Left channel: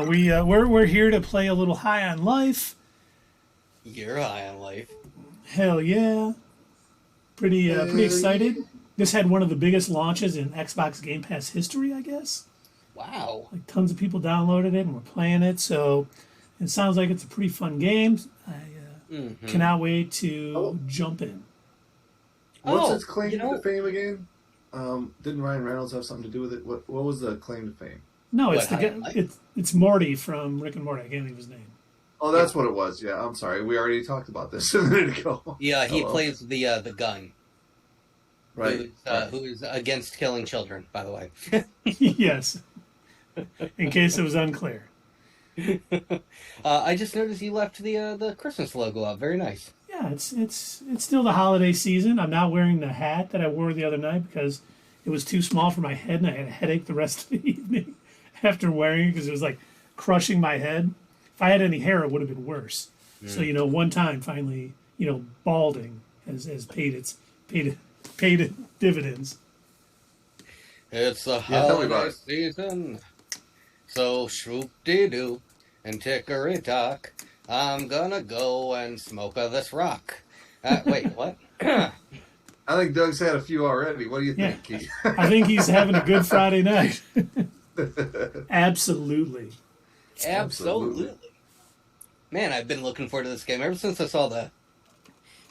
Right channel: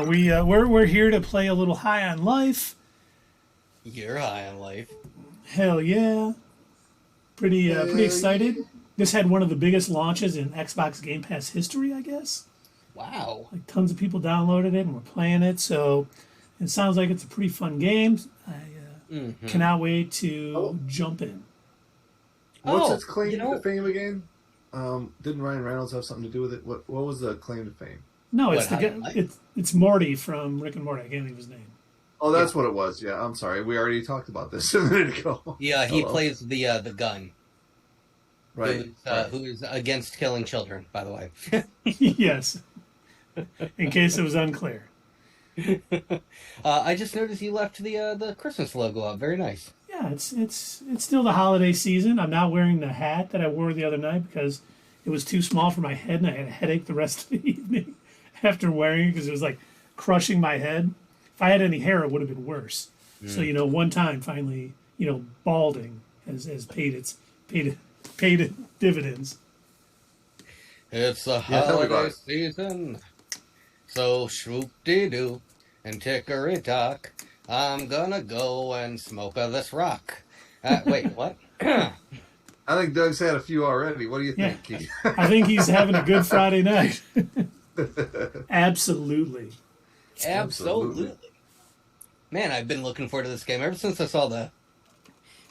we're here to play a little High on Life. You're high on life. Hell yeah! Pretty excited. This had one of the biggest launches in Xbox Game Pass history, I guess. Wow. Like tons of people downloaded it and were playing it, so it sounds like it's a pretty fun game. I cannot wait to jump in. What's Oh, its claim you know, to fame again? Didn't Ryan Reynolds have something to do with it? What was the claim to fame? No, it's what? the High guy. on life? It's Morty from Rick and Morty. I can't think of his name. Oh, Yeah. that's what it was. Yeah, I'm sorry. We already talked about this a minute ago. Yeah, he Hello. plays the gun. Right. Right. Who is against killing children, by the way. Yes, in case it was unclear. I just noticed you left the Christmas logo up. Very nice. Yeah, it's still the holiday season. I'm not wearing the hat that I wore the other night because it was too small for my head, and I had a headache the rest of the evening after wearing it because it was like crushing my head. If I had any hair, it would have been worse. So one time finally, balding has paid dividends. It's the Yeah, tell me about holiday it. season, so swoop-de-doo and tickery-tock. I'm gonna go and smoke this rock. Wait, what? I think Doug's had a few already. What do you Yeah. think, Keith? I think he's having a good Friday night. Absolutely. Absolutely. Man, I've been looking forward to this game ever since I saw the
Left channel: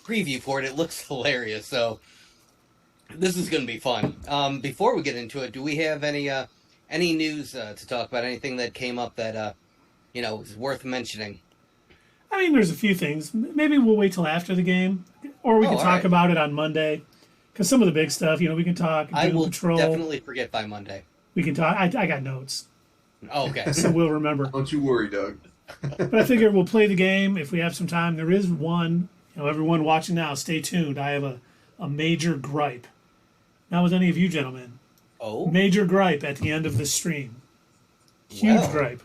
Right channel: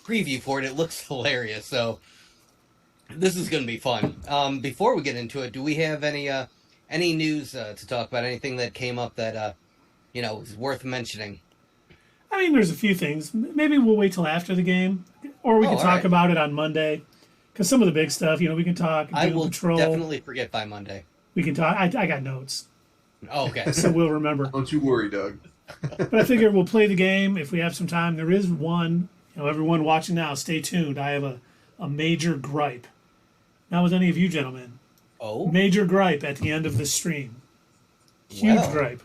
preview for it. It looks hilarious, so this is going to be fun. Before we get into it, do we have any news to talk about? Anything that came up that is worth mentioning? I mean, there's a few things. Maybe we'll wait till after the game, or we can all talk right. about it on Monday. Because some of the big stuff, we can talk I Doom will Patrol. definitely forget by Monday. We can talk. I got notes, Oh, okay. so we'll remember. Don't you worry, Doug. But I figure we'll play the game if we have some time. There is one. Everyone watching now, stay tuned. I have a major gripe. Not with any of you gentlemen. Oh, Major gripe at the end of the stream. Huge Well. gripe.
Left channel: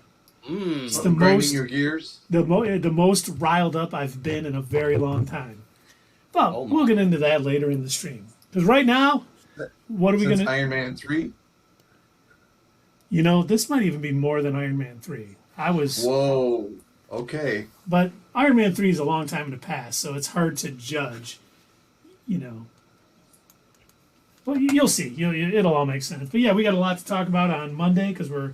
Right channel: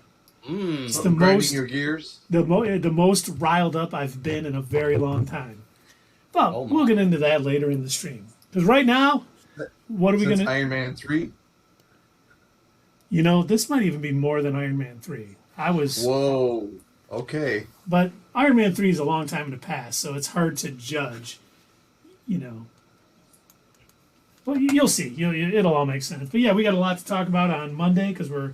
mm. It's the Grinding most your gears. the most riled up I've been in a very long time. But Oh my. we'll get into that later in the stream. Because right now, what are we Since gonna? Iron Man 3? This might even be more than Iron Man 3. Whoa. Okay. But Iron Man 3 is a long time in the past, so it's hard to judge. Well, you'll see. It'll all make sense. But yeah, we got a lot to talk about on Monday because we're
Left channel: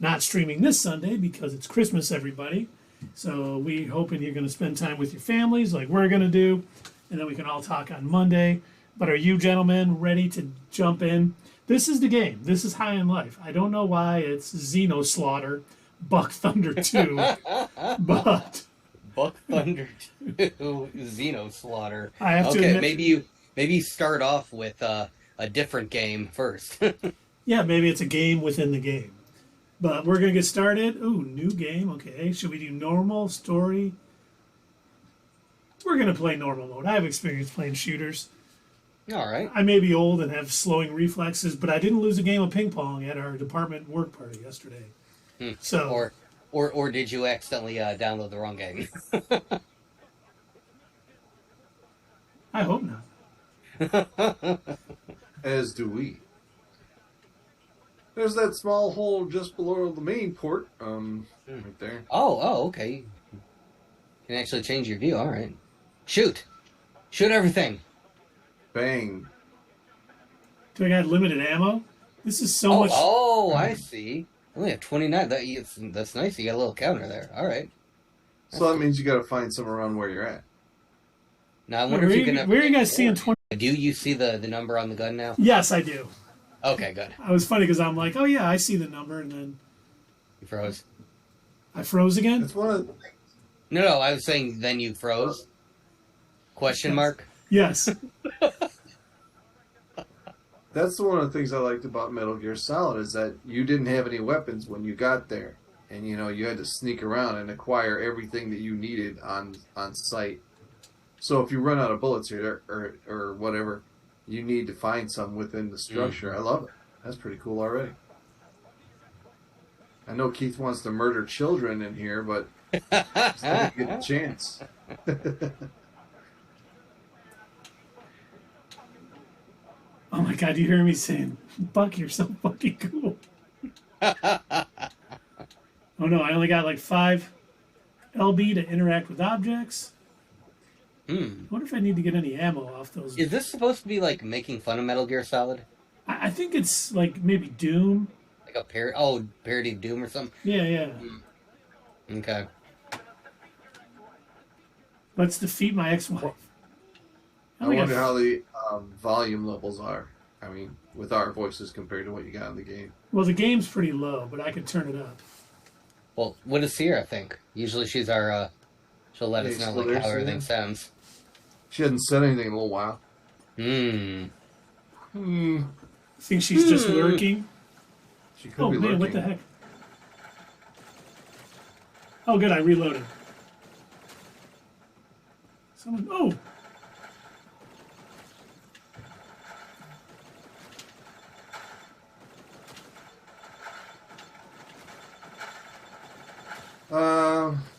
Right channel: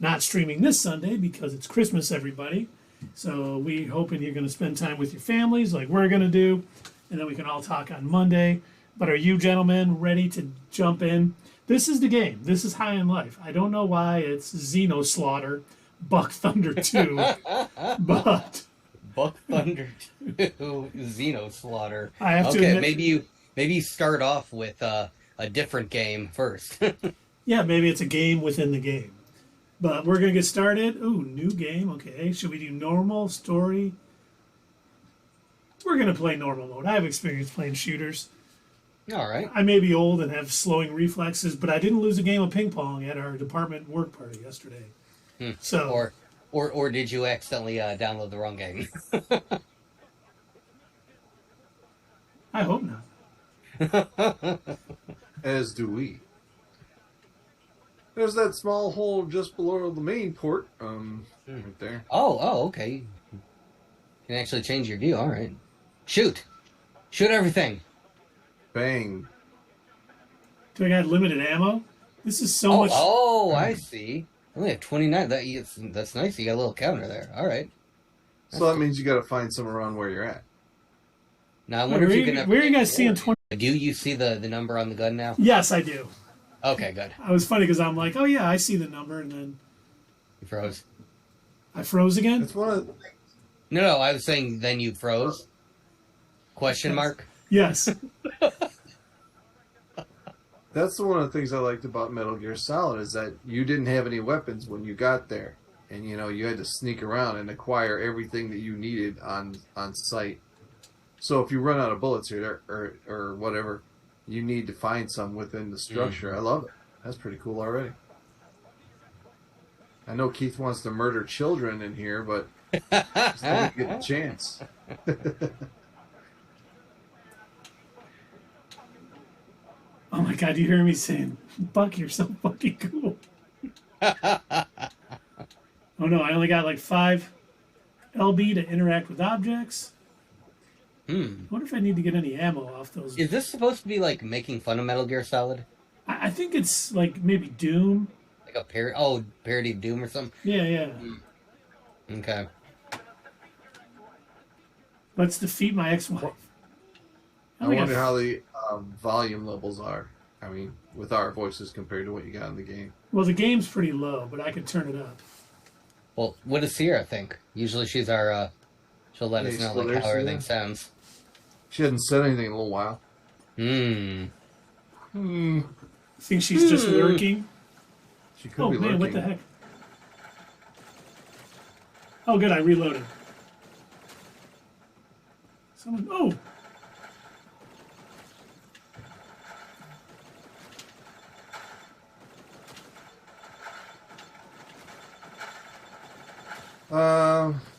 not streaming this Sunday because it's Christmas, everybody. So we're hoping you're going to spend time with your families like we're going to do, and then we can all talk on Monday. But are you gentlemen ready to jump in? This is the game. This is High in Life. I don't know why it's Xeno Slaughter, Buck Thunder 2, but Buck Thunder 2, Xeno Slaughter. I have to Okay, admit, maybe you start off with a different game first. yeah, maybe it's a game within the game. But we're going to get started. Ooh, new game. Okay, should we do normal, story? We're going to play normal mode. I have experience playing shooters. All right. I may be old and have slowing reflexes, but I didn't lose a game of ping pong at our department work party yesterday. So, Or did you accidentally download the wrong game? I hope not. As do we. There's that small hole just below the main port. Right there. Oh, okay. You can actually change your view. All right. Shoot everything. Bang. Do I got limited ammo? This is so much. Oh, I see. Only have 29. That's nice. You got a little counter there. All right. So that means you got to find some around where you're at. Now I Wait, wonder where, if you you, can. where are you guys seeing 20? Do you see the number on the gun now? Yes, I do. Okay, good. I was funny because I'm like, oh yeah, I see the number, and then You froze. I froze again. It's one of No, I was saying then you froze. Question mark. Yes. That's one of the things I liked about Metal Gear Solid is that you didn't have any weapons when you got there, and you had to sneak around and acquire everything that you needed on site. So if you run out of bullets or whatever, you need to find some within the structure. Mm-hmm. I love it. That's pretty cool already. I know Keith wants to murder children in here, but just don't get a chance. Oh my god, you hear me saying, Buck, you're so fucking cool. Oh no, I only got like 5 LB to interact with objects. I wonder if I need to get any ammo off those. Is this supposed to be like making fun of Metal Gear Solid? I think it's like maybe Doom. Like a parody of Doom or something? Yeah. Okay. Let's defeat my ex-wife. I wonder how the volume levels are. I mean, with our voices compared to what you got in the game. Well, the game's pretty low, but I could turn it up. Well, what does Sierra think? Usually she's our, she'll let us know like how everything sounds. She hasn't said anything in a little while. Think she's just lurking? She could be lurking. What the heck? Oh, good, I reloaded. Someone,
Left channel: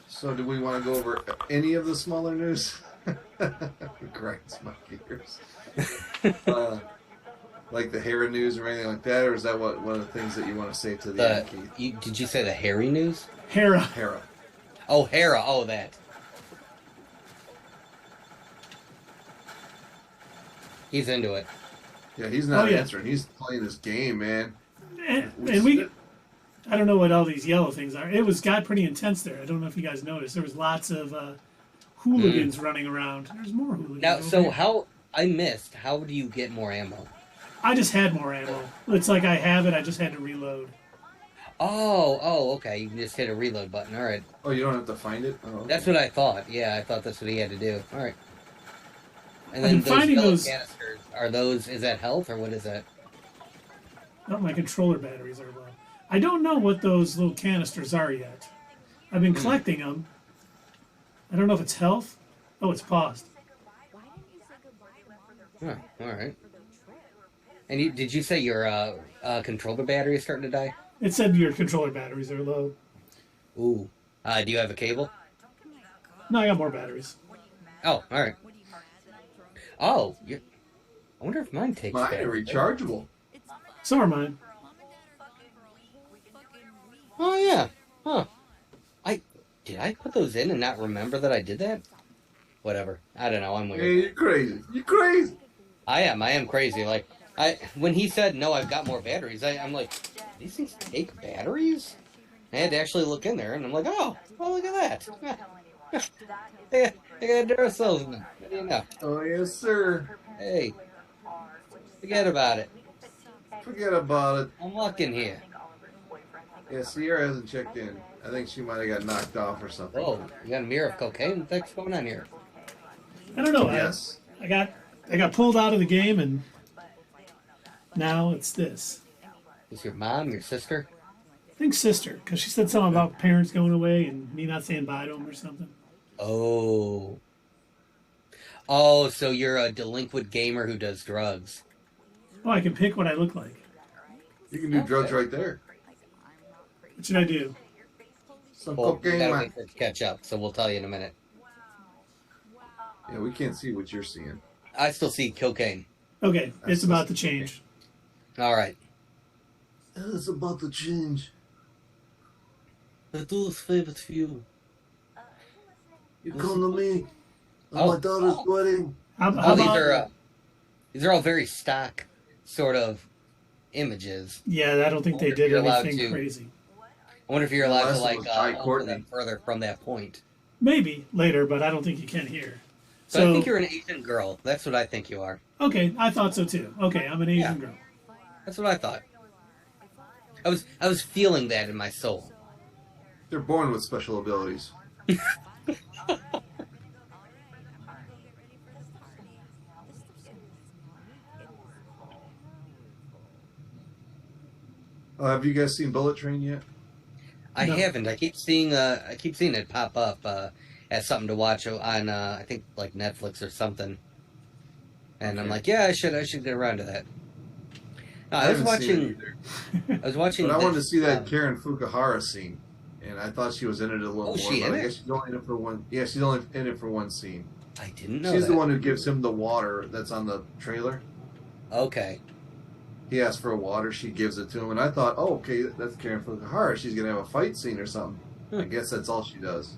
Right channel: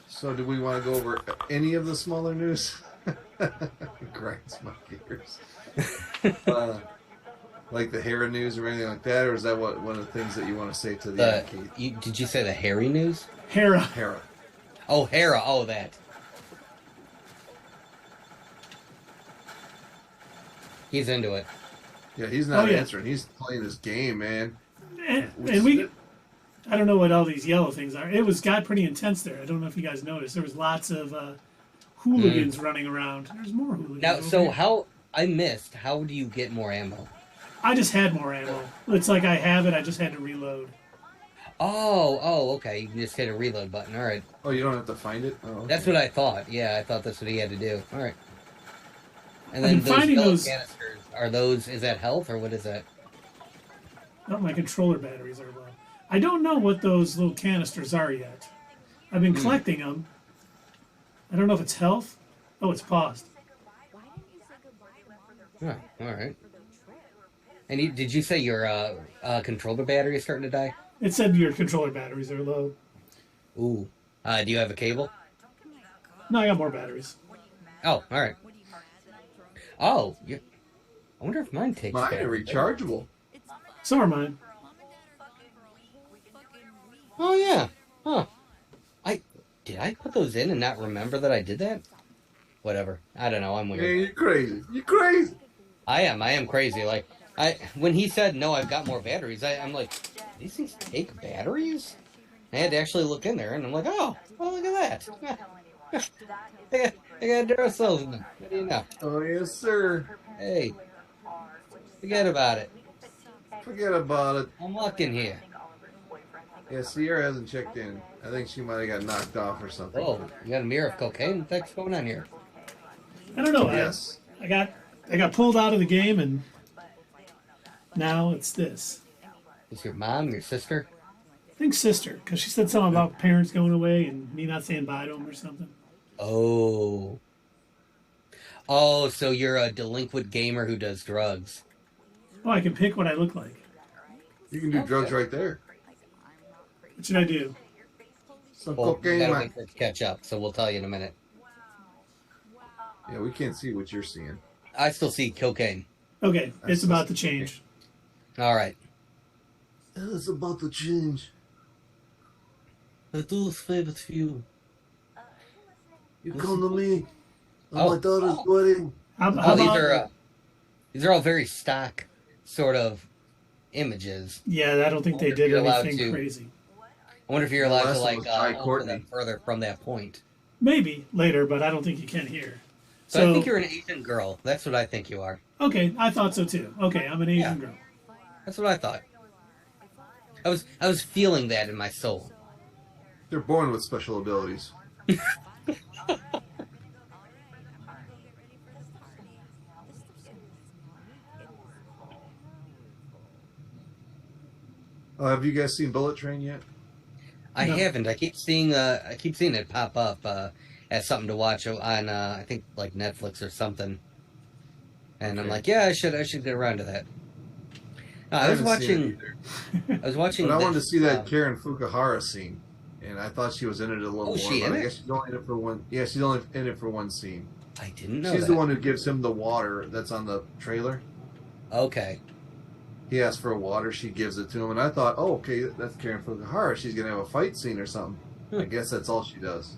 So do we want to go over any of the smaller news? Grinds my gears. Like the Hera news or anything like that, or is that one of the things that you want to say to the arcade? Did you say the Harry news? Hera. Oh, Hera. Oh, that. He's into it. Yeah, he's not answering. He's playing this game, man. And I don't know what all these yellow things are. It got pretty intense there. I don't know if you guys noticed. There was lots of hooligans running around. There's more hooligans. Now, so how do you get more ammo? I just had more ammo. It's like I have it. I just had to reload. Oh, okay. You can just hit a reload button. All right. Oh, you don't have to find it? Oh, okay. That's what I thought. Yeah, I thought that's what he had to do. All right. And I've then been finding those canisters. Are those? Is that health or what is that? Oh, my controller batteries are low. I don't know what those little canisters are yet. I've been collecting them. I don't know if it's health. Oh, it's paused. All right. And did you say your controller battery is starting to die? It said your controller batteries are low. Ooh. Do you have a cable? No, I got more batteries. Oh, all right. Oh, I wonder if mine takes Mine are rechargeable. So are mine. Oh, yeah. Huh. Did I put those in and not remember that I did that? Whatever. I don't know. I'm weird. Hey, you're crazy. You're crazy. I am crazy. Like, when he said, no, I've got more batteries, I'm like, these things take batteries? I had to actually look in there, and I'm like, oh, look at that. I got Duracell in them. What do you know? Oh, yes, sir. Hey, forget about it. Forget about it. I'm looking here. Yeah, Sierra hasn't checked in. I think she might have got knocked off or something. Oh, you got a mirror of cocaine? What the heck's going on here? I don't know. Yes. I got pulled out of the game, and now it's this. Is your mom, your sister? I think sister, because she said something about parents going away and me not saying bye to them or something. Oh, so you're a delinquent gamer who does drugs. Oh, I can pick what I look like. You can do drugs right there. What should I do? Some Well, cocaine. we gotta wait for it to catch up, so we'll tell you in a minute. Yeah, we can't see what you're seeing. I still see cocaine. Okay, it's about to change. All right. It's about to change. I do favorite few. You come to me on Oh. my daughter's wedding. How These are all very stock sort of images. Yeah, I don't think they did You're allowed anything to- crazy. I wonder if you're allowed to Unless it was Jai open Courtney. them further from that point. Maybe later, but I don't think you can here. So I think you're an Asian girl. That's what I think you are. Okay, I thought so too. Okay, I'm an Asian girl. That's what I thought. I was feeling that in my soul. They're born with special abilities. Have you guys seen Bullet Train yet? I No. haven't. I keep seeing it pop up as something to watch on I think like Netflix or something. And I'm Okay. like, yeah, I should get around to that. No, I was haven't seen it watching. either. I was watching. But I wanted to this, see that Karen Fukuhara scene, and I thought she was in it a little more. she but in I it? guess she's only in it for one. Yeah, she's only in it for one scene. I didn't know She's that. the one who gives him the water that's on the trailer. Okay. he asks for water, she gives it to him, and I thought, oh, okay, that's caring for the heart. She's gonna have a fight scene or something. I guess that's all she does.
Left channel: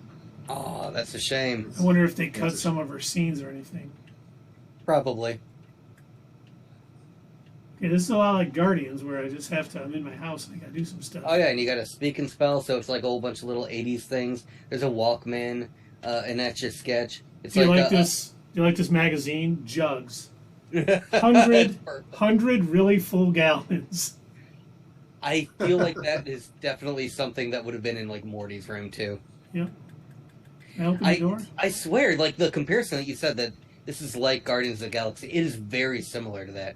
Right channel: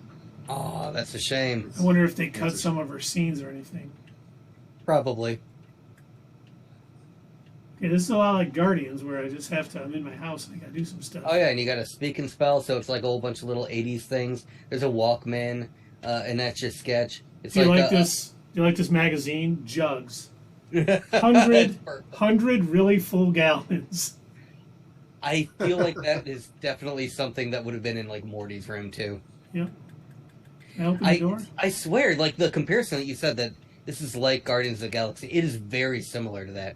Oh, that's a shame. I wonder if they cut some of her scenes or anything. Probably. Okay, this is a lot like Guardians, where I just have to. I'm in my house and I gotta do some stuff. Oh yeah, and you got a speak and spell, so it's like a whole bunch of little '80s things. There's a Walkman, an Etch a Sketch. It's Do you like this? Do you like this magazine? Jugs. 100 really full gallons. I feel like that is definitely something that would have been in like Morty's room too. Yep. I open the door. I swear, like the comparison that you said that this is like Guardians of the Galaxy, it is very similar to that.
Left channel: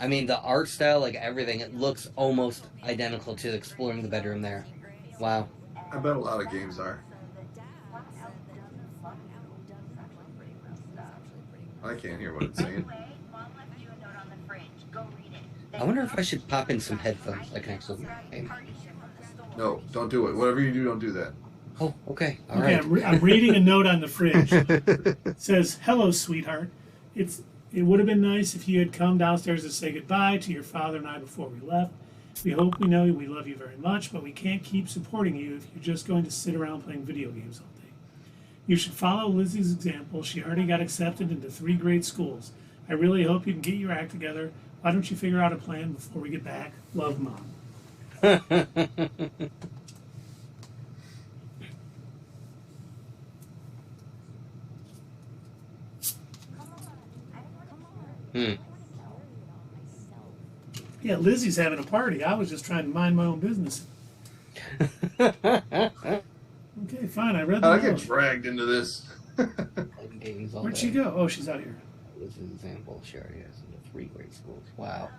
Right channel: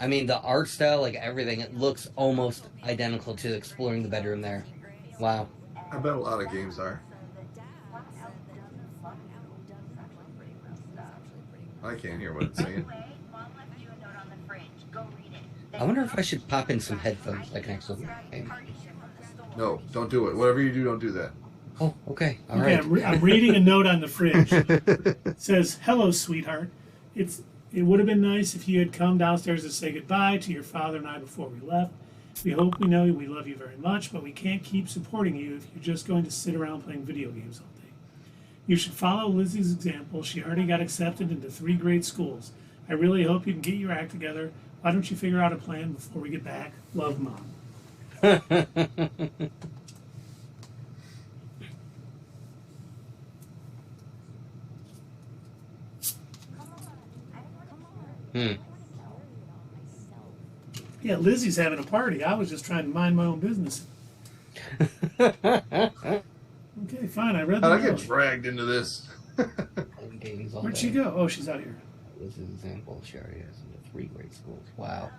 I mean, the art style, like everything, it looks almost identical to Exploring the Bedroom there. Wow. I bet a lot of games are. I can't hear what it's saying. I wonder if I should pop in some headphones I can actually game. No, don't do it. Whatever you do, don't do that. Oh, okay. All Okay, right. I'm reading a note on the fridge. It says, "Hello, sweetheart. It would have been nice if you had come downstairs to say goodbye to your father and I before we left. We hope we know we love you very much, but we can't keep supporting you if you're just going to sit around playing video games all day. You should follow Lizzie's example. She already got accepted into 3 great schools. I really hope you can get your act together. Why don't you figure out a plan before we get back? Love, Mom." Yeah, Lizzie's having a party. I was just trying to mind my own business. Okay, fine. I read the I note. get dragged into this. Where'd she go? Oh, she's out here. This is an example. She already has in 3 great schools. Wow.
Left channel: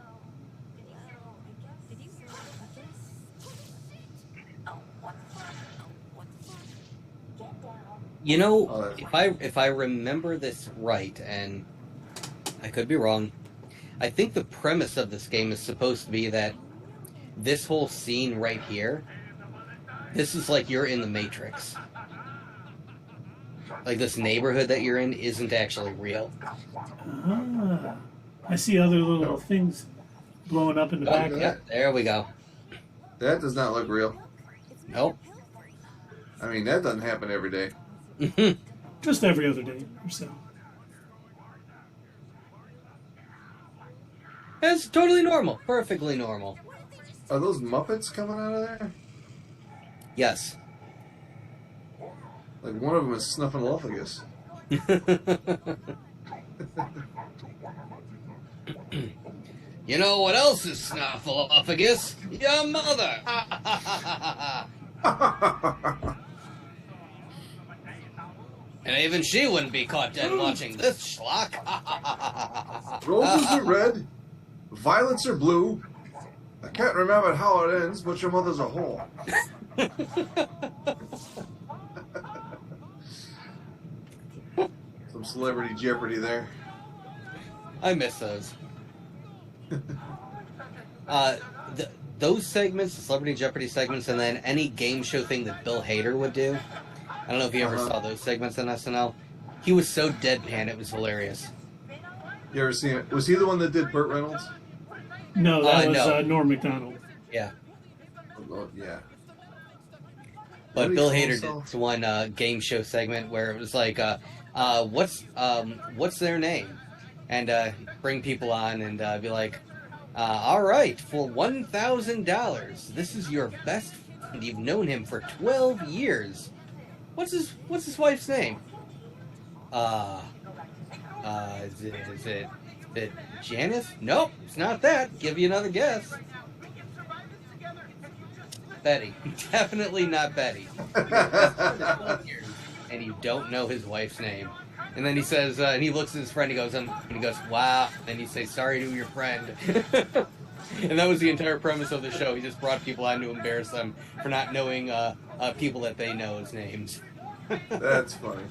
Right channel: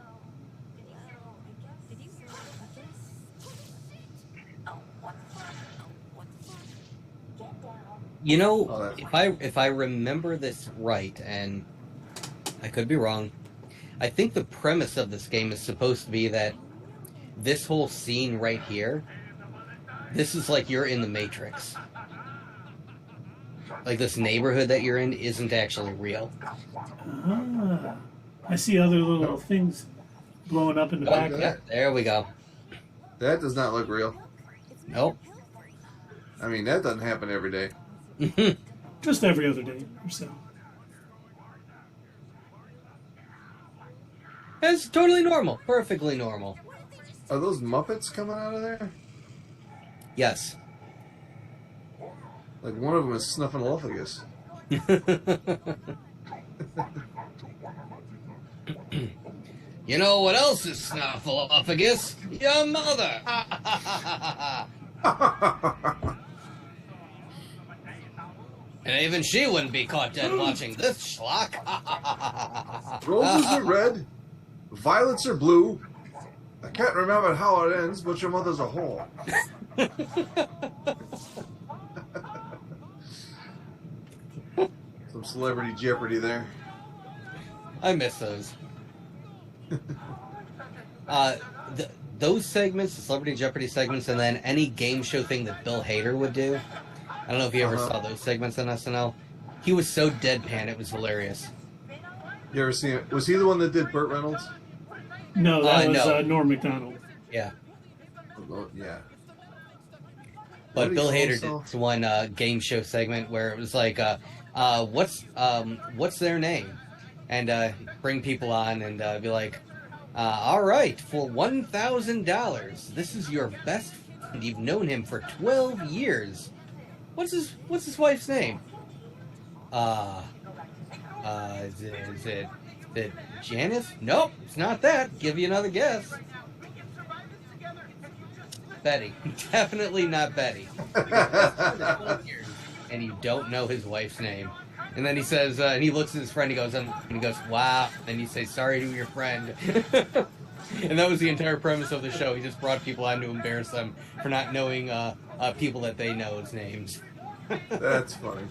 You know, if I remember this right, and I could be wrong, I think the premise of this game is supposed to be that this whole scene right here, this is like you're in the Matrix. Like this neighborhood that you're in isn't actually real. Ah, I see other little things blowing up in the background. Yeah, there we go. That does not look real. Nope. I mean, that doesn't happen every day. Just every other day or so. It's totally normal. Perfectly normal. Are those Muppets coming out of there? Yes. Like one of them is Snuffleupagus. You know what else is Snuffleupagus? Your mother! And even she wouldn't be caught dead watching this schlock. Roses are red, violets are blue. I can't remember how it ends, but your mother's a whore. Some celebrity Jeopardy there. I miss those. Those segments, the Celebrity Jeopardy segments, and then any game show thing that Bill Hader would do. I don't know if you ever saw those segments on SNL. He was so deadpan, it was hilarious. You ever seen it? Was he the one that did Burt Reynolds? No, that was no. Norm Macdonald. Yeah. Oh, yeah. But What Bill do you call Hader himself? did one game show segment where it was like, what's their name? And bring people on and be like, all right, for $1,000, this is your best friend. You've known him for 12 years. What's his wife's name? Is it Janice? Nope, it's not that. Give you another guess. Betty. Definitely not Betty. And you don't know his wife's name. And then he says, and he looks at his friend, he goes, wow. And you say, sorry to your friend. And that was the entire premise of the show. He just brought people on to embarrass them for not knowing people that they know as names. That's funny.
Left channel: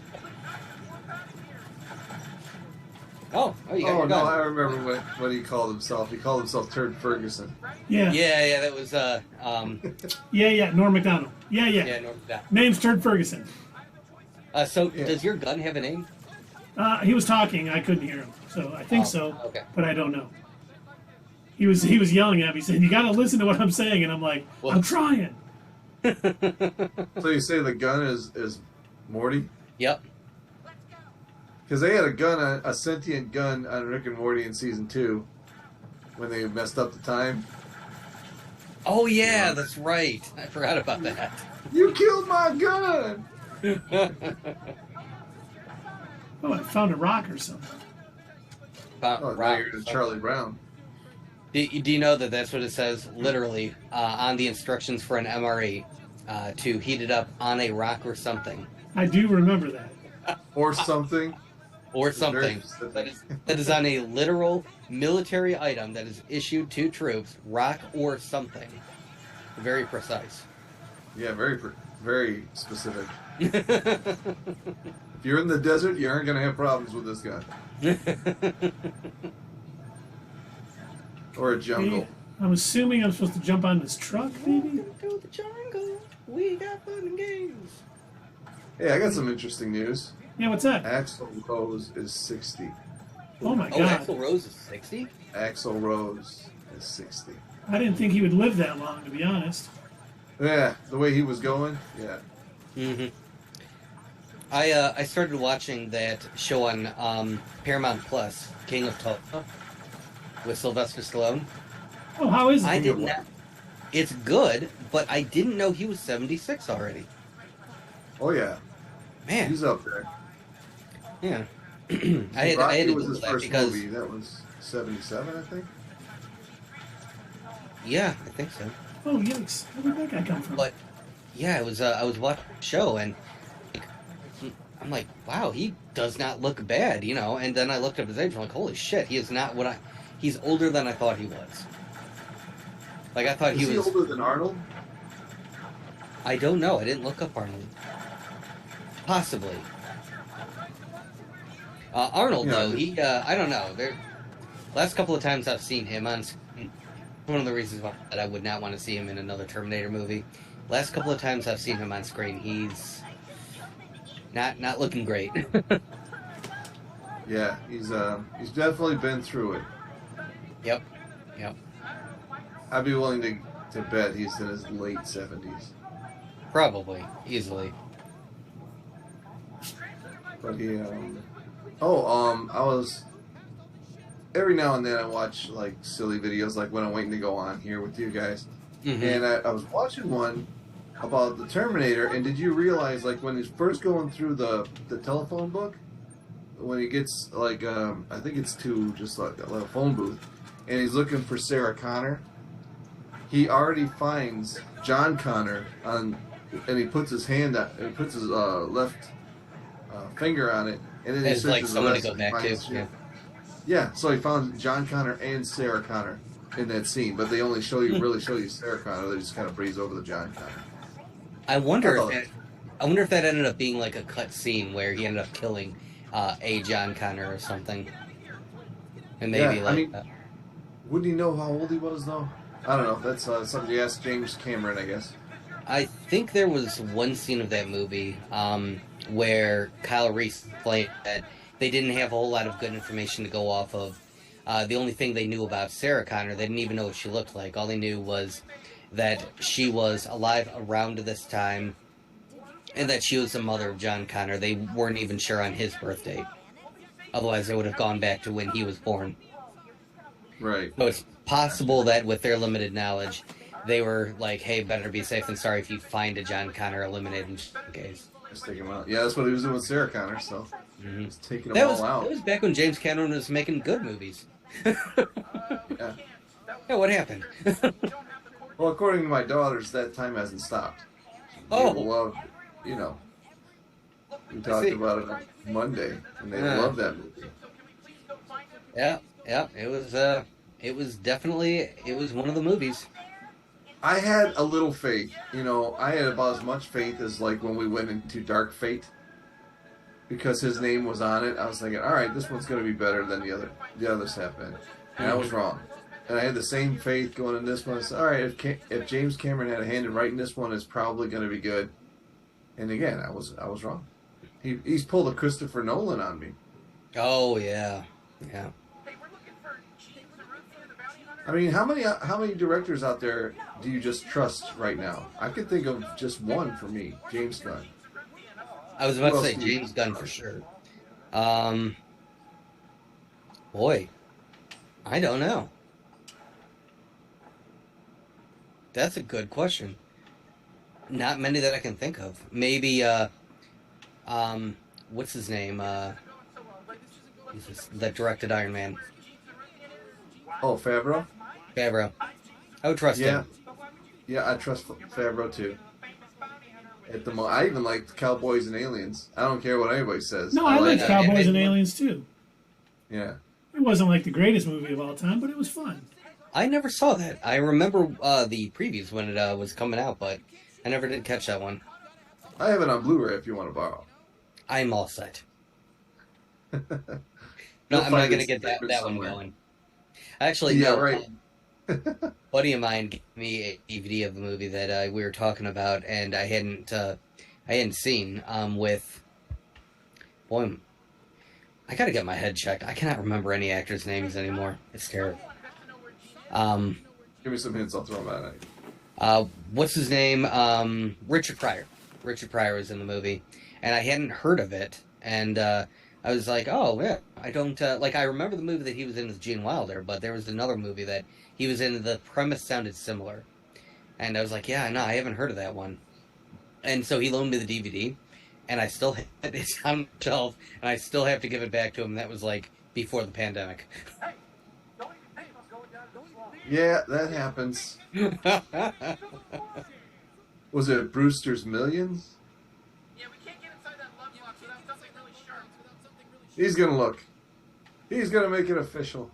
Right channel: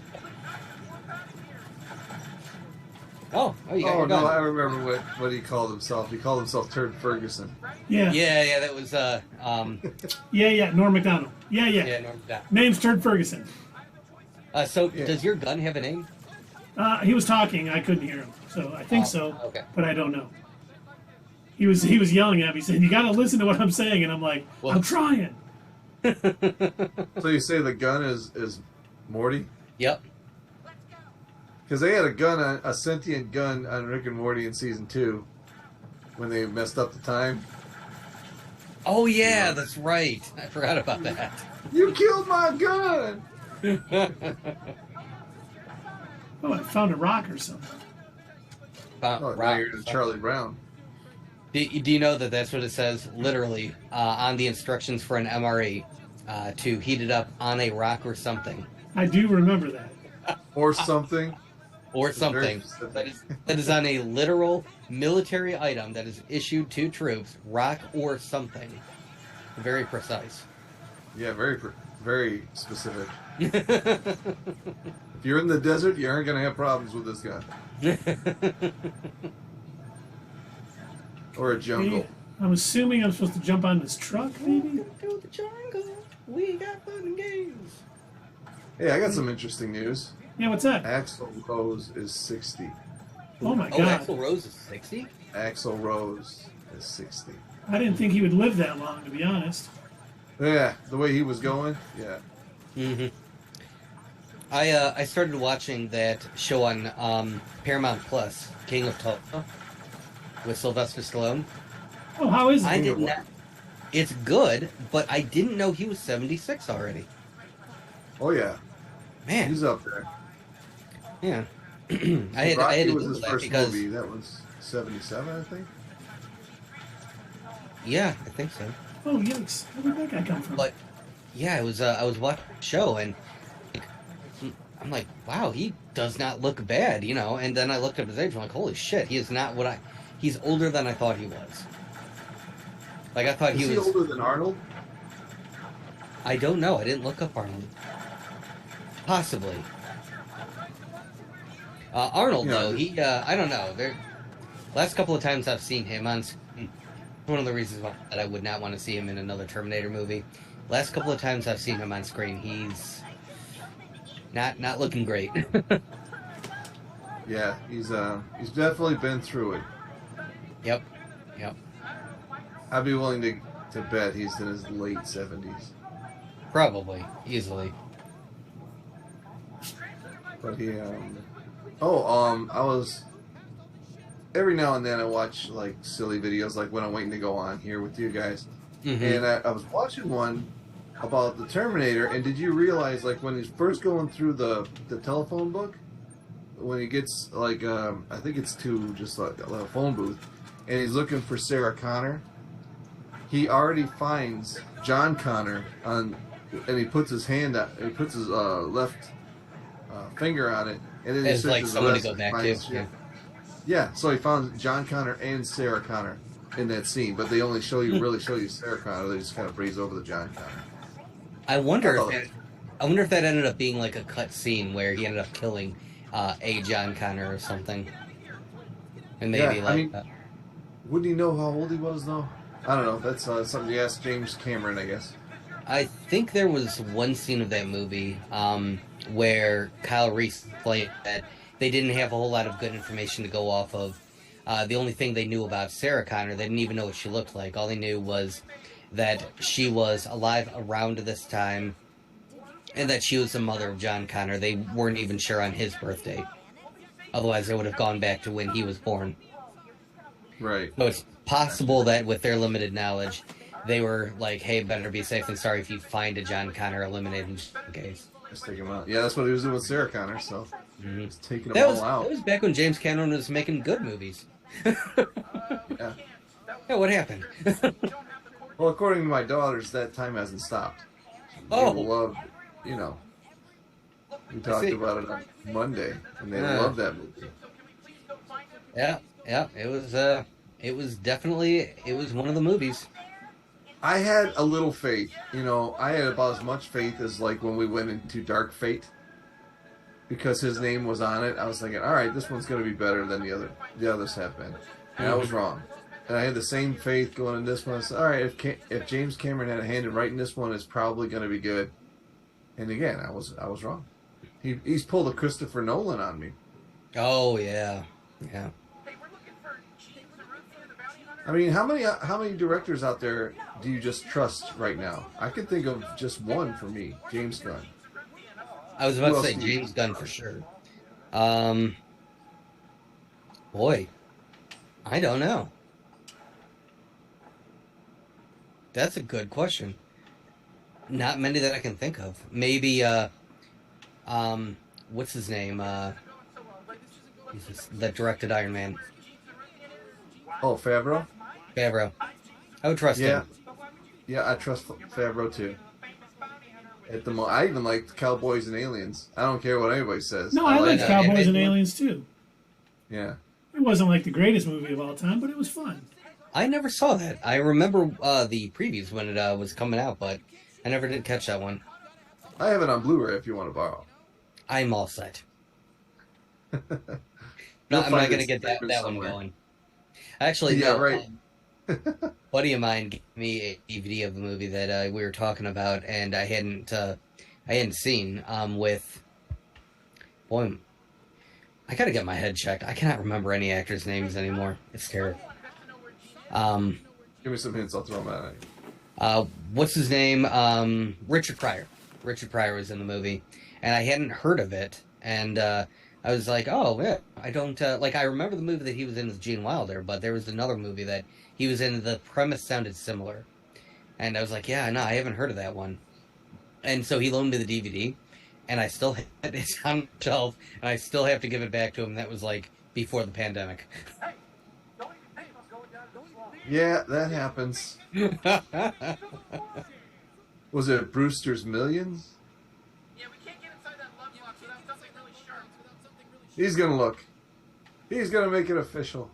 Oh, you got Oh, your no, gun. I remember what he called himself. He called himself Turd Ferguson. Yeah. Yeah, that was, Yeah, Norm Macdonald. Yeah. Norm Macdonald. Name's Turd Ferguson. So, does your gun have a name? He was talking. I couldn't hear him. So I think so, Okay. but I don't know. He was yelling at me, saying, "You got to listen to what I'm saying," and I'm like, Well, "I'm trying." So you say the gun is Morty? Yep. Because they had a sentient gun on Rick and Morty in season 2 when they messed up the time. Oh yeah, that's right. I forgot about that. You killed my gun! Oh, I found a rock or something. Oh, now you're in Charlie Brown. Do you know that that's what it says literally on the instructions for an MRE to heat it up on a rock or something? I do remember that. Or something. Or It's very something. specific. That is on a literal military item that is issued to troops, rock or something. Very precise. Yeah, very specific. If you're in the desert, you aren't going to have problems with this gun. Or a jungle. Hey, I'm assuming I'm supposed to jump on this truck, maybe? Go to the jungle. We got fun and games. Hey, I got some interesting news. Yeah, what's that? Axl Rose is 60. Oh my Oh, god. Axl Rose is 60? Axl Rose is 60. I didn't think he would live that long, to be honest. Yeah, the way he was going, yeah. Mm-hmm. I started watching that show on Paramount Plus, King of Tulsa, with Sylvester Stallone. Oh, how is it? I did not. It's good, but I didn't know he was 76 already. Oh, yeah. Man, He's up there. yeah. I had Rocky to was do his that first because movie. That was 77, I think. yeah, I think so. Oh, yikes. Where did that guy come from? But yeah, I was watching the show and I'm like, wow, he does not look bad, you know. And then I looked up his age. I'm like, holy shit, he is not what I. He's older than I thought he was. Like I thought Is he was older than Arnold? I don't know. I didn't look up Arnold. Possibly. Arnold, Yeah. though, he, I don't know. Last couple of times I've seen him on screen, one of the reasons why that I would not want to see him in another Terminator movie. Last couple of times I've seen him on screen, he's not looking great. Yeah, he's definitely been through it. Yep. I'd be willing to bet he's in his late 70s. Probably. Easily. But yeah. I was every now and then I watch like silly videos, like when I'm waiting to go on here with you guys, Mm-hmm. and I was watching one about the Terminator. And did you realize, like, when he's first going through the telephone book, when he gets like I think it's to just like a little phone booth, and he's looking for Sarah Connor, he already finds John Connor on, and he puts his hand on, and he puts his left finger on it, and then he It's like searches the someone to rest go and back finds to. shit. Yeah, so he found John Connor and Sarah Connor in that scene, but they only really show you Sarah Connor. They just kind of breeze over the John Connor. I wonder if that ended up being like a cut scene where he ended up killing a John Connor or something. And maybe Yeah, like I mean, wouldn't he know how old he was, though? I don't know. That's something you ask James Cameron, I guess. I think there was one scene of that movie where Kyle Reese played that they didn't have a whole lot of good information to go off of. The only thing they knew about Sarah Connor, they didn't even know what she looked like. All they knew was that she was alive around this time and that she was the mother of John Connor. They weren't even sure on his birthday. Otherwise, they would have gone back to when he was born. Right. So it's possible that with their limited knowledge, they were like, hey, better be safe than sorry if you find a John Connor, eliminate him just in case. Just take him out. Yeah, that's what he was doing with Sarah Connor, so Mm-hmm. just taking them all out. That was back when James Cameron was making good movies. Yeah. Yeah, what happened? Well, according to my daughters, that time hasn't stopped. Oh. They love, you know. We talked see. about it on Monday, and they Yeah. love that movie. Yeah, it was definitely one of the movies. I had a little faith. You know, I had about as much faith as like when we went into Dark Fate, because his name was on it. I was thinking, all right, this one's going to be better than the others have been, and I was wrong. And I had the same faith going in this one. I said, all right, if James Cameron had a hand in writing this one, it's probably going to be good. And again, I was wrong. He's pulled a Christopher Nolan on me. Oh yeah. I mean, how many directors out there do you just trust right now? I could think of just one for me, James Gunn. I was about to say James Gunn for sure. Boy, I don't know. That's a good question. Not many that I can think of. Maybe, what's his name? That directed Iron Man. Oh, Favreau? Favreau. I would trust him. Yeah, I trust Favreau too. I even liked Cowboys and Aliens. I don't care what anybody says. No, I liked Cowboys and Aliens too. Yeah. It wasn't like the greatest movie of all time, but it was fun. I never saw that. I remember the previews when it was coming out, but I never did catch that one. I have it on Blu-ray if you want to borrow. I'm all set. No, I'm not going to get that one going. Actually, yeah, no, right. buddy of mine gave me a DVD of the movie that we were talking about, and I hadn't seen. Boy, I got to get my head checked. I cannot remember any actors' names anymore. It's terrible. Give me some hints. I'll throw them at you. What's his name? Richard Pryor. Richard Pryor was in the movie, and I hadn't heard of it, and I was like, oh, yeah, I don't, I remember the movie that he was in with Gene Wilder, but there was another movie that he was in, the premise sounded similar, and I was like, yeah, no, I haven't heard of that one, and so he loaned me the DVD, and I still have it, it's on the shelf, and I still have to give it back to him. That was, before the pandemic. Yeah, that happens. Was it Brewster's Millions? He's gonna look. He's gonna make it official.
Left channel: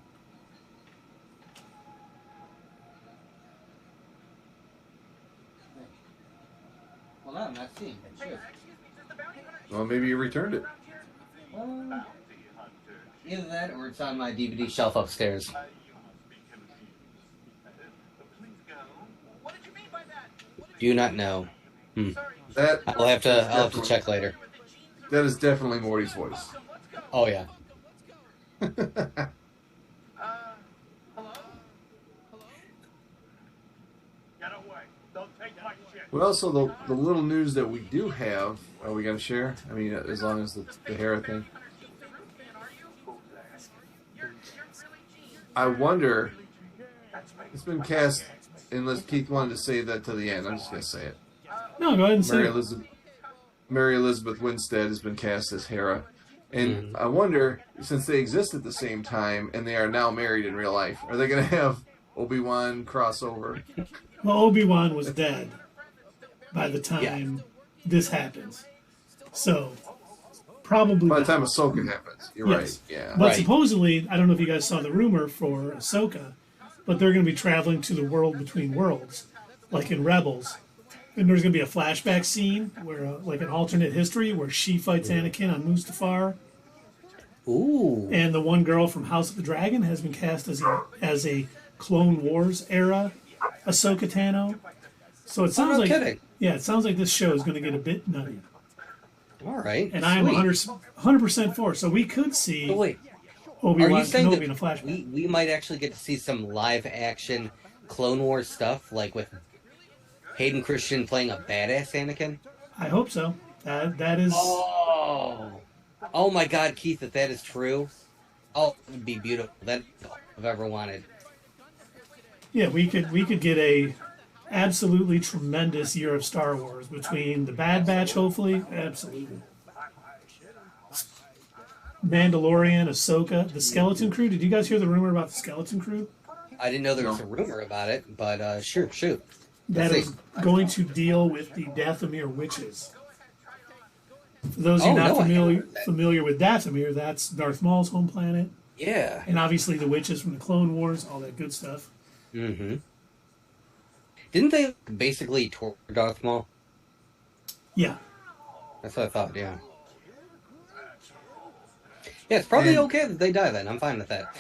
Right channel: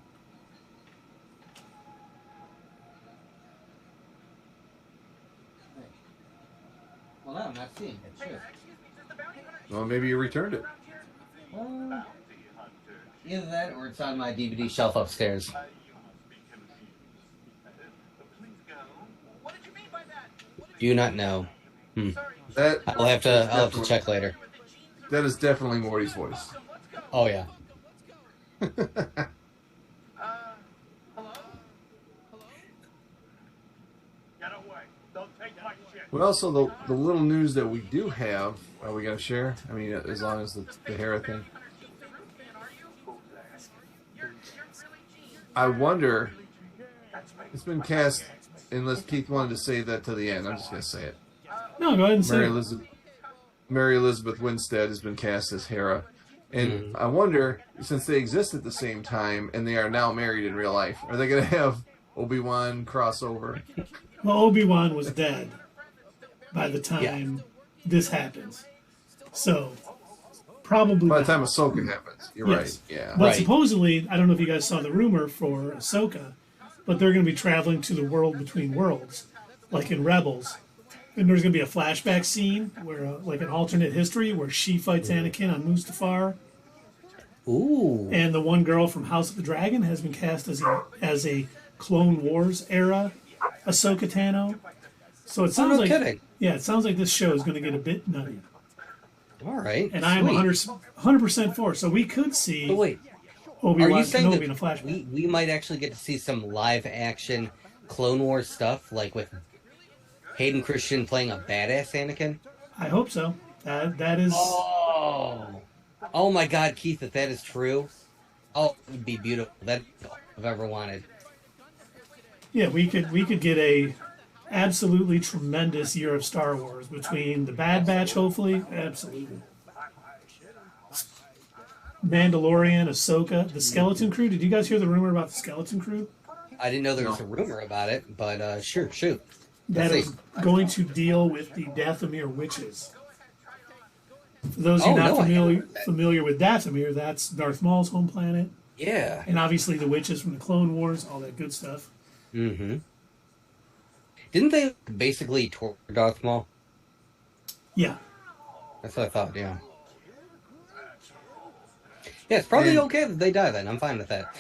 Well, no, I'm not seeing it. Well, maybe you returned it. Either that or it's on my DVD shelf upstairs. Do you not know? I'll have to check later. That is definitely Morty's voice. Oh yeah. Well, so the little news that we do have, are we gonna share? I mean, as long as the Hera thing. I wonder. It's been cast, unless Keith wanted to say that to the end. I'm just gonna say it. No, go ahead and say it. Mary Elizabeth Winstead has been cast as Hera. And I wonder, since they exist at the same time and they are now married in real life, are they going to have Obi-Wan crossover? Well, Obi-Wan was dead by the time this happens. So, probably by the time Ahsoka happens. You're right. Yeah. But supposedly, I don't know if you guys saw the rumor for Ahsoka, but they're going to be traveling to the world between worlds, like in Rebels. And there's going to be a flashback scene where, like an alternate history, where she fights Anakin on Mustafar. Ooh. And the one girl from House of the Dragon has been cast as a Clone Wars era Ahsoka Tano. So it sounds it sounds like this show is going to get a bit nutty. All right. And I am 100% for. So we could see Obi-Wan Kenobi in a flashback. We might actually get to see some live action Clone Wars stuff, like with Hayden Christensen playing a badass Anakin? I hope so. That is... Oh my God, Keith, if that is true, it would be beautiful. That's all I've ever wanted. Yeah, we could get a absolutely tremendous year of Star Wars between the Bad Batch, hopefully. Absolutely. Mandalorian, Ahsoka, the Skeleton Crew. Did you guys hear the rumor about the Skeleton Crew? I didn't know there was a rumor about it, but sure, shoot. That is going to deal with the Dathomir witches. For those of you not familiar with Dathomir, that's Darth Maul's home planet. Yeah. And obviously the witches from the Clone Wars, all that good stuff. Mm-hmm. Didn't they basically torture Darth Maul? Yeah. That's what I thought, yeah. Yeah, it's probably okay that they die then. I'm fine with that.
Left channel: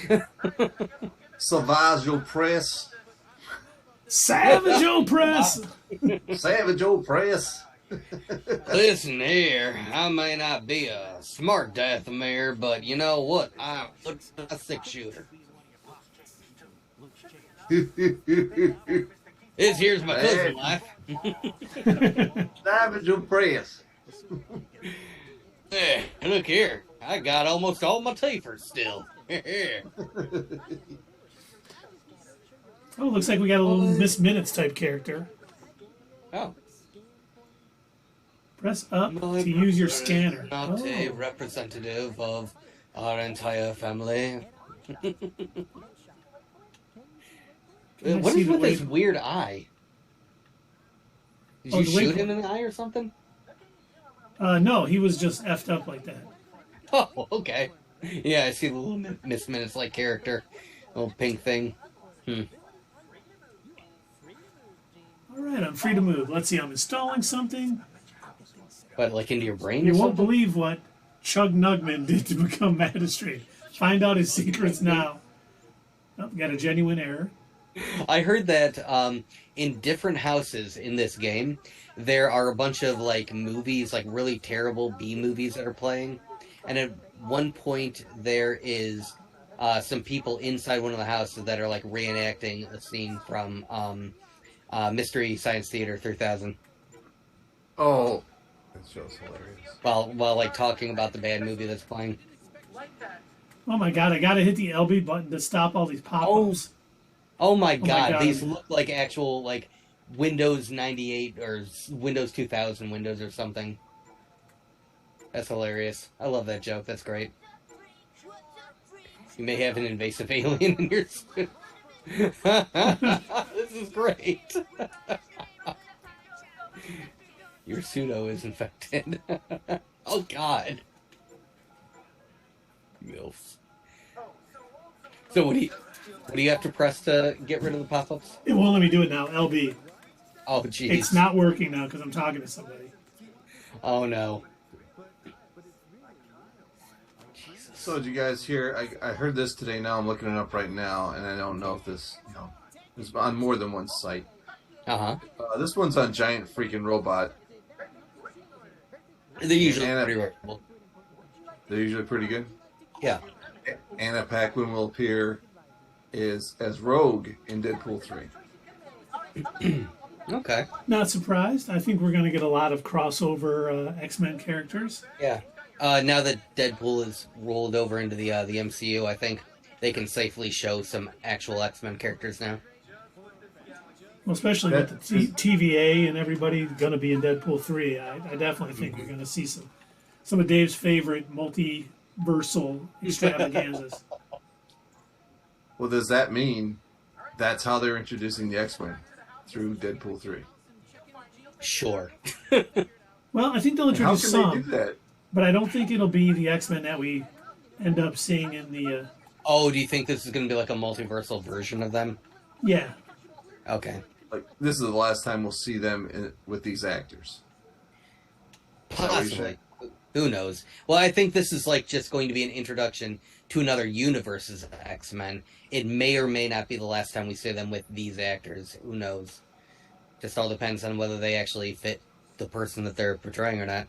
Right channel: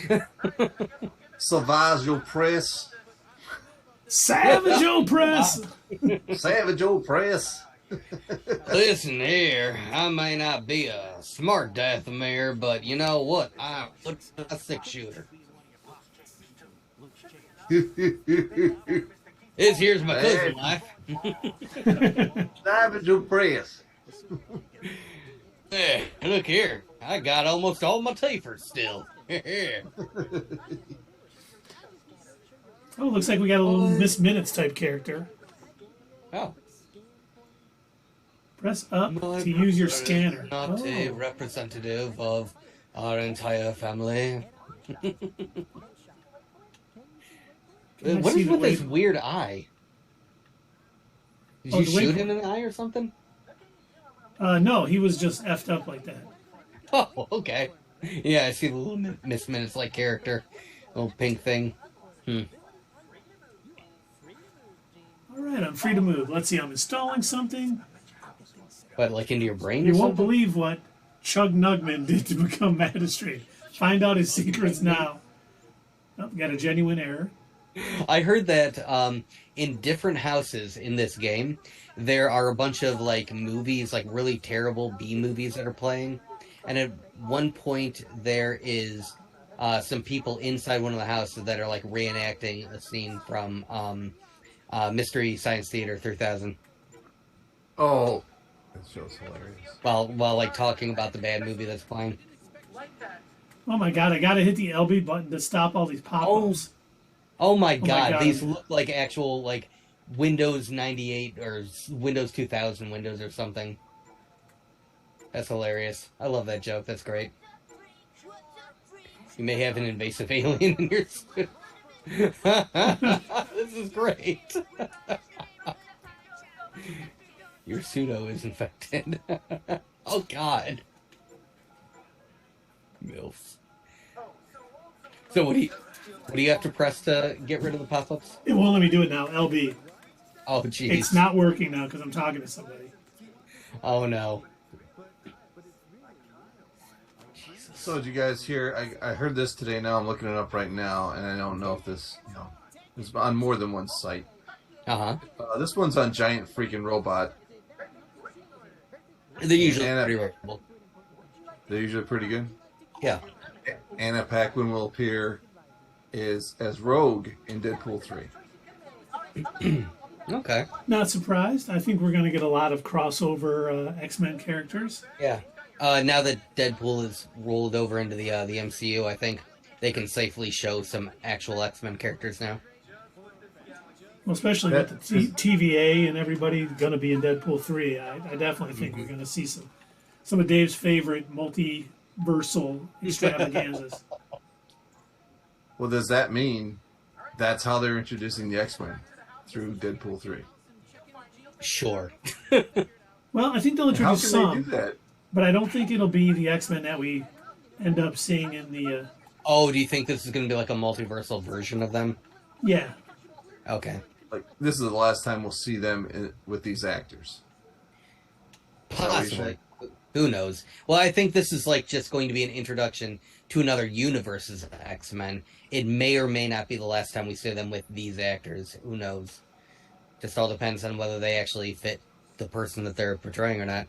Savage Opress. Savage Opress! Savage Opress. Listen here, I may not be a smart Dathomir, but you know what? I'm a 6-shooter. Here's my cousin life. Dive into praise. Hey, look here. I got almost all my teethers still. Oh, looks like we got a little Miss Minutes type character. Oh. Press up to use your scanner. Not a representative of our entire family. What is with this weird eye? Did you shoot him in the eye or something? No, he was just effed up like that. Oh, okay. Yeah, I see the little Miss Minutes-like character. Little pink thing. Alright, I'm free to move. Let's see, I'm installing something. But like into your brain? You won't believe what Chug Nugman did to become magistrate. Find out his secrets now. Oh, got a genuine error. I heard that in different houses in this game, there are a bunch of like movies, like really terrible B movies that are playing. And at one point, there is some people inside one of the houses that are like reenacting a scene from Mystery Science Theater 3000. Oh, that show's hilarious. While like talking about the bad movie that's playing. Oh my god, I gotta hit the LB button to stop all these pop-ups. Oh my god, these look like actual like Windows 98 or Windows 2000 Windows or something. That's hilarious. I love that joke. That's great. You may have an invasive alien in your suit. This is great. Your pseudo is infected. Oh god. MILFs. So what do you have to press to get rid of the pop-ups? It won't let me do it now. LB. Oh jeez. It's not working now because I'm talking to somebody. Oh no. So did you guys hear? I heard this today. Now I'm looking it up right now, and I don't know if this is on more than one site. This one's on Giant Freaking Robot. They're usually pretty reputable. They're usually pretty good. Yeah. Anna Paquin will appear as Rogue in Deadpool 3. Okay. Not surprised. I think we're going to get a lot of crossover X-Men characters. Yeah. Now that Deadpool is rolled over into the MCU, I think they can safely show some actual X-Men characters now. Well, especially with the TVA and everybody going to be in Deadpool 3. I definitely think we're going to see some of Dave's favorite multiversal extravaganzas. Well, does that mean that's how they're introducing the X-Men? Through Deadpool 3? Sure. Well, I think they'll introduce some. They do that? But I don't think it'll be the X-Men that we end up seeing in the... Oh, do you think this is going to be like a multiversal version of them? Yeah. Okay. Like, this is the last time we'll see them with these actors. Possibly. Who knows? Well, I think this is like just going to be an introduction to another universe's X-Men. It may or may not be the last time we see them with these actors. Who knows? Just all depends on whether they actually fit the person that they're portraying or not.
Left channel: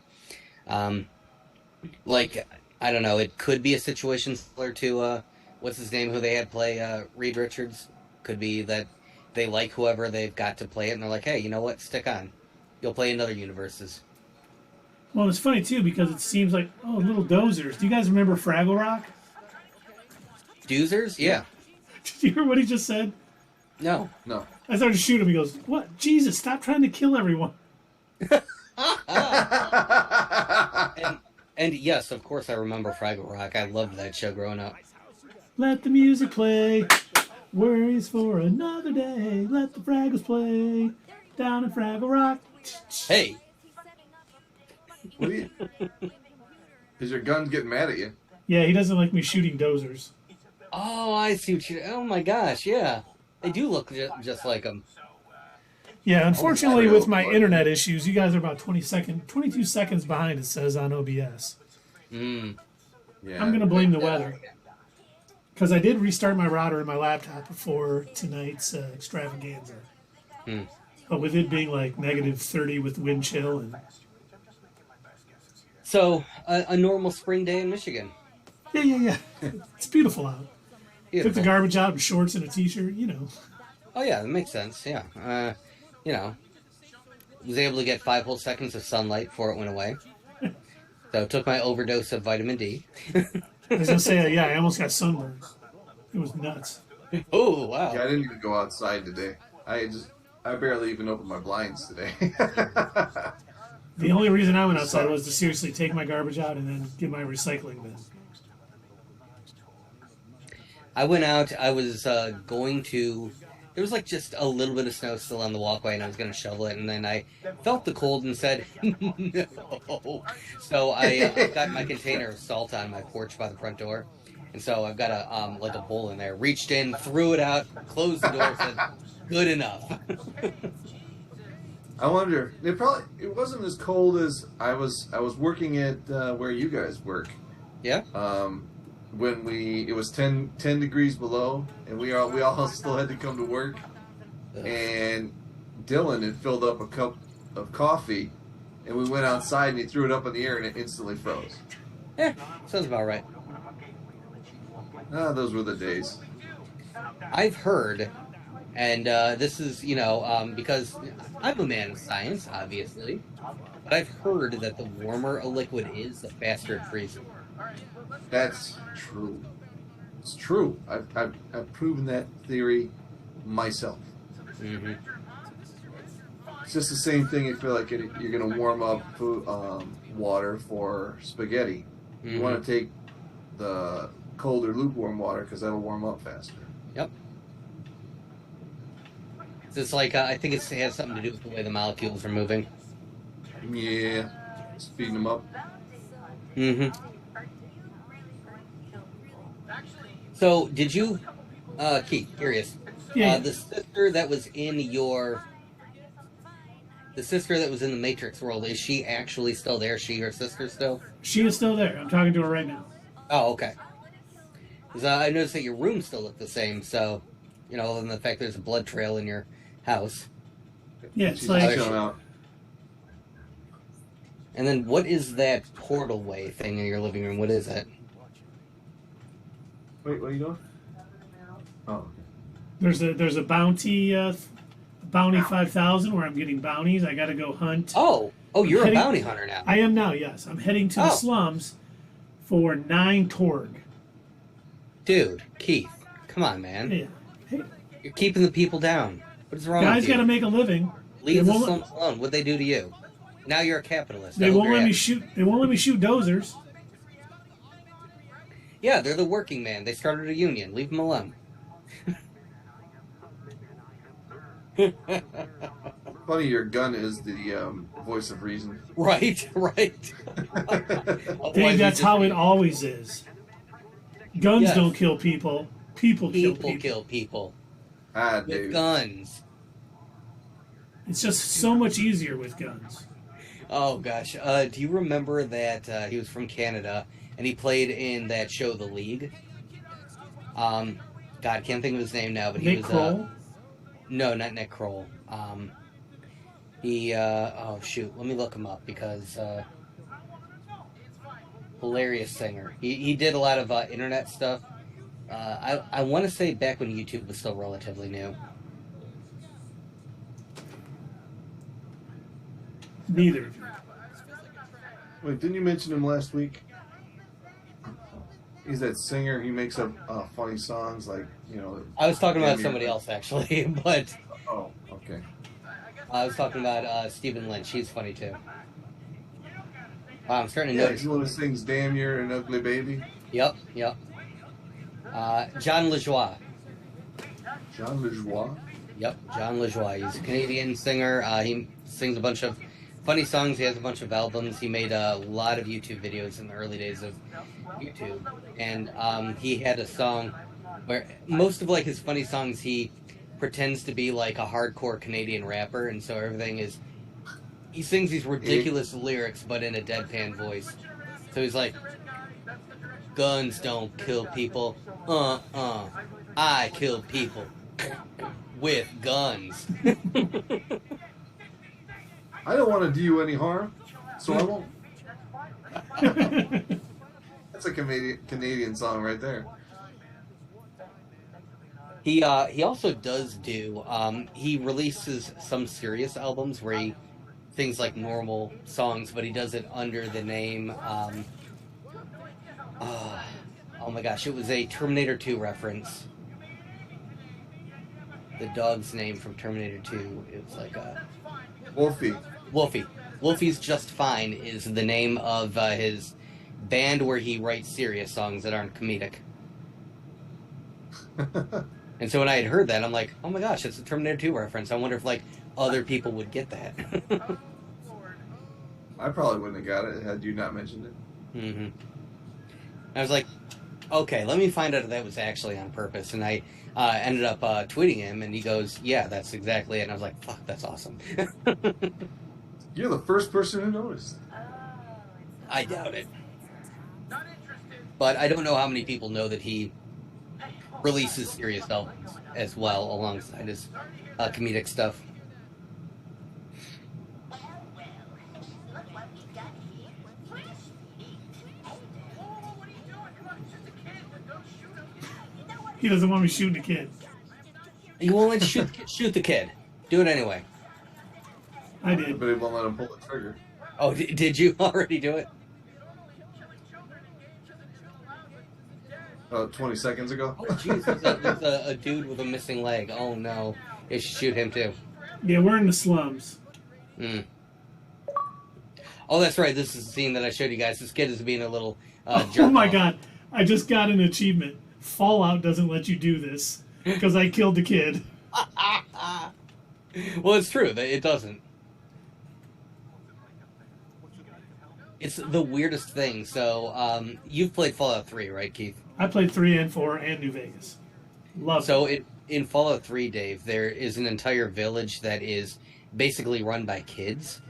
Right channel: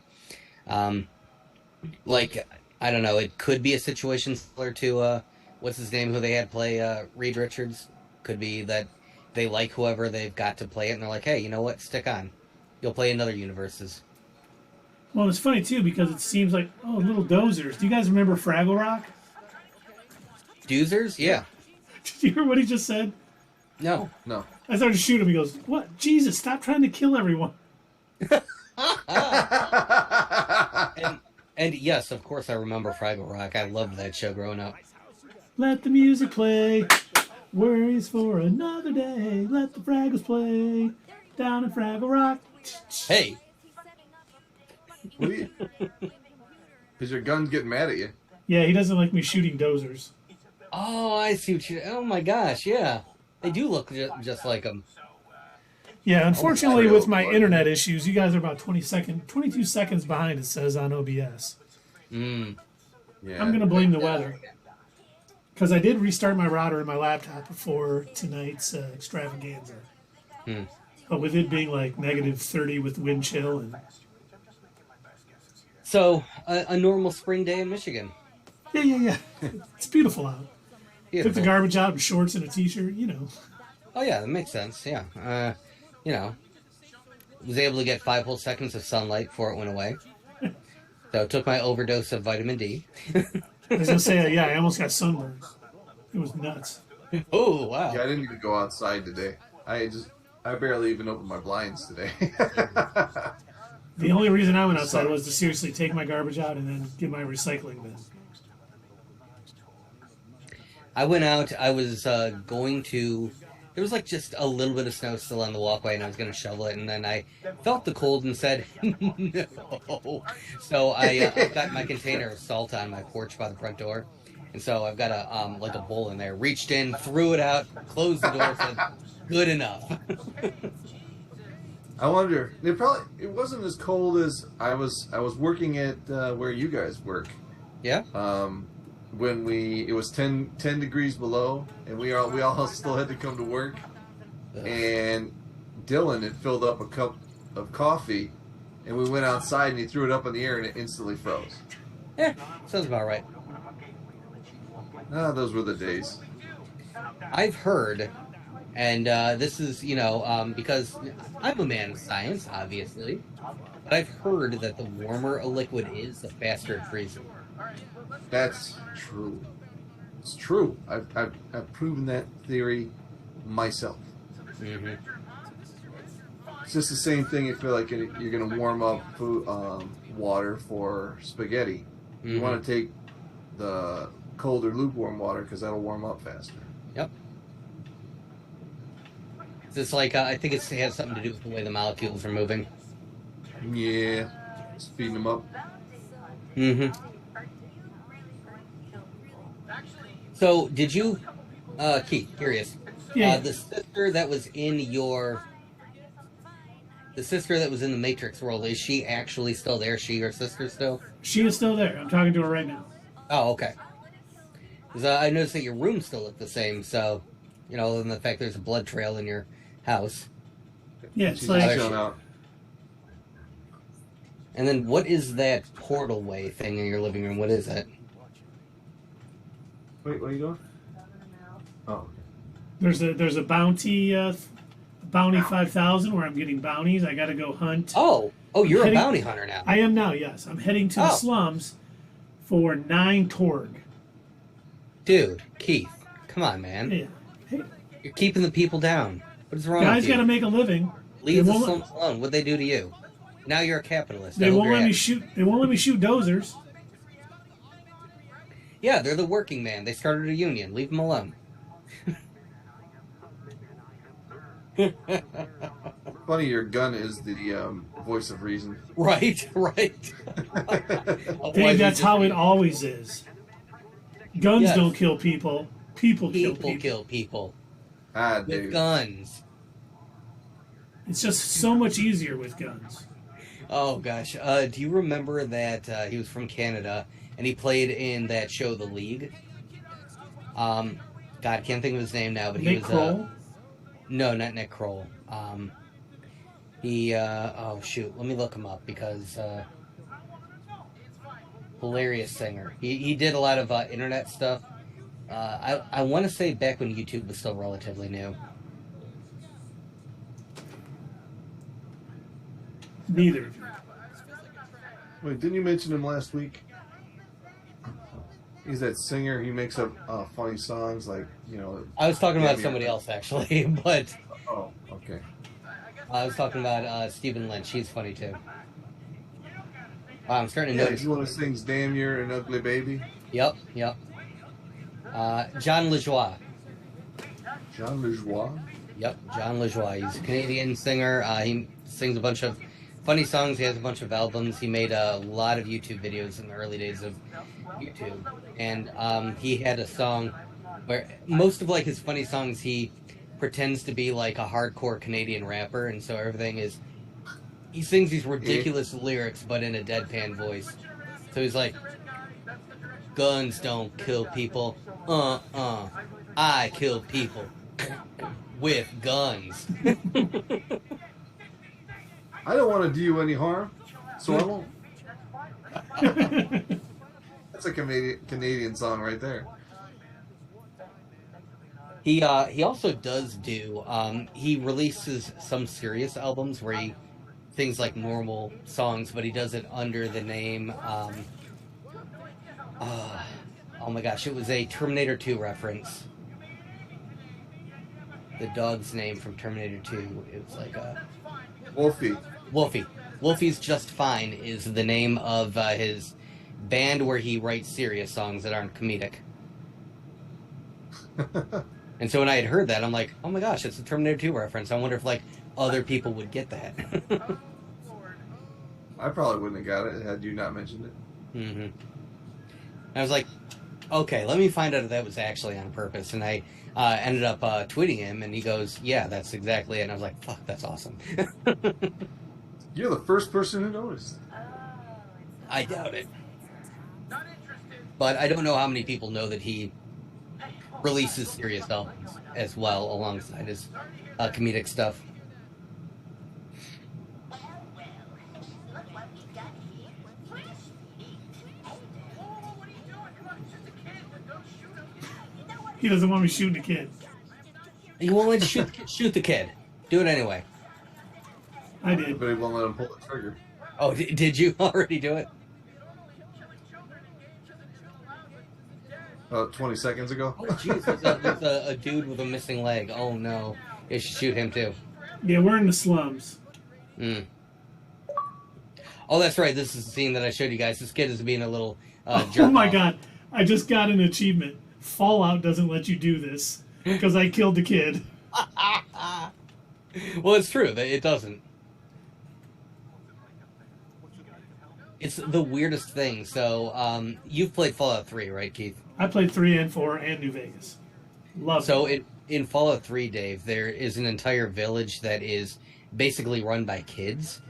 Like, I don't know, it could be a situation similar to, what's his name, who they had play Reed Richards. Could be that they like whoever they've got to play it, and they're like, hey, you know what, stick on. You'll play in other universes. Well, it's funny, too, because it seems like, oh, little dozers. Do you guys remember Fraggle Rock? Doozers? Yeah. Did you hear what he just said? No. I started to shoot him. He goes, what? Jesus, stop trying to kill everyone. And yes, of course I remember Fraggle Rock. I loved that show growing up. Let the music play. Worries for another day. Let the Fraggles play. Down in Fraggle Rock. Hey. What are you? Is your gun getting mad at you? Yeah, he doesn't like me shooting dozers. Oh, I see what you... Oh my gosh, yeah. They do look just like them. Yeah, unfortunately, with my internet issues, you guys are about 22 seconds behind, it says on OBS. Yeah. I'm going to blame the weather. Because I did restart my router and my laptop before tonight's extravaganza. But with it being like negative 30 with wind chill. And So, a normal spring day in Michigan. Yeah. It's beautiful out. Beautiful. Took the garbage out in shorts and a t-shirt, you know. Oh yeah, that makes sense. Yeah, you know, was able to get 5 whole seconds of sunlight before it went away. So took my overdose of vitamin D. I was gonna say, yeah, I almost got sunburned. It was nuts. Oh Yeah, wow. I didn't even go outside today. I barely even opened my blinds today. The only reason I went outside Sucked. was to seriously take my garbage out and then get my recycling bin. I went out. I was going to. There was like just a little bit of snow still on the walkway, and I was going to shovel it, and then I felt the cold and said, "No." So I've got my container of salt on my porch by the front door, and so I've got a like a bowl in there. Reached in, threw it out, closed the door, said, "Good enough." I wonder. It wasn't as cold as I was working at where you guys work. Yeah. When it was 10 degrees below, and we all still had to come to work. Ugh. And Dylan had filled up a cup of coffee, and we went outside, and he threw it up in the air, and it instantly froze. Yeah, sounds about right. Ah, those were the days. I've heard, and this is, because I'm a man of science, obviously, but I've heard that the warmer a liquid is, the faster it freezes. That's true. It's true. I've proven that theory myself. Mm-hmm. It's just the same thing. If you're like you're going to warm up water for spaghetti, you Mm-hmm. want to take the colder lukewarm water because that'll warm up faster. Yep. It's like, I think it has something to do with the way the molecules are moving. Yeah, speeding them up. Mm-hmm. So, did you, Keith, curious, Yeah. the sister that was in the sister that was in the Matrix world, is she actually still there? Is she your sister still? She is still there. I'm talking to her right now. Oh, okay. Because I noticed that your room still looked the same, so, other than the fact there's a blood trail in your house. Yeah, it's She's like chilling out. And then what is that portal way thing in your living room? What is it? Wait, what are you doing? Oh, there's a bounty 5000 where I'm getting bounties. I got to go hunt. Oh, you're a Heading- bounty hunter now. I am now. Yes, I'm heading to the Oh. slums for 9 Torg. Dude, Keith, come on, man. Yeah. Hey, You're keeping the people down. What is wrong guys with you? got to make a living. Leave they the won't- slums alone. What'd they do to you? Now you're a capitalist. I They hope won't you're let me happy. shoot. They won't let me shoot dozers. Yeah, they're the working man. They started a union. Leave them alone. funny. Your gun is the voice of reason. Right. Dave, that's how it always is. Guns Yes. don't kill people. People kill People people. kill people Ah, with dude. guns. It's just so much easier with guns. Oh gosh, do you remember that he was from Canada and he played in that show, The League? God, I can't think of his name now, but he Nick was Kroll. no, not Nick Kroll. He oh shoot, let me look him up because hilarious singer. He did a lot of internet stuff. I want to say back when YouTube was still relatively new. Neither of you. Wait, didn't you mention him last week? He's that singer. He makes up funny songs like, I was talking about Yeah, somebody else actually, but Oh, okay. I was talking about Stephen Lynch. He's funny too. Wow, I'm starting to Yeah, notice. he's the one that sings "Damn You're an Ugly Baby." Yep. John LeJoie. John LeJoie. Yep, John LeJoie. He's a Canadian singer. He sings a bunch of funny songs. He has a bunch of albums. He made a lot of YouTube videos in the early days of YouTube. And he had a song where most of like his funny songs he pretends to be like a hardcore Canadian rapper, and so everything is he sings these ridiculous lyrics but in a deadpan voice. So he's like, guns don't kill people. I kill people with guns. I don't want to do you any harm, so I won't. That's a Canadian song right there. He also does do he releases some serious albums where he things like normal songs, but he does it under the name uh, oh my gosh, it was a Terminator 2 reference. The dog's name from Terminator 2, it was like Wolfie. Wolfie. Wolfie's Just Fine is the name of his band where he writes serious songs that aren't comedic. And so when I had heard that, I'm like, oh my gosh, it's a Terminator 2 reference. I wonder if like other people would get that. I probably wouldn't have got it had you not mentioned it. Mm-hmm. I was like, okay, let me find out if that was actually on purpose. And I ended up tweeting him, and he goes, yeah, that's exactly it. And I was like, fuck, that's awesome. You're the first person who noticed. I doubt it. But I don't know how many people know that he releases serious albums as well alongside his comedic stuff. He doesn't want me shooting a kid. You won't let you shoot the kid. Do it anyway. I did. But he won't let him pull the trigger. Oh, did you already do it? 20 seconds ago. Oh, jeez, there's a dude with a missing leg. Oh, no. You should shoot him, too. Yeah, we're in the slums. Mm. Oh, that's right. This is the scene that I showed you guys. This kid is being a little jerk. Oh, my God. I just got an achievement. Fallout doesn't let you do this because I killed the kid. Well, it's true. It doesn't. It's the weirdest thing. So, you've played Fallout 3, right, Keith? I played 3 and 4 and New Vegas. Love So, it. in Fallout 3, Dave, there is an entire village that is basically run by kids.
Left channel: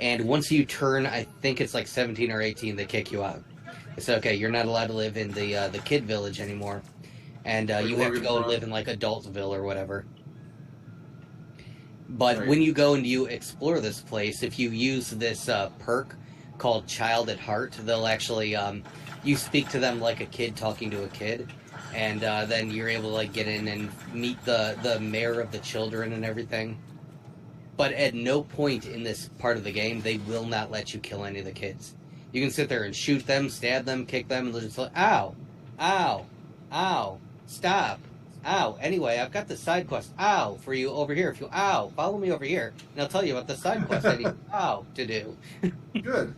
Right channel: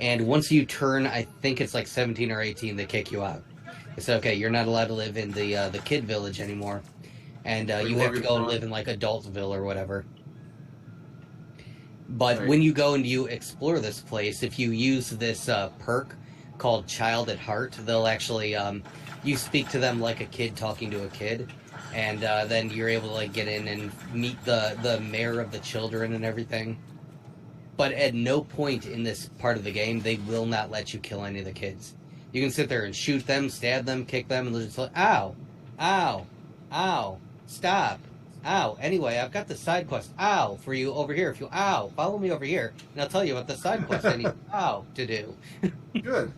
And once you turn, I think it's like 17 or 18, they kick you out. It's okay, you're not allowed to live in the kid village anymore. And you have to go and live in like Adultville or whatever. But Right. when you go and you explore this place, if you use this perk called Child at Heart, they'll actually, you speak to them like a kid talking to a kid. And then you're able to like get in and meet the mayor of the children and everything. But at no point in this part of the game, they will not let you kill any of the kids. You can sit there and shoot them, stab them, kick them, and they'll just like, ow, ow, ow, stop, ow. Anyway, I've got the side quest, ow, for you over here. If you, ow, follow me over here, and I'll tell you what the side quest I need, ow, to do. Good.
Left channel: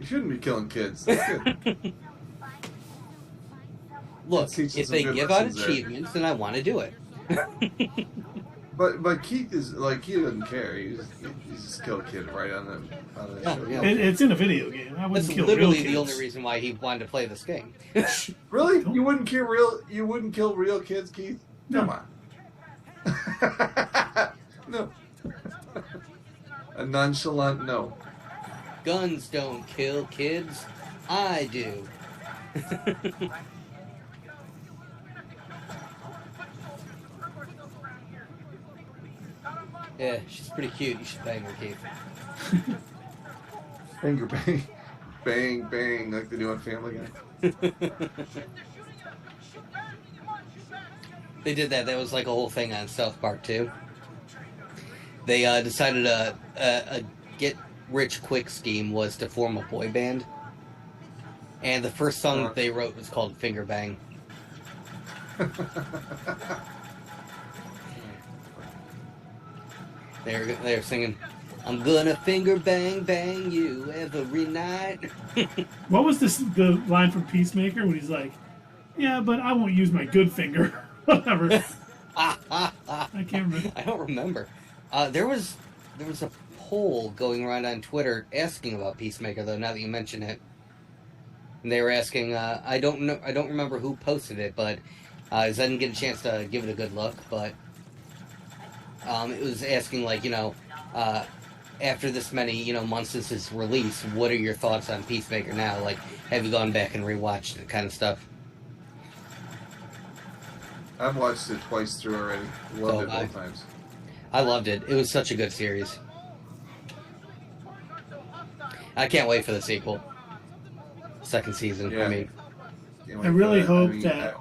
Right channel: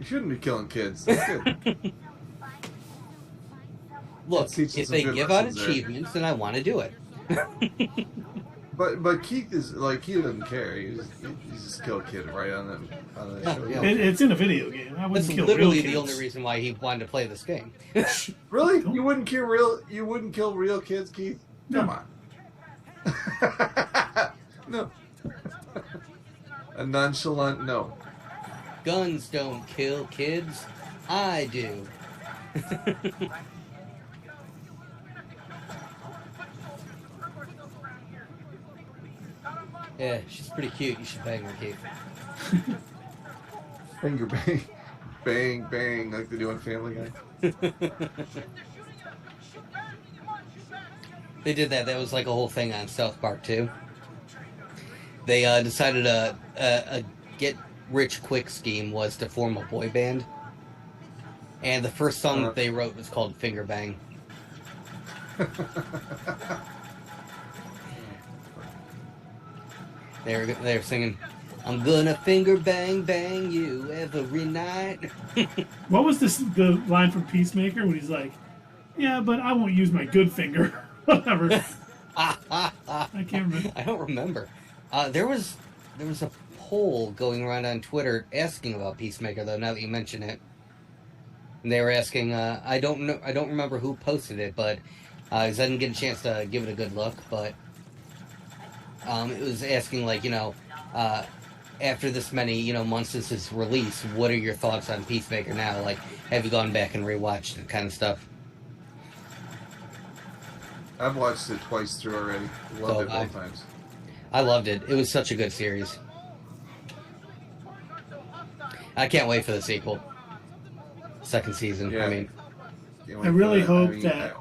You shouldn't be killing kids. That's good. Look, That teaches if some they good give out lessons there. achievements, then I want to do it. But Keith is like, he doesn't care. He just killed a kid right on the show. Yeah. It's in a video game. I wouldn't That's kill real literally kids. the only reason why he wanted to play this game. Really? You wouldn't kill real kids, Keith? Come on. No. A nonchalant no. Guns don't kill kids. I do. Yeah, she's pretty cute. You should bang her, Keith. Finger bang. Bang, bang, like they do on Family Guy. They did that. That was like a whole thing on South Park, too. They decided a get-rich-quick scheme was to form a boy band. And the first song that they wrote was called Finger Bang. They're singing, I'm gonna finger bang bang you every night. What was the line from Peacemaker when he's like, yeah, but I won't use my good finger. Whatever. I can't remember. I don't remember. There was a poll going around on Twitter asking about Peacemaker, though, now that you mention it. And they were asking, I don't remember who posted it, but I didn't get a chance to give it a good look, but it was asking, like, after this many, months since its release, what are your thoughts on Peacemaker now? Like, have you gone back and rewatched it, kind of stuff? I've watched it twice through already. Loved it both times. I loved it. It was such a good series. I can't wait for the sequel. Second season. Yeah. I mean, I really hope that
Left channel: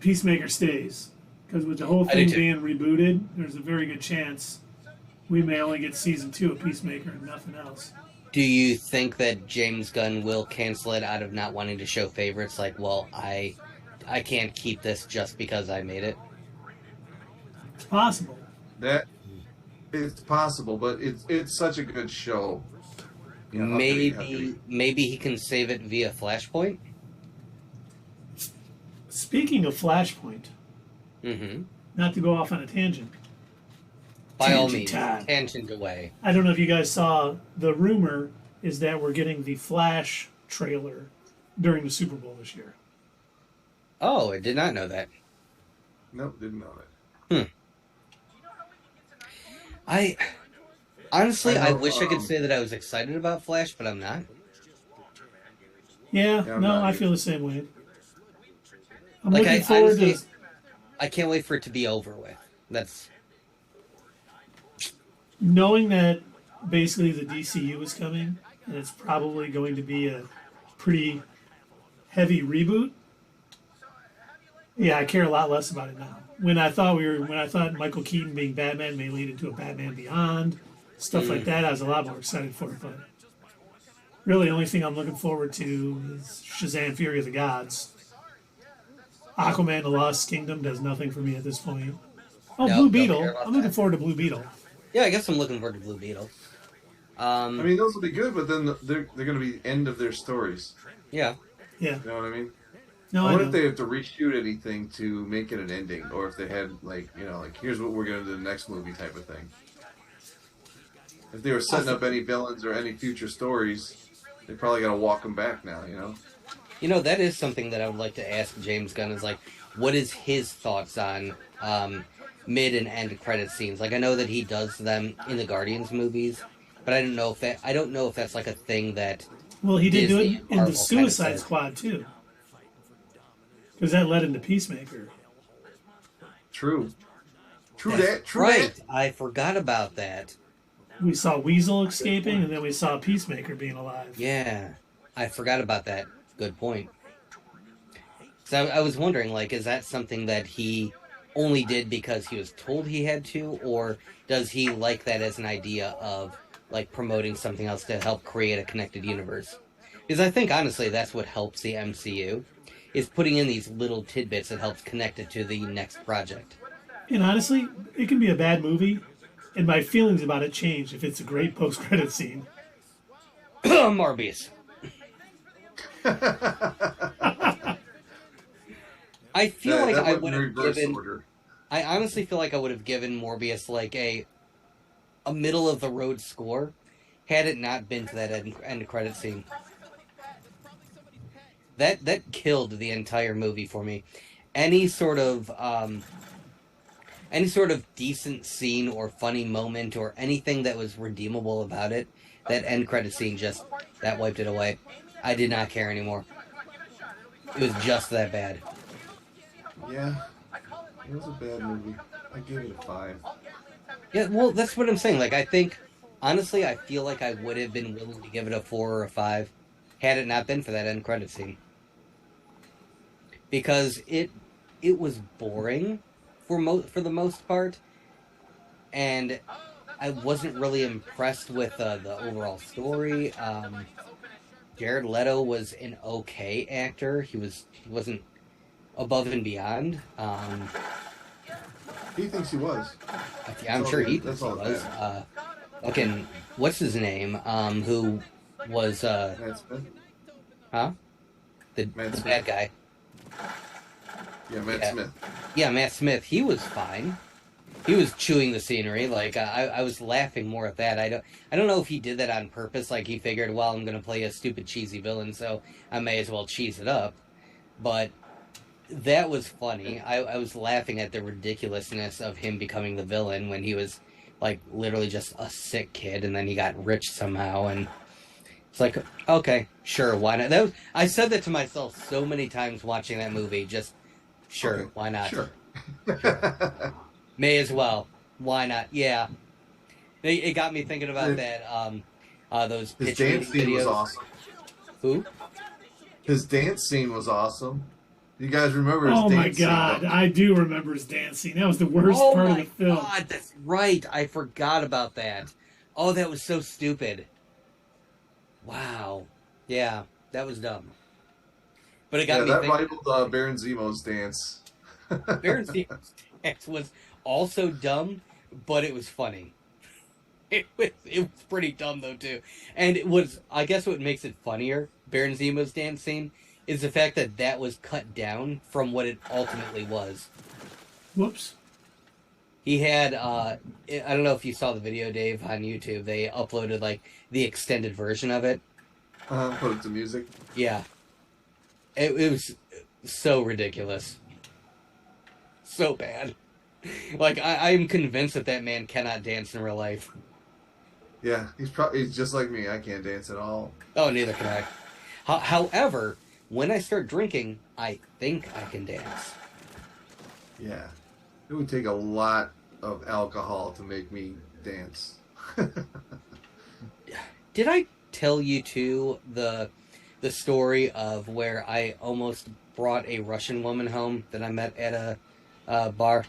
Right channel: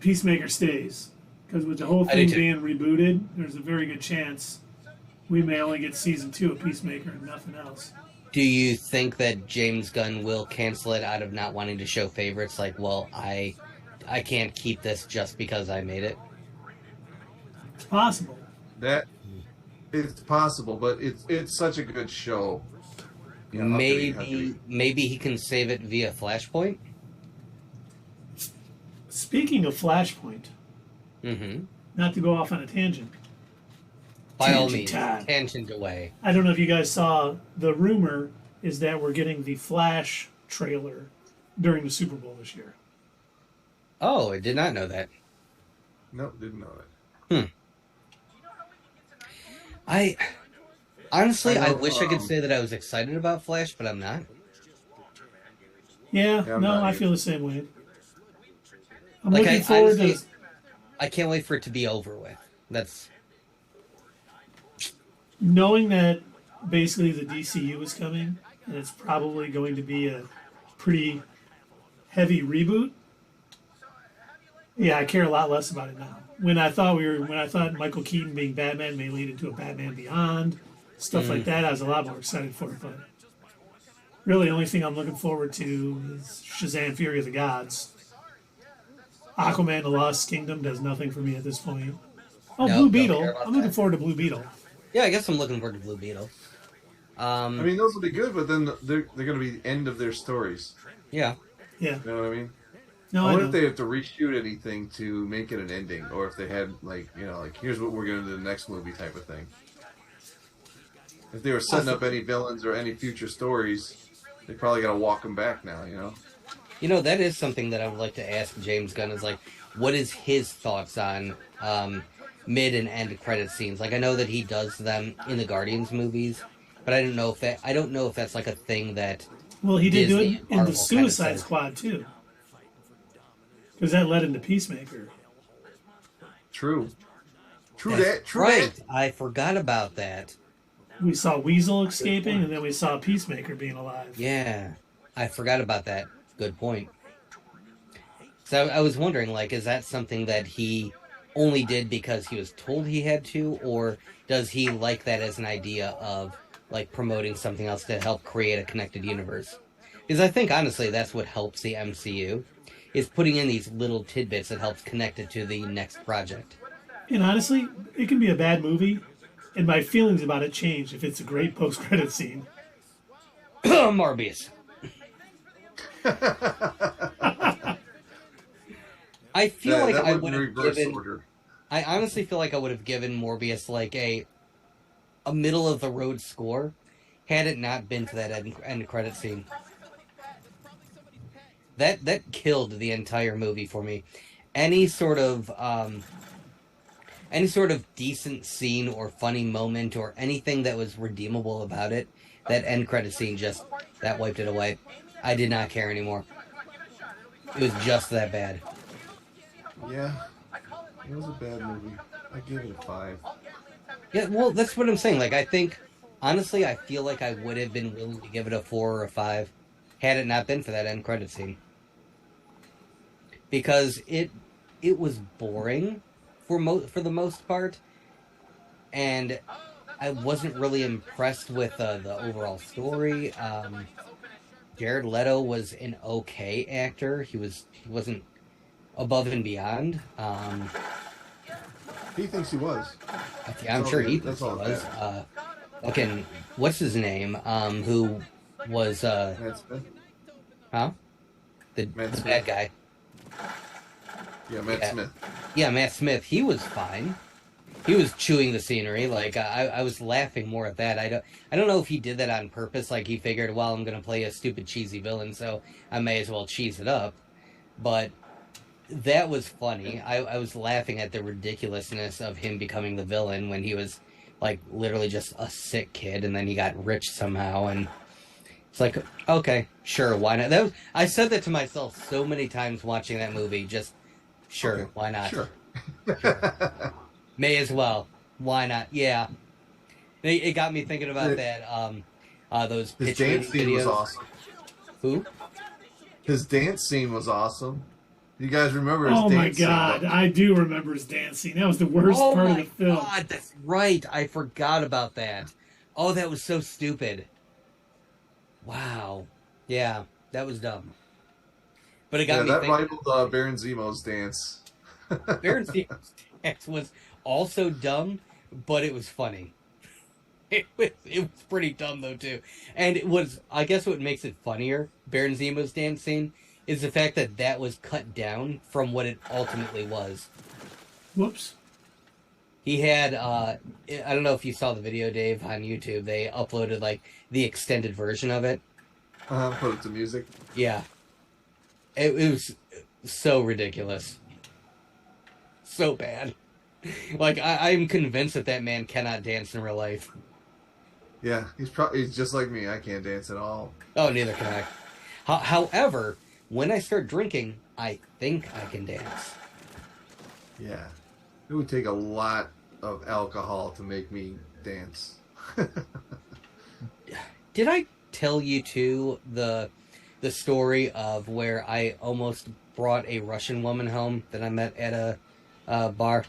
Peacemaker stays. Because with the whole thing being rebooted, there's a very good chance we may only get season 2 of Peacemaker and nothing else. Do you think that James Gunn will cancel it out of not wanting to show favorites? Like, well, I can't keep this just because I made it. It's possible. It's possible, but it's such a good show. You know, maybe he can save it via Flashpoint. Speaking of Flashpoint, not to go off on a tangent. By all means, tangent away. I don't know if you guys saw, the rumor is that we're getting the Flash trailer during the Super Bowl this year. Oh, I did not know that. Nope, didn't know that. I wish I could say that I was excited about Flash, but I'm not. Yeah, no, I feel the same way. I'm looking forward to... I can't wait for it to be over with. That's... Knowing that basically the DCU is coming, and it's probably going to be a pretty heavy reboot, yeah, I care a lot less about it now. When I thought Michael Keaton being Batman may lead into a Batman Beyond, stuff like that, I was a lot more excited for it. But really, the only thing I'm looking forward to is Shazam: Fury of the Gods. Aquaman: The Lost Kingdom does nothing for me at this point. Oh, no, Blue Beetle. I'm looking forward to Blue Beetle. Yeah, I guess I'm looking forward to Blue Beetle. I mean, those will be good, but then they're going to be the end of their stories. Yeah. Yeah. You know what I mean? No, I wonder if they have to reshoot anything to make it an ending, or if they had, like, here's what we're going to do in the next movie type of thing. If they were setting up any villains or any future stories, they probably got to walk them back now, You know, that is something that I would like to ask James Gunn is, like, what is his thoughts on mid and end credit scenes? Like, I know that he does them in the Guardians movies, but I don't know if that's like a thing that... Well, he did do it in the Suicide Squad, too. Because that led into Peacemaker. True. True That's that. Right. I forgot about that. We saw Weasel escaping, and then we saw Peacemaker being alive. Yeah. I forgot about that. Good point. So I was wondering, like, is that something that he only did because he was told he had to, or does he like that as an idea of, like, promoting something else to help create a connected universe? Because I think, honestly, that's what helps the MCU, is putting in these little tidbits that helps connect it to the next project. And honestly, it can be a bad movie, and my feelings about it change if it's a great post-credit scene. Morbius. I feel like I would have given... I honestly feel like I would have given Morbius, like, a middle-of-the-road score, had it not been to that end credit scene. That killed the entire movie for me. Any sort of decent scene or funny moment or anything that was redeemable about it, that end credit scene that wiped it away. I did not care anymore. It was just that bad. Yeah, it was a bad movie. I give it a 5. Yeah, well, that's what I'm saying. Like, I think, honestly, I feel like I would have been willing to give it a 4 or a 5 had it not been for that end credit scene. Because it was boring for the most part, and I wasn't really impressed with the overall story. Jared Leto was an okay actor. He wasn't above and beyond. He thinks he was. I'm sure he thinks he was. Okay, what's his name? Who was Matt Smith? Huh? The bad guy. Yeah, Matt Smith. Yeah, Matt Smith. He was fine. He was chewing the scenery. Like, I was laughing more at that. I don't know if he did that on purpose. Like, he figured, well, I'm gonna play a stupid cheesy villain, so I may as well cheese it up. But that was funny. I was laughing at the ridiculousness of him becoming the villain when he was, like, literally just a sick kid, and then he got rich somehow, and it's like, okay, sure, why not? I said that to myself so many times watching that movie, just, sure, okay, why not? Sure. May as well. Why not? Yeah. It got me thinking about that, those his dance scene videos. was awesome. Who? His dance scene was awesome. You guys remember his Oh my dancing, God, don't you? I do remember his dancing. That was the worst Oh part of my the film. god, that's right. I forgot about that. Oh, that was so stupid. Wow. Yeah, that was dumb. But it got Yeah, me that thinking. rivaled Baron Zemo's dance. Baron Steven's dance was also dumb, but it was funny. It was pretty dumb though too, and it was, I guess what makes it funnier, Baron Zemo's dance scene, is the fact that that was cut down from what it ultimately was. Whoops. He had I don't know if you saw the video, Dave, on YouTube. They uploaded like the extended version of it. Put it to music. Yeah, it was so ridiculous, so bad. Like I'm convinced that that man cannot dance in real life. Yeah, he's just like me. I can't dance at all. Oh, neither can I. However, when I start drinking, I think I can dance. Yeah, it would take a lot of alcohol to make me dance. Did I tell you too the story of where I almost brought a Russian woman home that I met at a bar?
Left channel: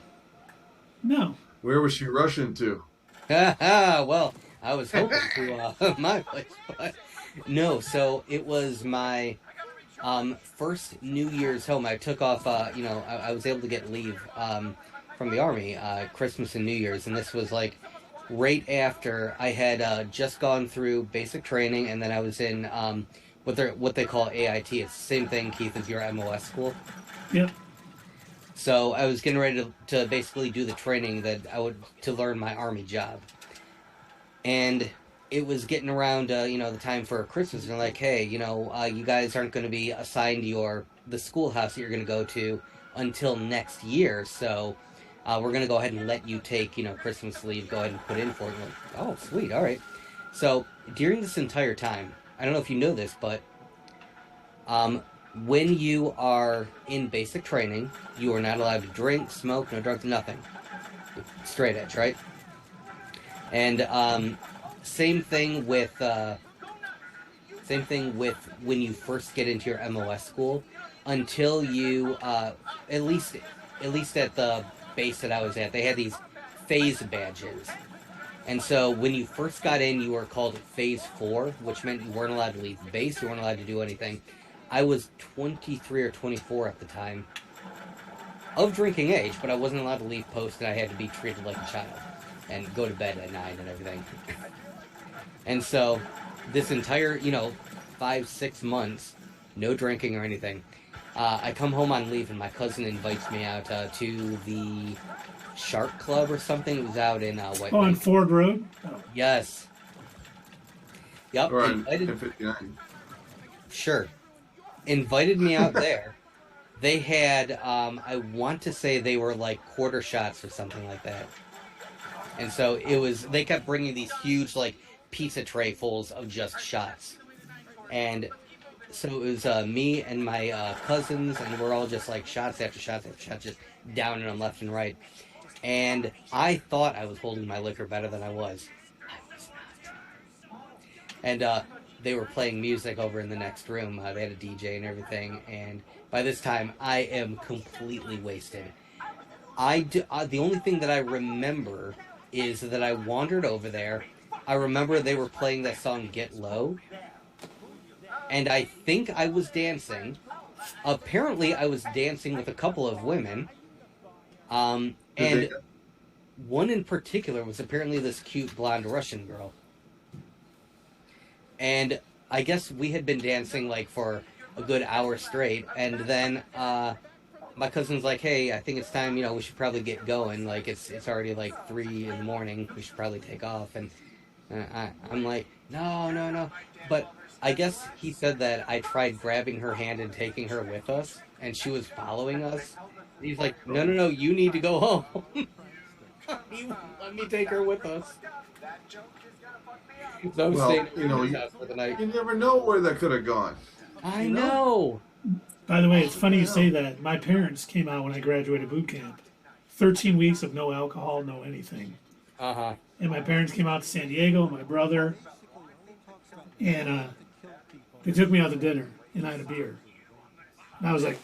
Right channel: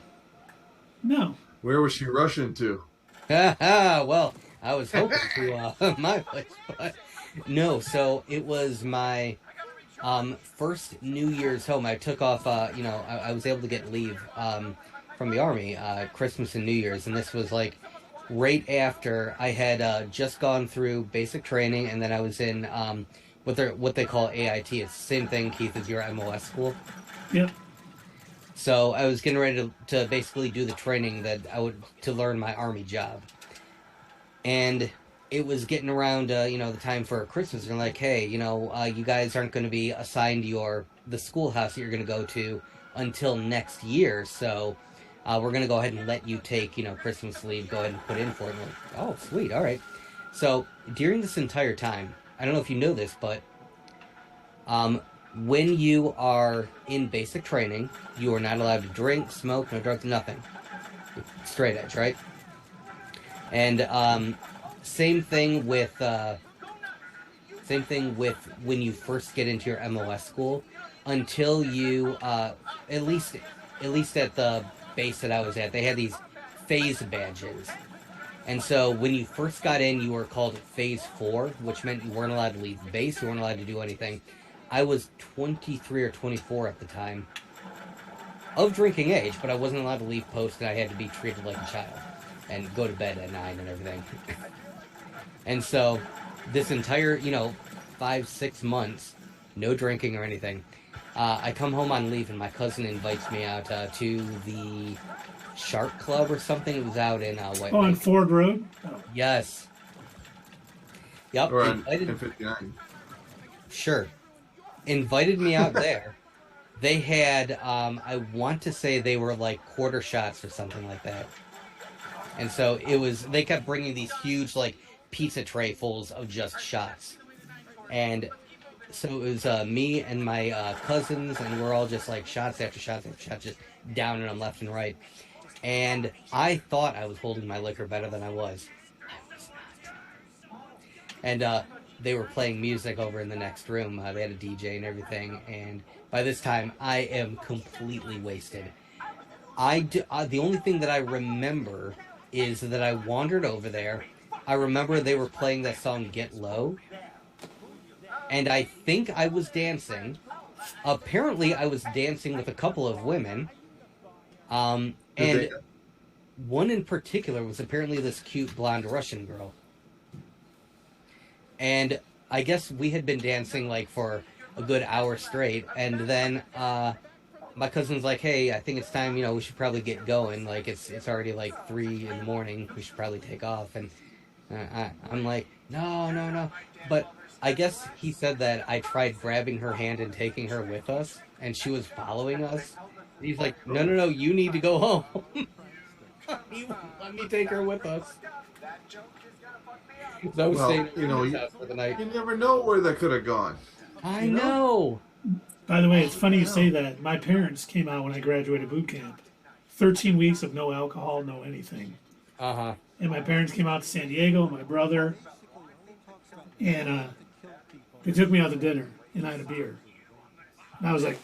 No. Where was she rushing to? Well, I was hoping to my place, but no. So it was my first New Year's home. I took off. I was able to get leave from the army, Christmas and New Year's, and this was like right after I had just gone through basic training, and then I was in what they call AIT. It's the same thing, Keith, as your MOS school. Yep. So I was getting ready to basically do the training that I would to learn my army job, and it was getting around the time for Christmas, and they're like, hey, you guys aren't going to be assigned the schoolhouse that you're going to go to until next year, so we're going to go ahead and let you take Christmas leave, go ahead and put in for it. Like, oh, sweet, all right. So during this entire time, I don't know if you know this, but when you are in basic training, you are not allowed to drink, smoke, no drugs, nothing. Straight edge, right? And same thing with when you first get into your MOS school, until you at least at the base that I was at, they had these phase badges. And so when you first got in, you were called Phase 4, which meant you weren't allowed to leave base, you weren't allowed to do anything. I was 23 or 24 at the time, of drinking age, but I wasn't allowed to leave post, and I had to be treated like a child, and go to bed at 9 and everything. And so, this entire, 5-6 months, no drinking or anything, I come home on leave, and my cousin invites me out to the Shark Club or something. It was out in White Oh, on Lake. Ford Road? Oh. Yes. Yep. Or on Invited, M59. sure. Invited me out there. They had, I want to say they were like quarter shots or something like that. And so they kept bringing these huge, like, pizza tray fulls of just shots. And so it was me and my cousins, and we're all just like shots after shots after shots, just downing them left and right. And I thought I was holding my liquor better than I was. I was not. And they were playing music over in the next room. They had a DJ and everything. And by this time, I am completely wasted. The only thing that I remember is that I wandered over there. I remember they were playing that song Get Low. And I think I was dancing. Apparently, I was dancing with a couple of women. And one in particular was apparently this cute blonde Russian girl. And I guess we had been dancing like for a good hour straight. And then my cousin's like, hey, I think it's time, we should probably get going. Like, it's already like 3 in the morning. We should probably take off. And I'm like, no. But I guess he said that I tried grabbing her hand and taking her with us, and she was following us. He's like, no, you need to go home. Let me take her with us. So I was staying at his house for the night. You never know where that could have gone. I know. By the way, it's funny you say that. My parents came out when I graduated boot camp. 13 weeks of no alcohol, no anything. Uh-huh. And my parents came out to San Diego, my brother, and they took me out to dinner, and I had a beer. And I was like,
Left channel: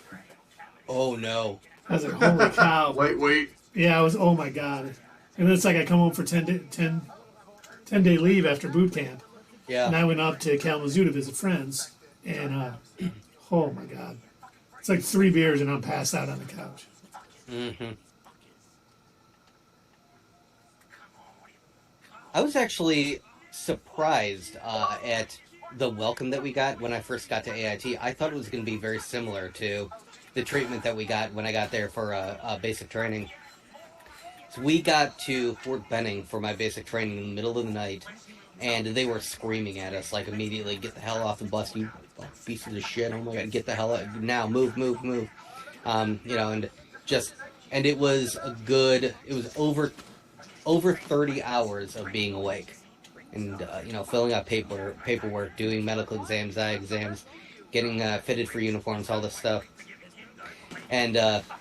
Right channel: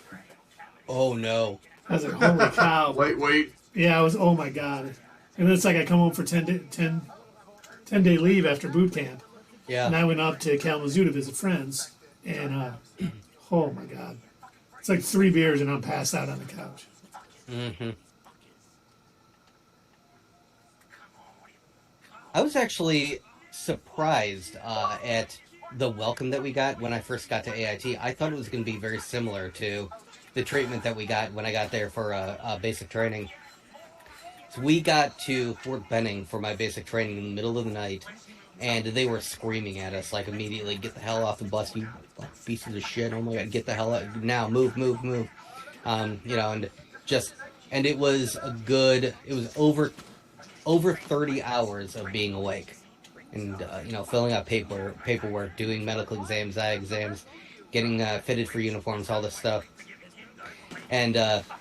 Oh no. I was like, holy cow. Wait. Yeah, I was, oh my God. And then it's like I come home for 10-day leave after boot camp. Yeah. And I went up to Kalamazoo to visit friends. And, oh my God. It's like 3 beers and I'm passed out on the couch. Mm-hmm. I was actually surprised at the welcome that we got when I first got to AIT. I thought it was going to be very similar to the treatment that we got when I got there for basic training. So we got to Fort Benning for my basic training in the middle of the night, and they were screaming at us like immediately, "Get the hell off the bus, you pieces of shit! Oh my God, get the hell out now! Move!" And it was over 30 hours of being awake, and filling out paperwork, doing medical exams, eye exams, getting fitted for uniforms, all this stuff. And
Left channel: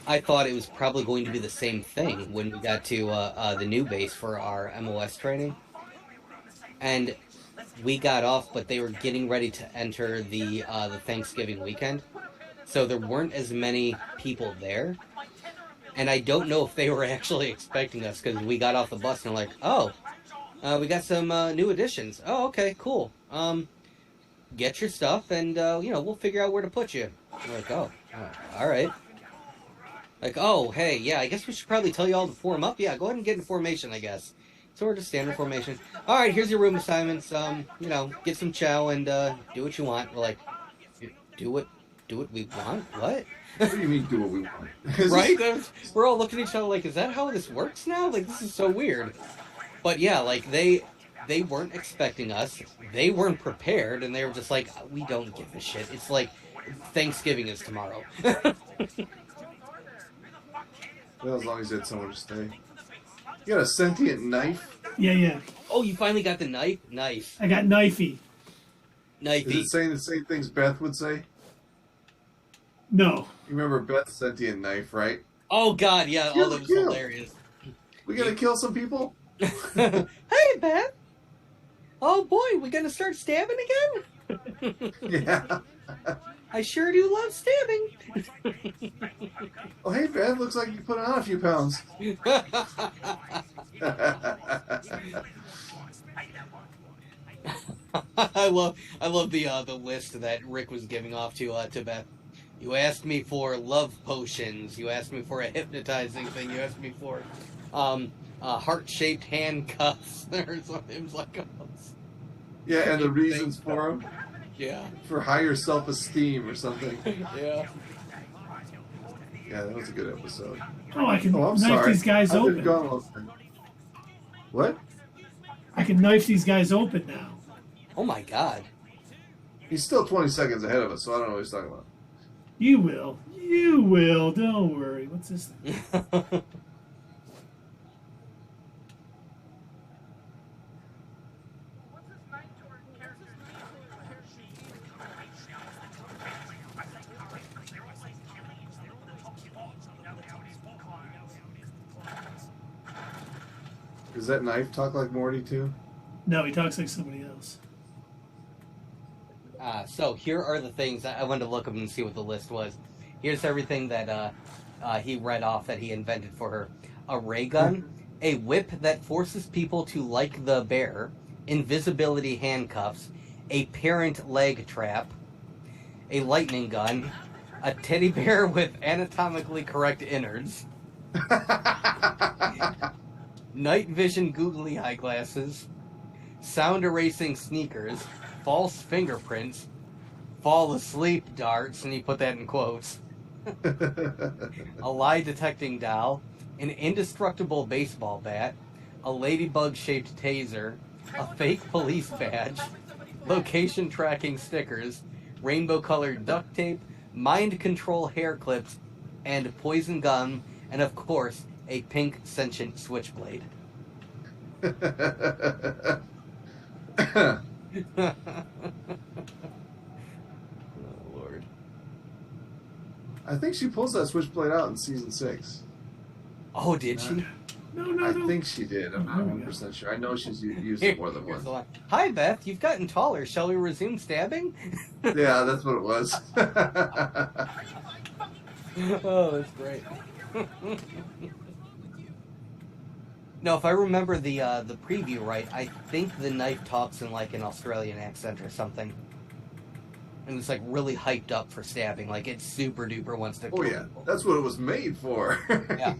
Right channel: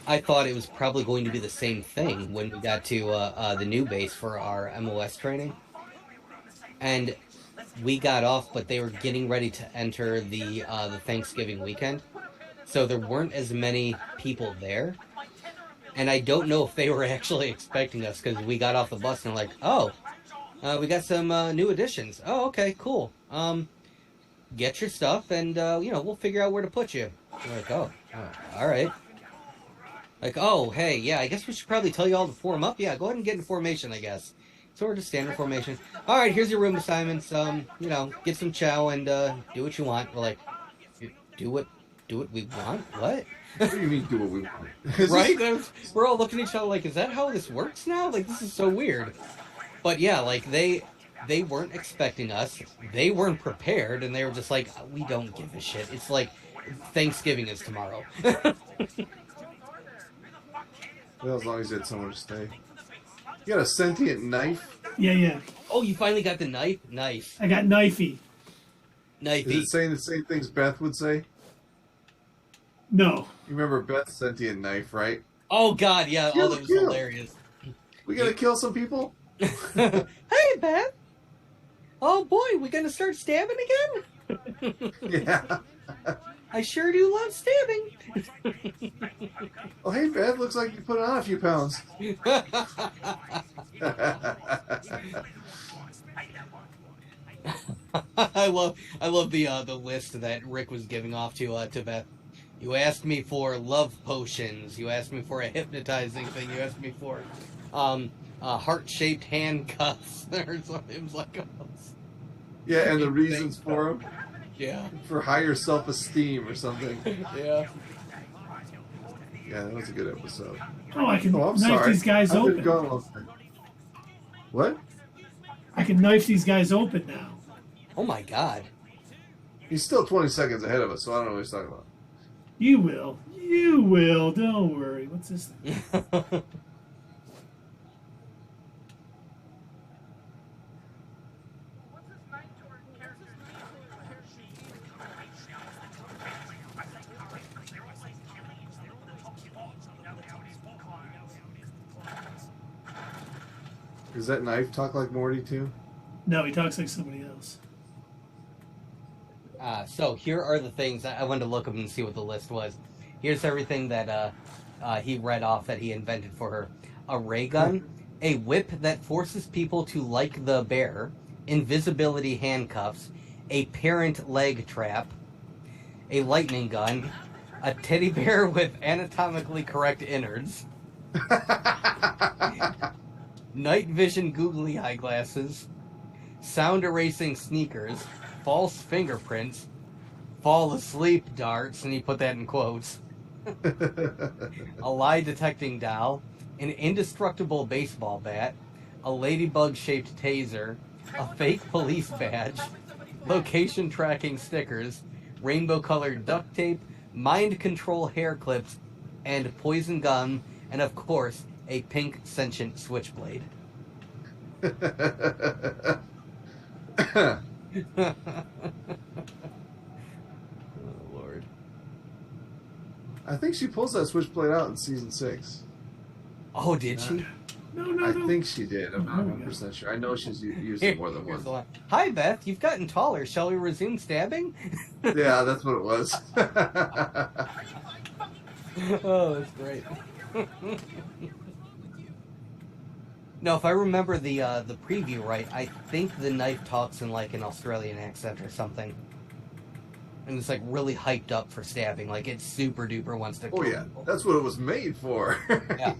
I thought it was probably going to be the same thing when we got to the new base for our MOS training. And we got off, but they were getting ready to enter the Thanksgiving weekend. So there weren't as many people there. And I don't know if they were actually expecting us, because we got off the bus and like, oh, we got some new additions. Oh, okay, cool. Get your stuff and, we'll figure out where to put you. We're like, oh, all right. Like, oh, hey, yeah, I guess we should probably tell you all to form up. Yeah, go ahead and get in formation, I guess. So we're just standard formation. All right, here's your room assignments. Get some chow and do what you want. We're like, do what we want? What? What do you mean do what we want? Right? We're all looking at each other like, is that how this works now? Like, this is so weird. But yeah, like, they weren't expecting us. They weren't prepared, and they were just like, we don't give a shit. It's like, Thanksgiving is tomorrow. Well, as long as you had somewhere to stay. You got a sentient knife? Yeah. Oh, you finally got the knife? Nice. I got knifey. Is it saying the same things Beth would say? No. You remember Beth's sentient knife, right? Oh, God, yeah. Kill, that was kill. hilarious. We gotta kill some people? Hey, Beth. Oh, boy, we gonna start stabbing again? Yeah. I sure do love stabbing. Oh, hey, Beth, looks like you put on a few pounds. I love the list that Rick was giving off to Beth. You asked me for love potions. You asked me for a hypnotizing thing. You asked me for heart-shaped handcuffs or something. It was like, yeah, and the reasons for them. Yeah. For higher self-esteem or something. Yeah. Yeah, that was a good episode. Oh, I can I'm knife sorry. these guys I've been open. gone all day. What? I can knife these guys open now. Oh my God. He's still 20 seconds ahead of us, so I don't know what he's talking about. You will. You will. Don't worry. What's this thing? Does that knife talk like Morty, too? No, he talks like somebody else. So here are the things I wanted to look up and see what the list was. Here's everything that he read off that he invented for her: a ray gun, a whip that forces people to like the bear, invisibility handcuffs, a parent leg trap, a lightning gun, a teddy bear with anatomically correct innards, night vision googly eyeglasses, sound erasing sneakers, false fingerprints, fall asleep darts, and he put that in quotes, a lie detecting doll, an indestructible baseball bat, a ladybug shaped taser, a fake police badge, location tracking stickers, rainbow colored duct tape, mind control hair clips, and poison gum, and of course, a pink sentient switchblade. Oh, Lord. I think she pulls that switchblade out in season 6. Oh, did she? No. I think she did. I'm not there we go. 100% sure. I know she's used it more than Here's the once. line. Hi, Beth. You've gotten taller. Shall we resume stabbing? Yeah, that's what it was. Oh, that's great. No, if I remember the preview right, I think the knife talks in like an Australian accent or something. And it's like really hyped up for stabbing, like it's super duper wants to. Oh yeah, that's what it was made for. Yeah.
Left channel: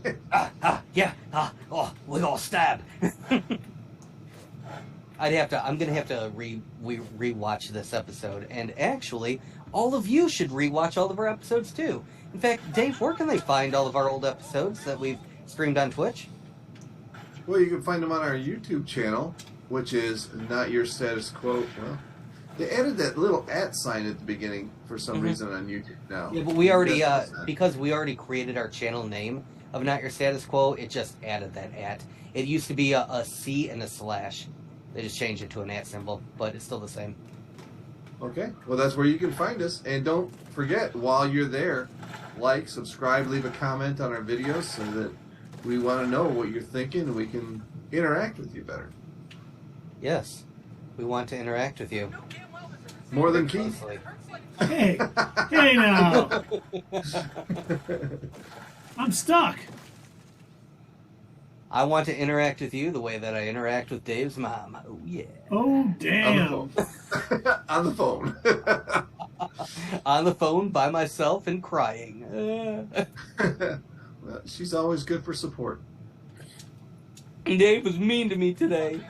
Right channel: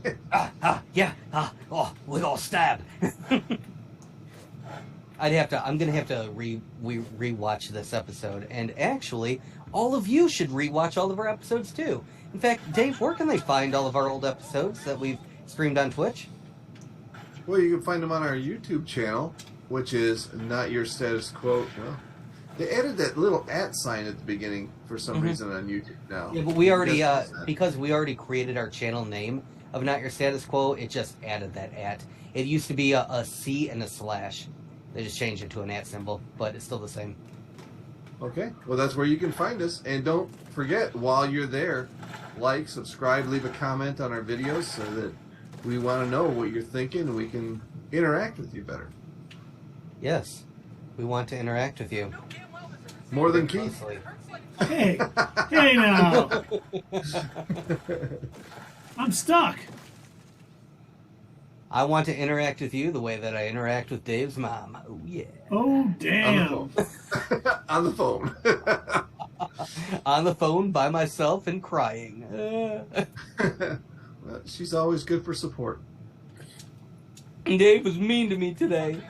We all stab. I'm gonna have to rewatch this episode, and actually, all of you should rewatch all of our episodes too. In fact, Dave, where can they find all of our old episodes that we've streamed on Twitch? Well, you can find them on our YouTube channel, which is Not Your Status Quo. Well, they added that little @ sign at the beginning for some reason on YouTube now. Yeah, but we already, because we already created our channel name of Not Your Status Quo, it just added that @. It used to be a C and a slash. They just changed it to an @ symbol, but it's still the same. Okay, well that's where you can find us. And don't forget, while you're there, like, subscribe, leave a comment on our videos so that we want to know what you're thinking and we can interact with you better. Yes, we want to interact with you. More than Keith. Hey now. I'm stuck. I want to interact with you the way that I interact with Dave's mom. Oh, yeah. Oh, damn. On the phone. On the phone by myself and crying. Well, she's always good for support. Dave was mean to me today.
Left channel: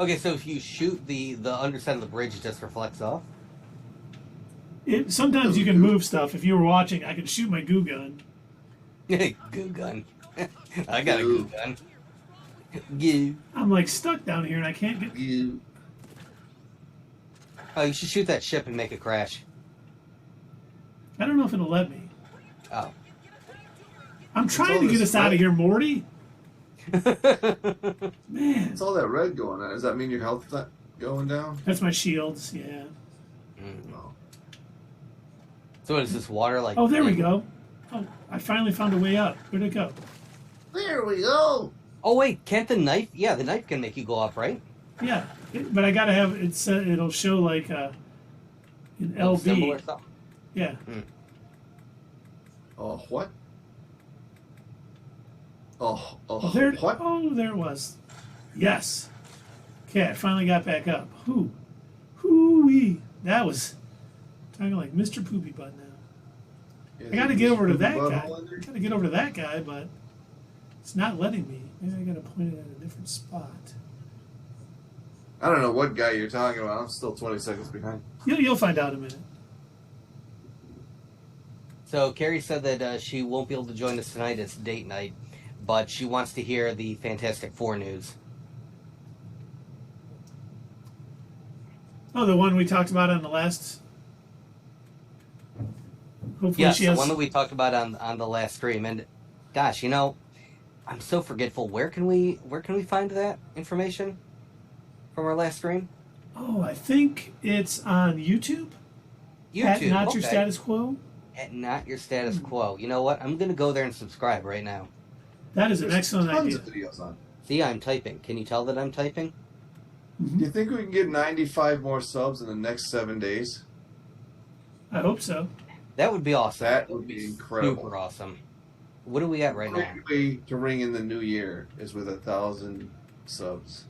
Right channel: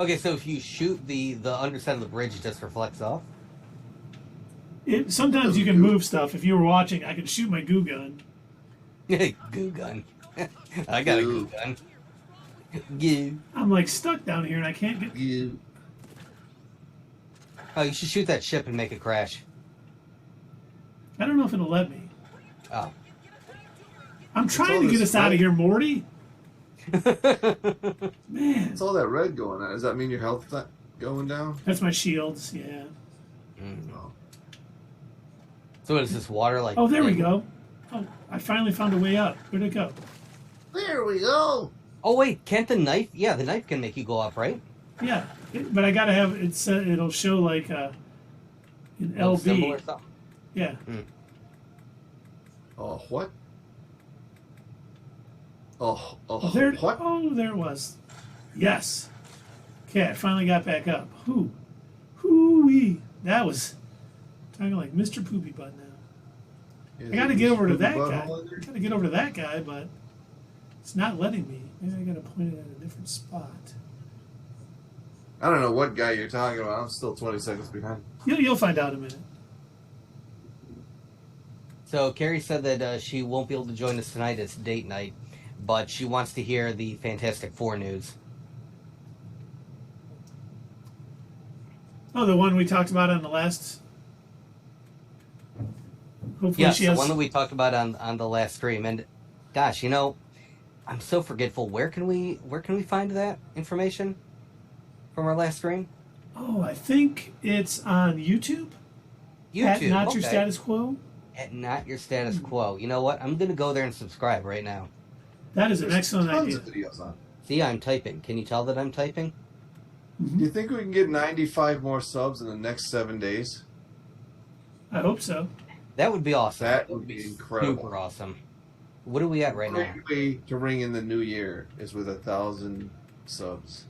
Okay, so if you shoot the underside of the bridge, it just reflects off? Sometimes you can move stuff. If you were watching, I could shoot my goo gun. Goo gun. I got a goo gun. Goo. I'm like stuck down here and I can't get. You. Oh, you should shoot that ship and make it crash. I don't know if it'll let me. Oh. I'm trying to get us out of here, Morty. Man. What's all that red going on? Does that mean your health going down? That's my shields, yeah. So what is this water like? Oh, there we go. Oh, I finally found a way up. Where'd it go? There we go. Oh wait, can't the knife? Yeah, the knife can make you go up, right? Yeah, but I gotta have it. It'll show like an LB. Yeah. Oh, what? Oh, There. what? Oh, there it was. Yes. Okay, I finally got back up. Hoo-wee. That was talking like Mr. Poopy Butt now. I gotta get over to that guy. I gotta get over to that guy, but it's not letting me. Maybe I gotta point it at a different spot. I don't know what guy you're talking about. I'm still 20 seconds behind. You'll find out in a minute. So Carrie said that she won't be able to join us tonight. It's date night, but she wants to hear the Fantastic Four news. Oh, the one we talked about on the last. Hopefully yes, she has. The one that we talked about on the last stream. And gosh, I'm so forgetful. Where can we find that information from our last stream? Oh, I think it's on YouTube. At Not Your Status Quo. At Not Your Status Quo. You know what? I'm going to go there and subscribe right now. That is an excellent idea. See, I'm typing. Can you tell that I'm typing? Do you think we can get 95 more subs in the next 7 days? I hope so. That would be awesome. That would be incredible. Super awesome. What are we at right now? The way to ring in the new year is with 1,000 subs.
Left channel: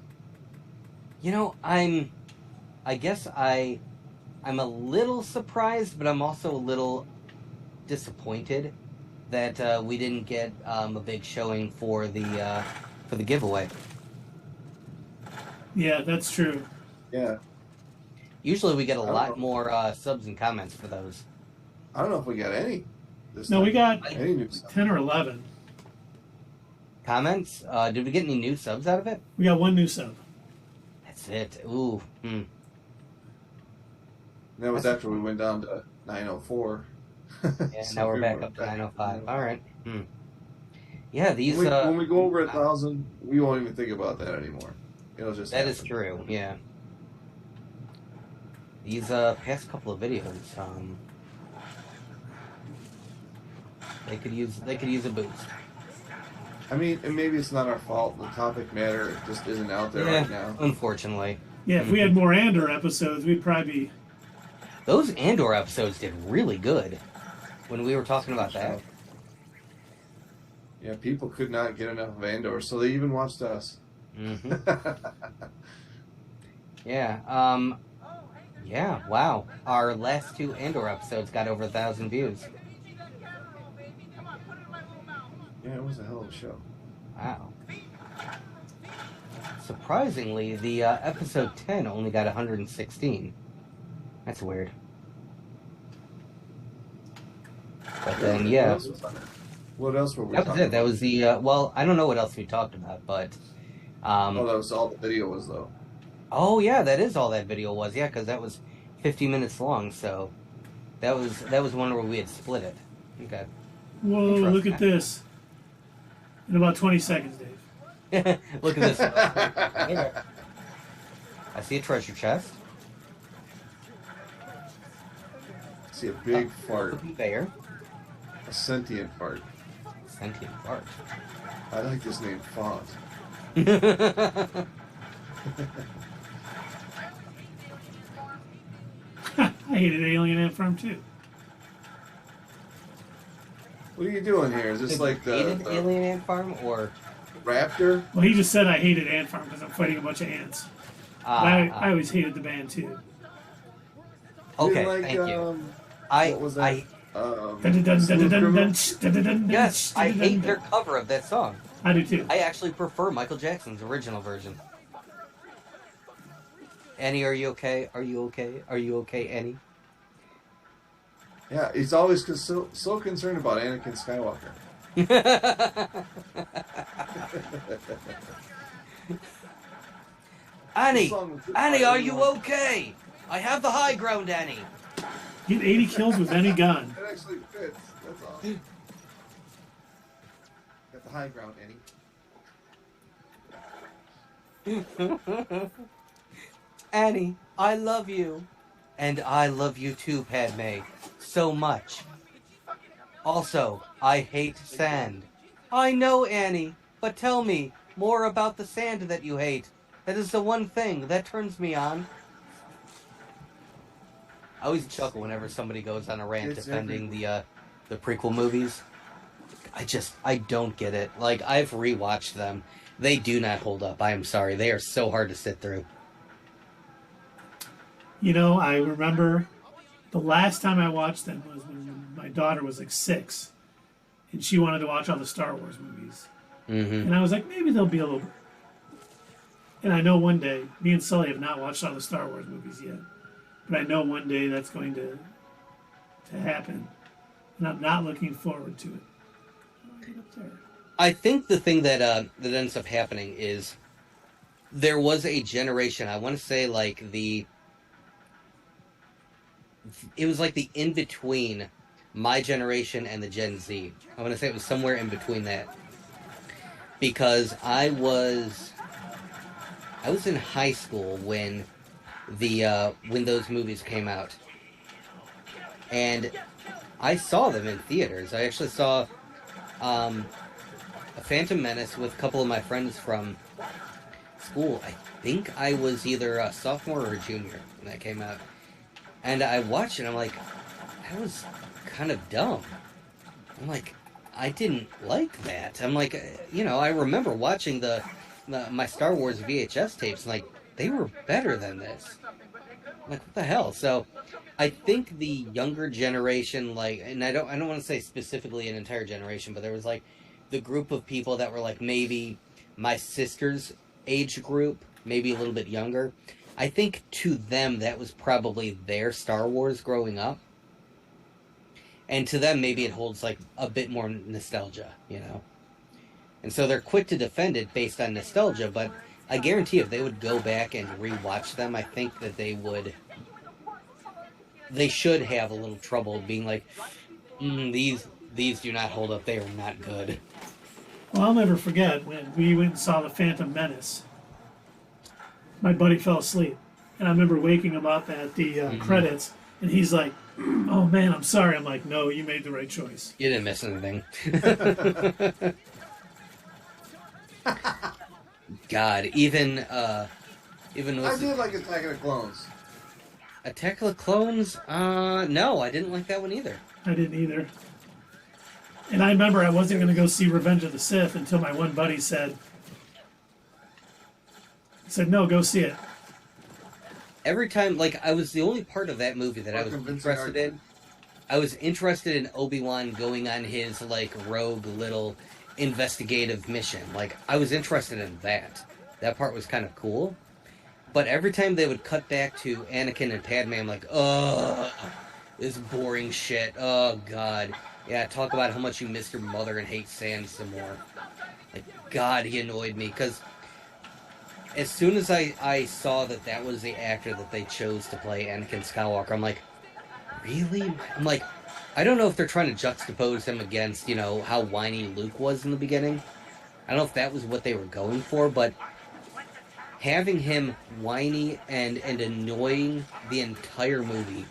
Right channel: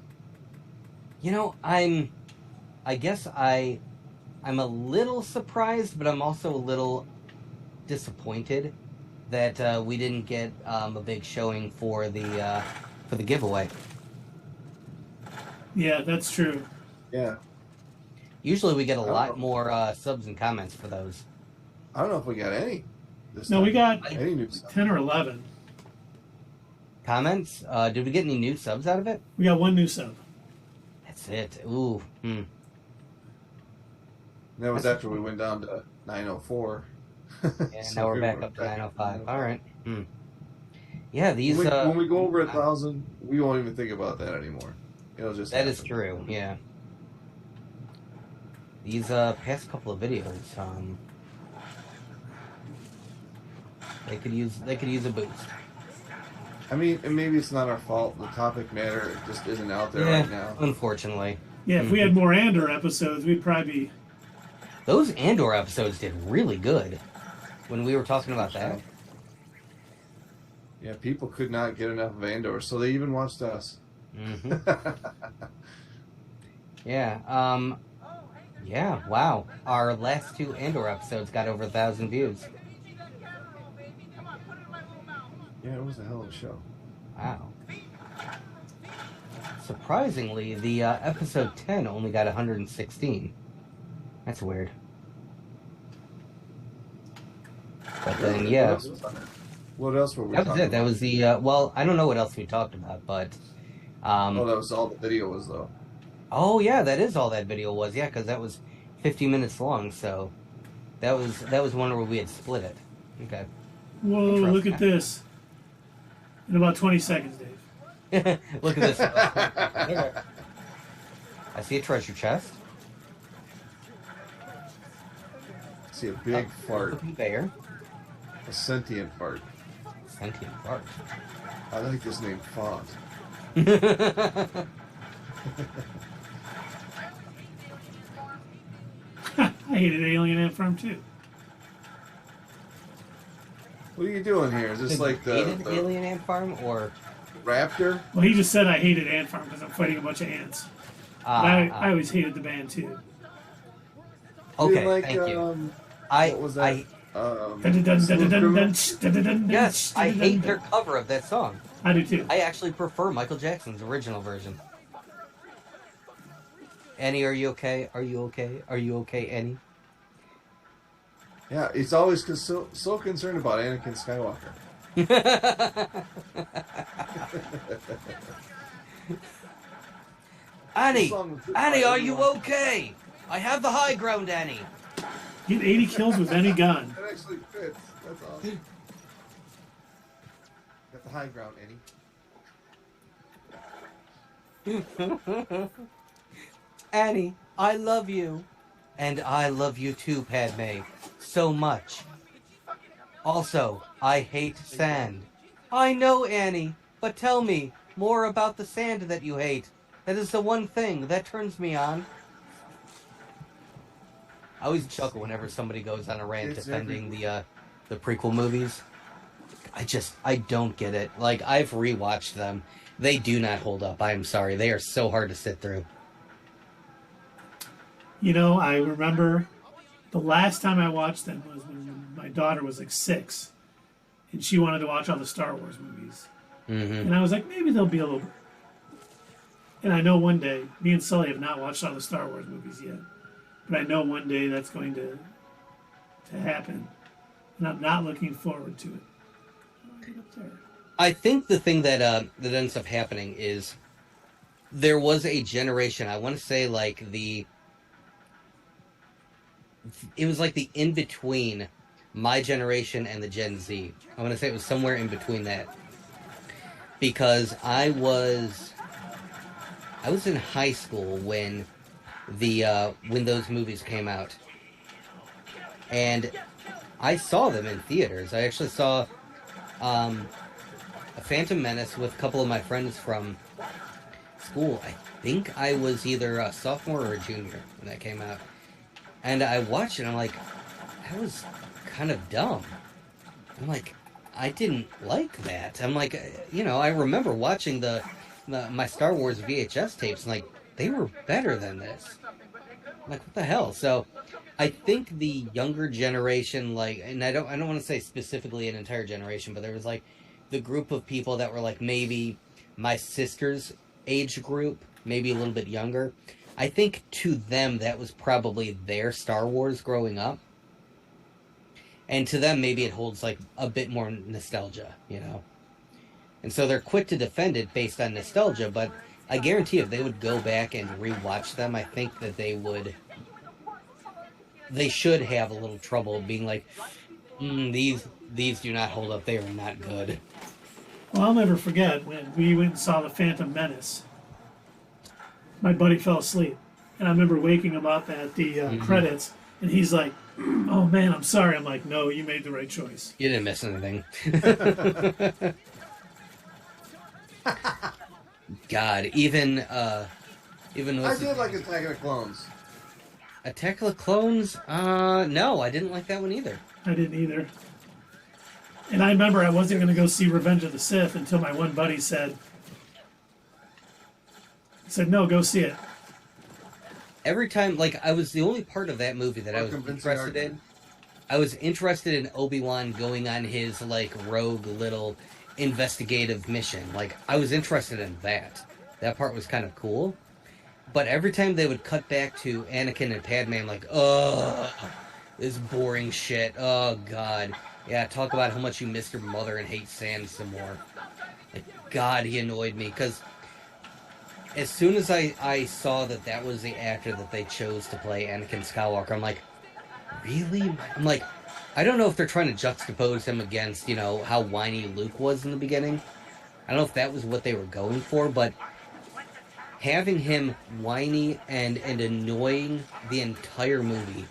I guess I'm a little surprised, but I'm also a little disappointed that we didn't get a big showing for the giveaway. Yeah, that's true. Yeah. Usually we get a lot more subs and comments for those. I don't know if we got any. No, we got any new subs. 10 or 11. Comments? Did we get any new subs out of it? We got one new sub. That's it. Ooh. That was after we went down to 904. Yeah, so now we're back up to 905. All right. Yeah, these. When we go over 1,000, we won't even think about that anymore. It'll just. That is true. Yeah. These past couple of videos, they could use a boost. I mean, and maybe it's not our fault. The topic matter just isn't out there right now. Unfortunately. Yeah, if we had more Andor episodes, we'd probably be... Those Andor episodes did really good when we were talking about that. Yeah, people could not get enough of Andor, so they even watched us. Mm-hmm. Yeah. Yeah, wow. Our last 2 Andor episodes got over 1,000 views. Yeah, it was a hell of a show. Wow. Surprisingly, the episode 10 only got 116. That's weird. But then, yeah. What else were we That was talking it. That about? was the, well, I don't know what else we talked about, but... Oh, that was all the video was, though. Oh, yeah, that is all that video was. Yeah, because that was 50 minutes long, so... That was one where we had split it. Okay. Whoa, look at this. In about 20 seconds, Dave. Look at this. Okay. I see a treasure chest. I see a big fart. Conveyor. A sentient fart. Sentient fart. I like this name, Font. I hated Alien Ant Farm too. What are you doing here? Is this like the Alien Ant Farm or Raptor? Well, he just said I hated Ant Farm because I'm fighting a bunch of ants. But I always hated the band too. Okay, like, thank you. What was that? Yes, I hate their cover of that song. I do too. I actually prefer Michael Jackson's original version. Annie, are you okay? Are you okay? Are you okay, Annie? Yeah, he's always so concerned about Anakin Skywalker. Annie, are you okay? I have the high ground, Annie. Get 80 kills with any gun. That actually fits. That's awesome. Got the high ground, Eddie. Annie, I love you. And I love you too, Padme. So much. Also, I hate sand. I know, Annie, but tell me more about the sand that you hate. That is the one thing that turns me on. I always chuckle whenever somebody goes on a rant defending the prequel movies. I don't get it. Like, I've rewatched them. They do not hold up. I'm sorry. They are so hard to sit through. You know, I remember the last time I watched them was when my daughter was like 6, and she wanted to watch all the Star Wars movies. Mm-hmm. And I was like, maybe they'll be a little... And I know one day, me and Sully have not watched all the Star Wars movies yet, but I know one day that's going to happen, and I'm not looking forward to it. Get up there. I think the thing that that ends up happening is there was a generation, I want to say like it was like the in-between my generation and the Gen Z. I want to say it was somewhere in between that. Because I was in high school when when those movies came out. And I saw them in theaters. I actually saw A Phantom Menace with a couple of my friends from school. I think I was either a sophomore or a junior when that came out. And I watched it, and I'm like, that was kind of dumb. I'm like, I didn't like that. I'm like, you know, I remember watching my Star Wars VHS tapes, and like, they were better than this. I'm like, what the hell? So, I think the younger generation, like, and I don't want to say specifically an entire generation, but there was like the group of people that were like maybe my sister's age group, maybe a little bit younger. I think to them that was probably their Star Wars growing up. And to them maybe it holds like a bit more nostalgia, you know. And so they're quick to defend it based on nostalgia, but I guarantee if they would go back and rewatch them, I think that they should have a little trouble being like, these do not hold up, they are not good. Well, I'll never forget when we went and saw The Phantom Menace. My buddy fell asleep, and I remember waking him up at the credits, and he's like, "Oh man, I'm sorry." I'm like, "No, you made the right choice." You didn't miss anything. God, even Even though I did like Attack of the Clones. Attack of the Clones? No, I didn't like that one either. I didn't either. And I remember I wasn't going to go see Revenge of the Sith until my one buddy said, no, go see it. Every time, like, I was the only part of that movie that I was interested in. I was interested in Obi-Wan going on his, like, rogue little investigative mission. Like, I was interested in that. That part was kind of cool. But every time they would cut back to Anakin and Padme, I'm like, ugh, this boring shit. Oh, God. Yeah, talk about how much you miss your mother and hate sand some more. Like, God, he annoyed me, because as soon as I saw that was the actor that they chose to play Anakin Skywalker, I'm like, really? I'm like, I don't know if they're trying to juxtapose him against, you know, how whiny Luke was in the beginning. I don't know if that was what they were going for, but having him whiny and annoying the entire movie,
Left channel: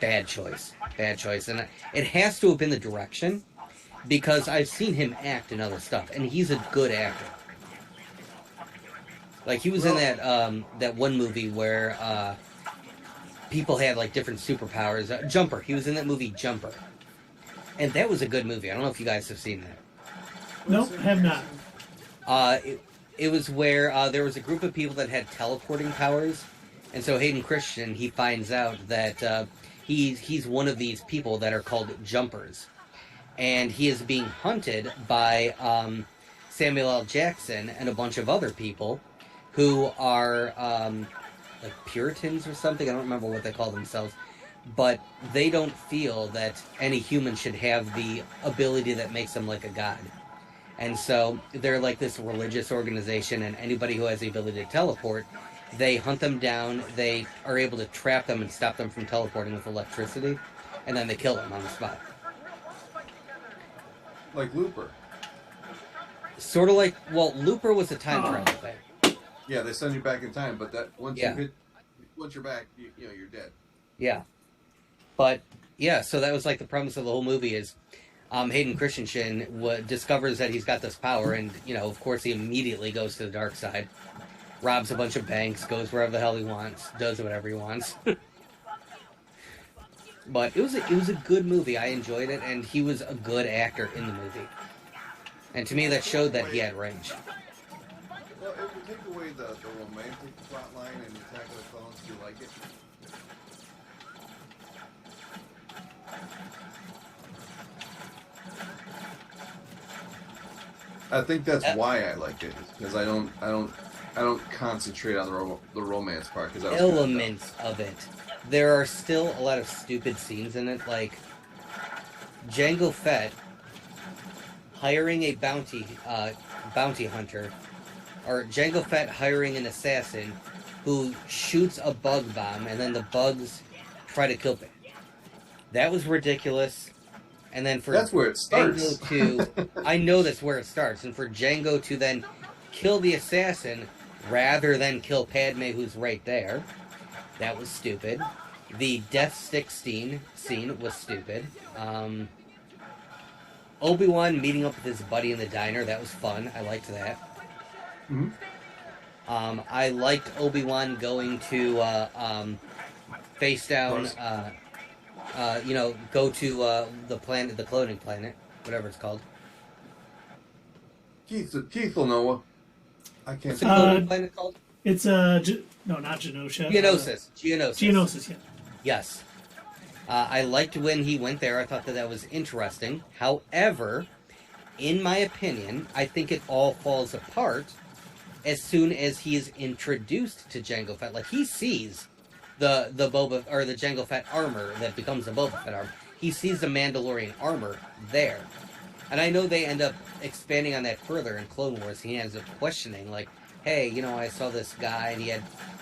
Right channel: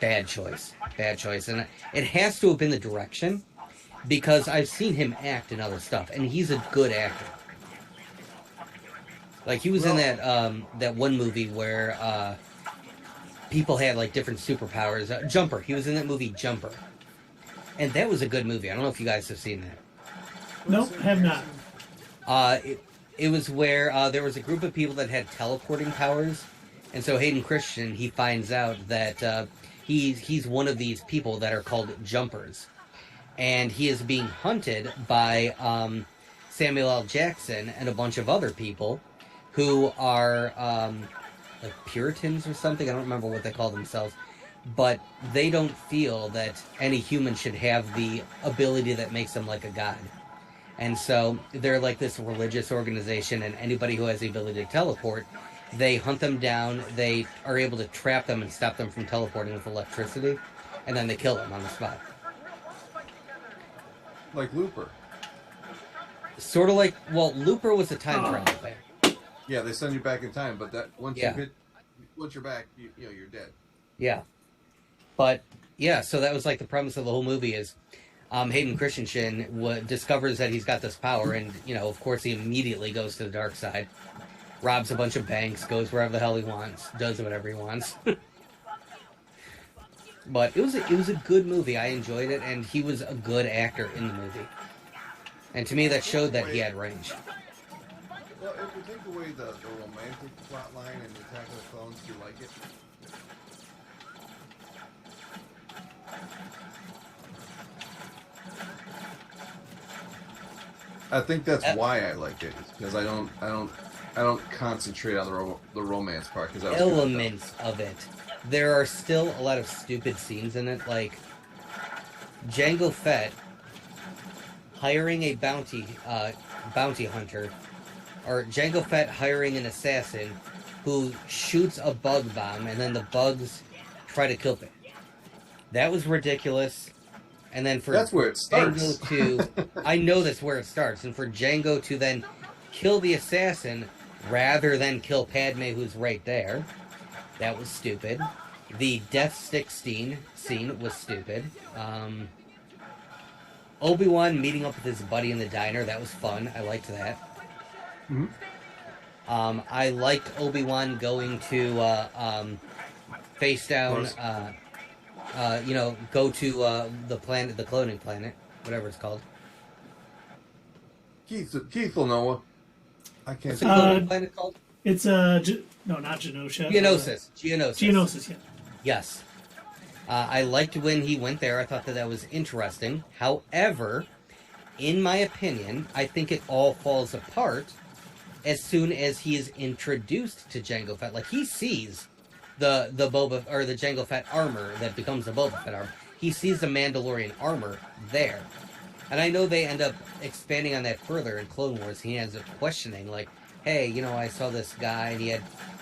bad choice. Bad choice. And it has to have been the direction, because I've seen him act in other stuff, and he's a good actor. Like, he was in that one movie where people had, like, different superpowers. Jumper. He was in that movie, Jumper. And that was a good movie. I don't know if you guys have seen that. Nope, have not. It was where there was a group of people that had teleporting powers. And so Hayden Christensen, he finds out that he's one of these people that are called Jumpers. And he is being hunted by Samuel L. Jackson and a bunch of other people who are like Puritans or something. I don't remember what they call themselves. But they don't feel that any human should have the ability that makes them like a god. And so they're like this religious organization, and anybody who has the ability to teleport, they hunt them down, they are able to trap them and stop them from teleporting with electricity, and then they kill them on the spot. Like Looper. Sort of like, well, Looper was a time travel thing. Yeah, they send you back in time, but that once you're back, you know, you're dead. Yeah. But, yeah, so that was like the premise of the whole movie is Hayden Christensen discovers that he's got this power, and, you know, of course he immediately goes to the dark side, robs a bunch of banks, goes wherever the hell he wants, does whatever he wants. But it was a good movie. I enjoyed it, and he was a good actor in the movie. And to me, that showed that he had range. Well, if you take away the romantic plot line and Attack of the Clones, do you like it? I think that's why I like it, because I don't concentrate on the romance part. Because Elements of it. There are still a lot of stupid scenes in it, like Jango Fett hiring a bounty hunter, or Jango Fett hiring an assassin who shoots a bug bomb, and then the bugs try to kill him. That was ridiculous. And then for that's where it starts. Jango I know that's where it starts, and for Jango to then kill the assassin rather than kill Padme, who's right there, that was stupid. The death stick scene was stupid. Obi-Wan meeting up with his buddy in the diner, that was fun. I liked that. Mm-hmm. I liked Obi-Wan going to face down, go to the planet, the cloning planet, whatever it's called. Keith will know. I can't. What's the cloning planet called? It's no, not Genosha. Geonosis. Geonosis, yeah. Yes. I liked when he went there. I thought that was interesting. However, in my opinion, I think it all falls apart as soon as he is introduced to Jango Fett. Like, he sees the Boba, or the Jango Fett armor that becomes the Boba Fett armor. He sees the Mandalorian armor there. And I know they end up expanding on that further in Clone Wars. He ends up questioning, like, hey, you know, I saw this guy and he had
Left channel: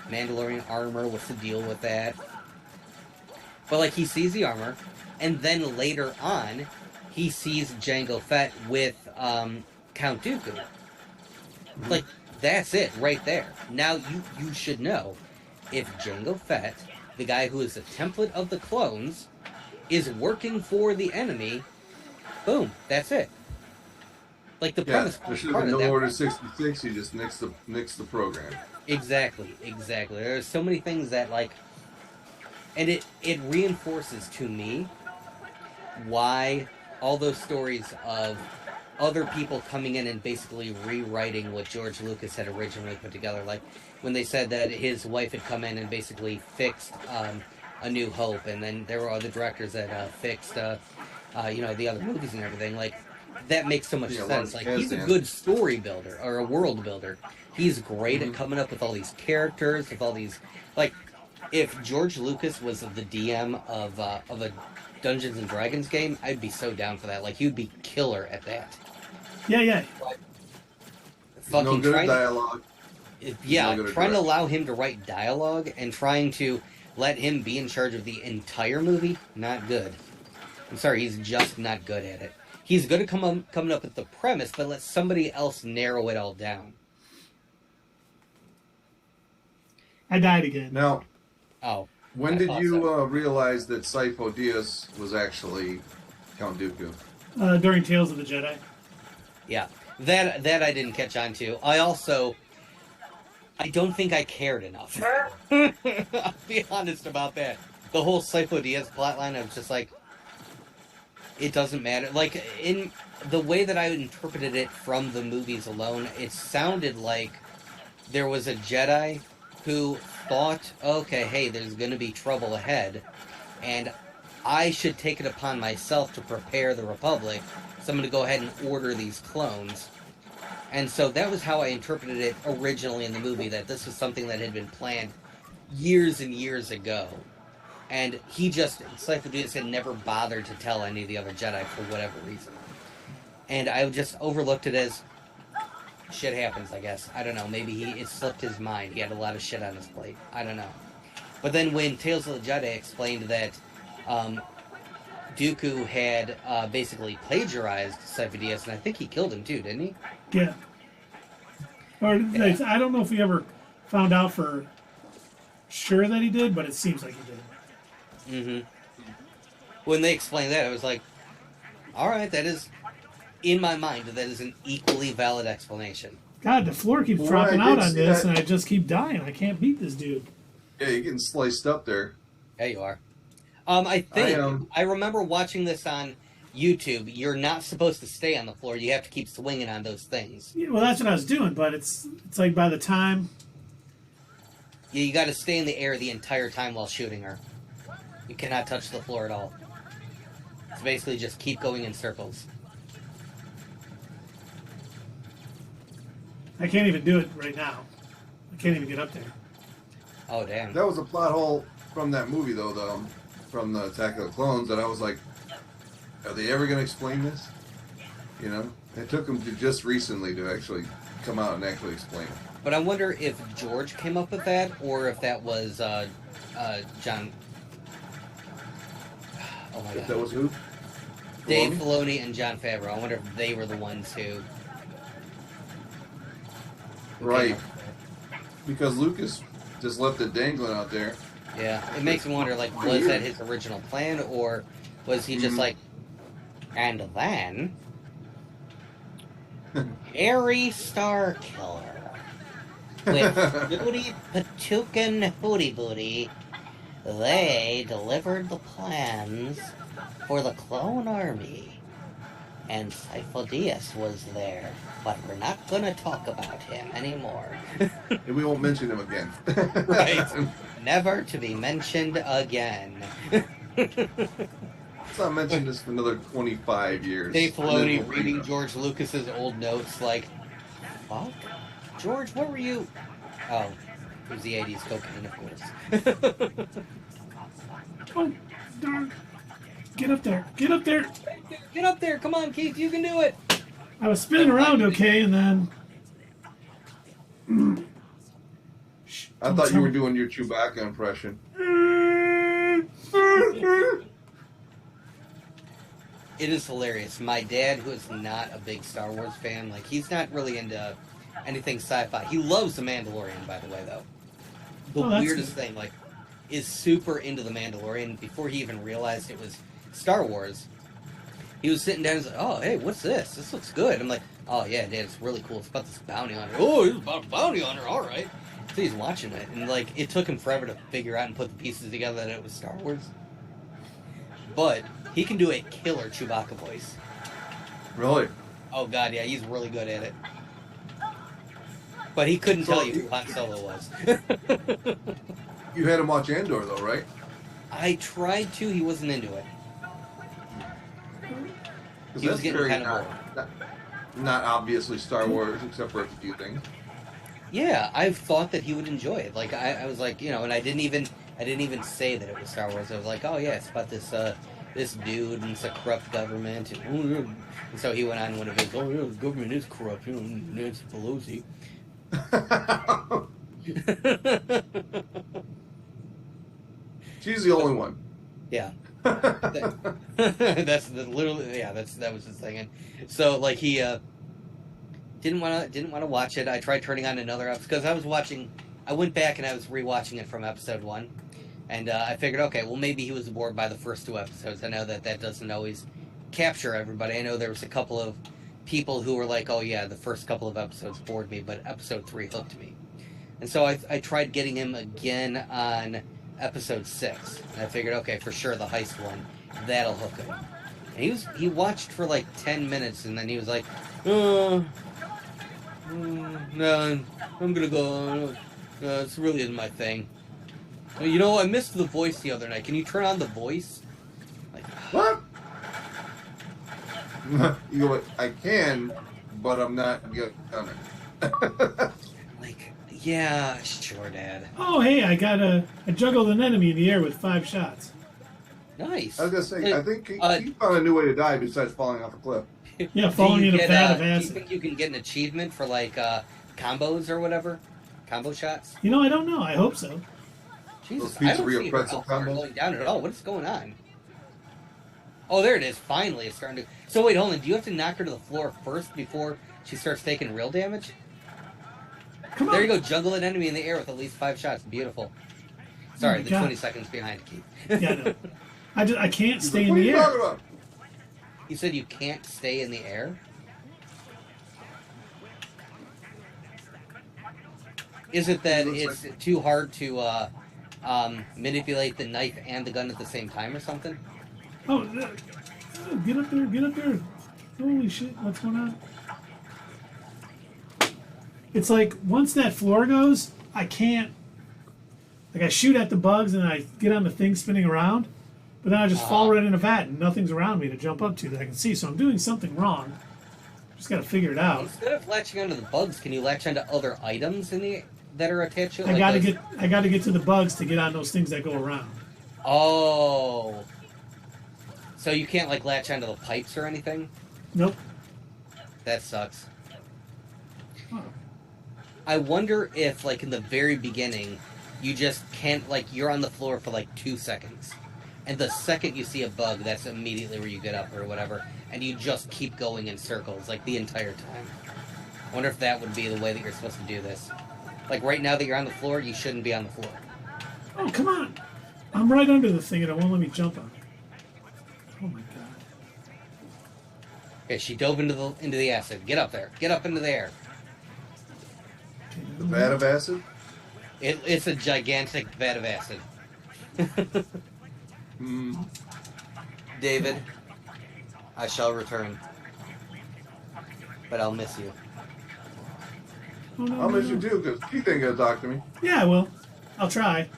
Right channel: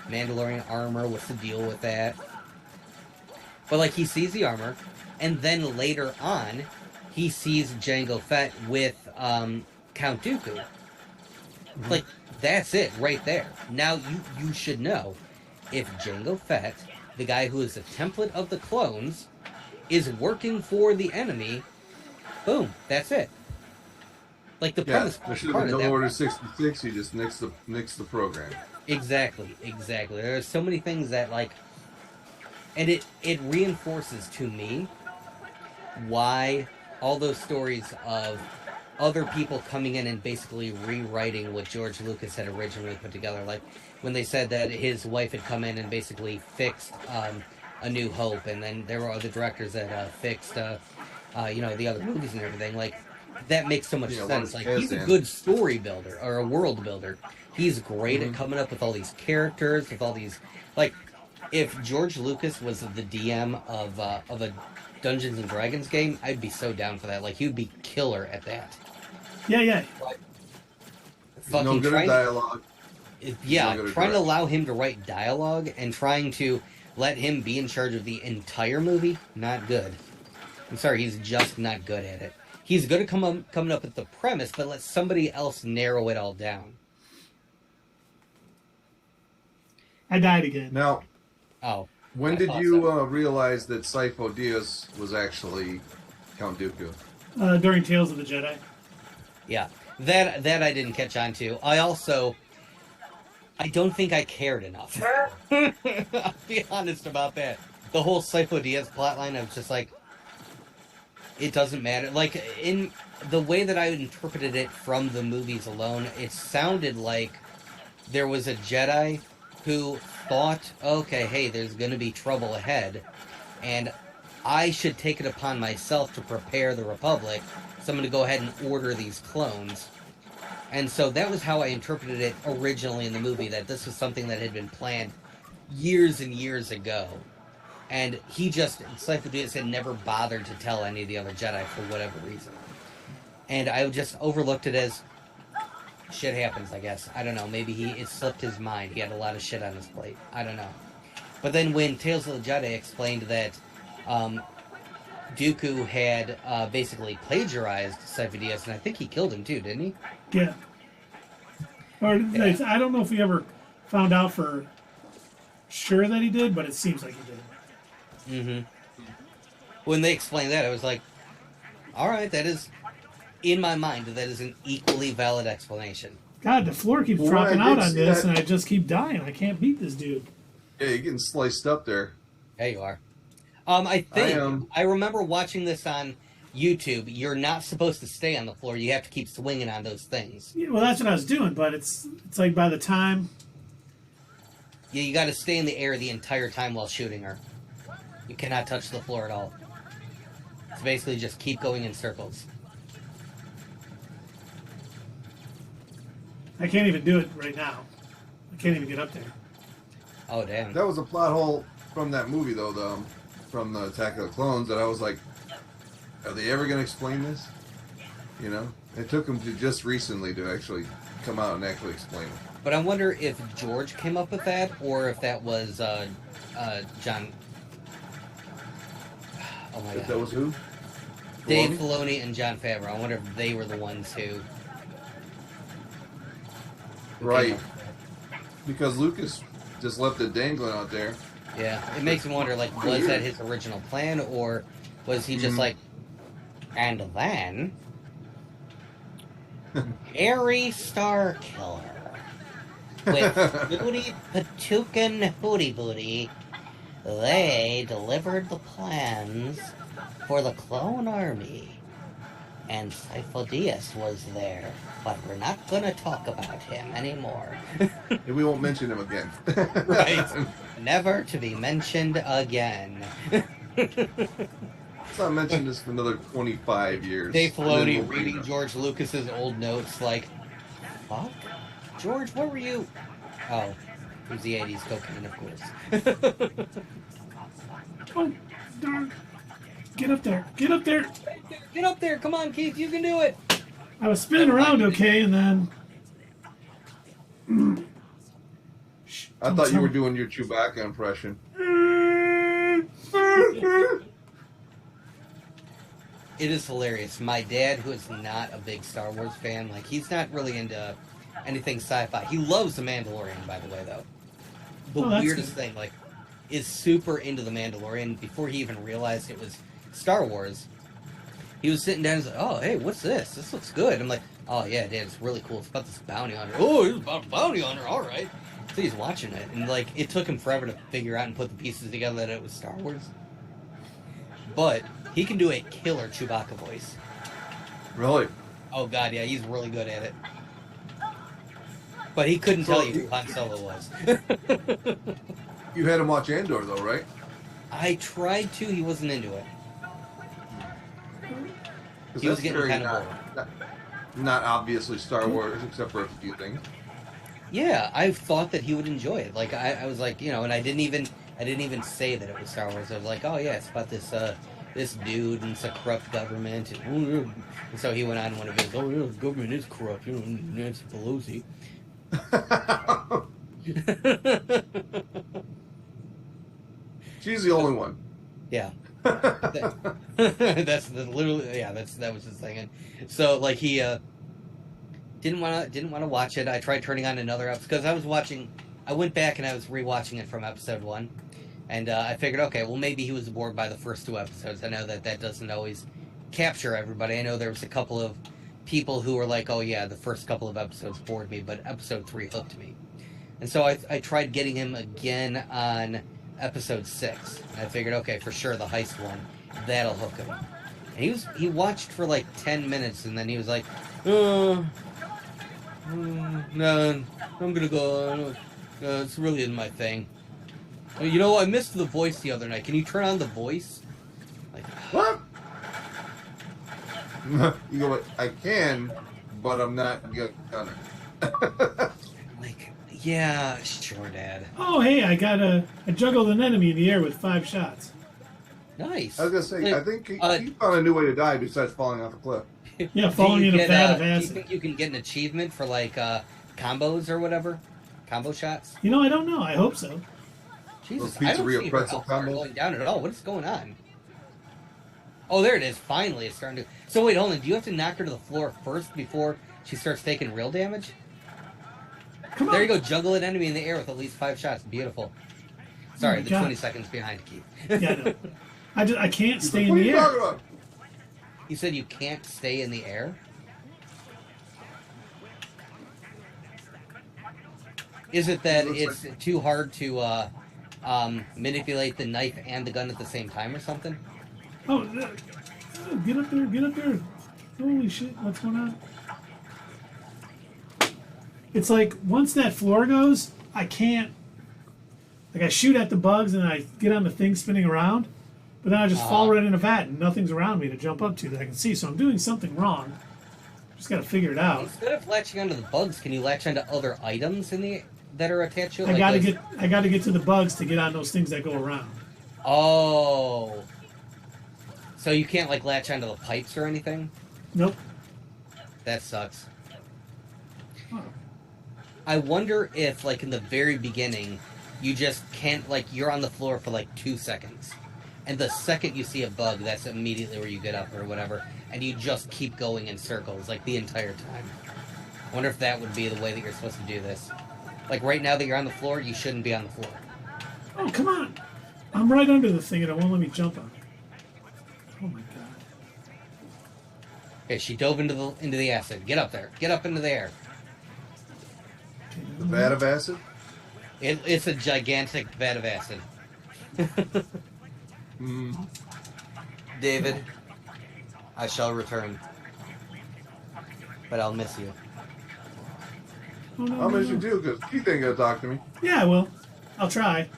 Mandalorian armor. What's the deal with that? But, like, he sees the armor, and then later on, he sees Jango Fett with Count Dooku. Mm-hmm. Like, that's it right there. Now, you should know, if Jango Fett, the guy who is the template of the clones, is working for the enemy, boom, that's it. Like the Yeah, premise. there should have been no Order 66. You just nix the program. Exactly. There are so many things that like, and it reinforces to me why all those stories of other people coming in and basically rewriting what George Lucas had originally put together. Like when they said that his wife had come in and basically fixed A New Hope, and then there were other directors that fixed, the other movies and everything. Like that makes so much sense. Like he's a good story builder or a world builder. He's great at coming up with all these characters, with all these like. If George Lucas was the DM of a Dungeons and Dragons game, I'd be so down for that. Like he'd be killer at that. Yeah. Fucking no good at dialogue. Trying to allow him to write dialogue and trying to let him be in charge of the entire movie, not good. I'm sorry, he's just not good at it. He's good at coming up with the premise, but let somebody else narrow it all down. I died again. Now, when did you realize that Sifo Dyas was actually Count Dooku? During Tales of the Jedi. Yeah, that I didn't catch on to. I don't think I cared enough. I'll be honest about that. The whole Sifo Dyas plotline, I was just like, it doesn't matter. Like, in the way that I interpreted it from the movies alone, it sounded like there was a Jedi who thought, okay, hey, there's going to be trouble ahead, and I should take it upon myself to prepare the Republic, so I'm going to go ahead and order these clones. And so that was how I interpreted it originally in the movie, that this was something that had been planned years and years ago. And Sifo Dyas had never bothered to tell any of the other Jedi for whatever reason. And I just overlooked it as, shit happens, I guess. I don't know. Maybe it slipped his mind. He had a lot of shit on his plate. I don't know. But then when Tales of the Jedi explained that Dooku had basically plagiarized Sifo Dyas, and I think he killed him too, didn't he? Yeah. Or I don't know if we ever found out for sure that he did, but it seems like he did. Mm-hmm. When they explained that, I was like, all right, that is, in my mind, that is an equally valid explanation. God, the floor keeps dropping out on this, and I just keep dying. I can't beat this dude. Yeah, you're getting sliced up there. There you are. I remember watching this on YouTube. You're not supposed to stay on the floor. You have to keep swinging on those things. Yeah, well, that's what I was doing, but it's like by the time... Yeah, you got to stay in the air the entire time while shooting her. You cannot touch the floor at all. It's basically just keep going in circles. I can't even do it right now. I can't even get up there. Oh, damn. That was a plot hole from that movie, though, from the Attack of the Clones, that I was like, are they ever going to explain this? You know? It took them to just recently to actually come out and actually explain it. But I wonder if George came up with that, or if that was John... Oh my God. If that was who? Dave Filoni and Jon Favreau. I wonder if they were the ones who... Right. Because Lucas just left it dangling out there. Yeah, it makes me wonder, like, was that his original plan, or was he just like, and then, Harry Starkiller, with Hootie Patookin Hootie Booty, they delivered the plans for the clone army, and Sifo Dyas was there, but we're not going to talk about him anymore. And we won't mention him again. Right. Never to be mentioned again. Let's not mention this for another 25 years. Dave Filoni reading George Lucas's old notes like, fuck? George, what were you... Oh, it was the 80s cocaine, of course. Oh, darn. Get up there. Get up there. Get up there. Come on, Keith. You can do it. I was spinning around okay, and then... I thought you were doing your Chewbacca impression. It is hilarious. My dad, who is not a big Star Wars fan, like, he's not really into anything sci-fi. He loves The Mandalorian, by the way, though. The weirdest thing, like, is super into The Mandalorian. Before he even realized it was Star Wars, he was sitting down and was like, oh, hey, what's this? This looks good. I'm like, Oh yeah, Dad, it's really cool. It's about this bounty hunter. Oh, he's about a bounty hunter. All right. So he's watching it, and like it took him forever to figure out and put the pieces together that it was Star Wars. But he can do a killer Chewbacca voice. Really? Oh god, yeah, he's really good at it. But he couldn't tell you who Han Solo was. You had him watch Andor, though, right? I tried to. He wasn't into it. He was That's getting very kind of bored. not obviously Star Wars, except for a few things. Yeah, I thought that he would enjoy it. Like I was like, you know, and I didn't even say that it was Star Wars. I was like, oh yeah, it's about this this dude and it's a corrupt government. And so he went on when he goes, oh yeah, the government is corrupt. You know, Nancy Pelosi. She's the only one. Yeah. That's literally that was his thing. And so like he didn't want to watch it. I tried turning on another episode because I went back and I was rewatching it from episode 1, and I figured, okay, well maybe he was bored by the first 2 episodes. I know that doesn't always capture everybody. I know there was a couple of people who were like, oh yeah, the first couple of episodes bored me, but episode 3 hooked me. And so I tried getting him again on episode 6. And I figured, okay, for sure the heist one, that'll hook him. And he watched for like 10 minutes, and then he was like, no, I'm gonna go. It's really isn't my thing. You know, I missed the voice the other night. Can you turn on the voice? Like, What? You go, I can, but I'm not gonna. like, yeah, sure, Dad. Oh, hey, I juggled an enemy in the air with 5 shots. Nice. I was gonna say, Hey, I think he found a new way to die besides falling off a cliff. Yeah, falling in a vat of Do you acid. think you can get an achievement for like combos or whatever? Combo shots? You know, I don't know. I hope so. Jesus, Those I don't pizzeria see pretzel how far combos? going down at all. What is going on? Oh, there it is. Finally, it's starting to. So wait, hold on. Do you have to knock her to the floor first before she starts taking real damage? Come on. There you go. Juggle an enemy in the air with at least 5 shots. Beautiful. Sorry, my the God. 20 seconds behind, Keith. Yeah, no. I can't stay in What are the you air. talking about? You said you can't stay in the air? Is it that it's too hard to manipulate the knife and the gun at the same time or something? Oh, get up there, get up there. Holy shit, what's going on? It's like, once that floor goes, I can't, like I shoot at the bugs and I get on the thing spinning around, but then I just fall right in a vat and nothing's around me to jump up to that I can see, so I'm doing something wrong. Just gotta figure it out. Instead of latching onto the bugs, can you latch onto other items that are attached to it? I gotta get to the bugs to get on those things that go around. Oh. So you can't like latch onto the pipes or anything? Nope. That sucks. Oh. I wonder if like in the very beginning you just can't, like, you're on the floor for like 2 seconds. And the second you see a bug, that's immediately where you get up or whatever. And you just keep going in circles, like, the entire time. I wonder if that would be the way that you're supposed to do this. Like, right now that you're on the floor, you shouldn't be on the floor. Oh, come on! I'm right under the thing and it won't let me jump on it. Oh my god. Okay, she dove into the acid. Get up there. Get up into the air. Okay, The vat of acid? It's a gigantic vat of acid. David, I shall return. But I'll miss you. Oh, no, I'll no, miss you no. too, because Keith ain't gonna talk to me. Yeah, I will. I'll try.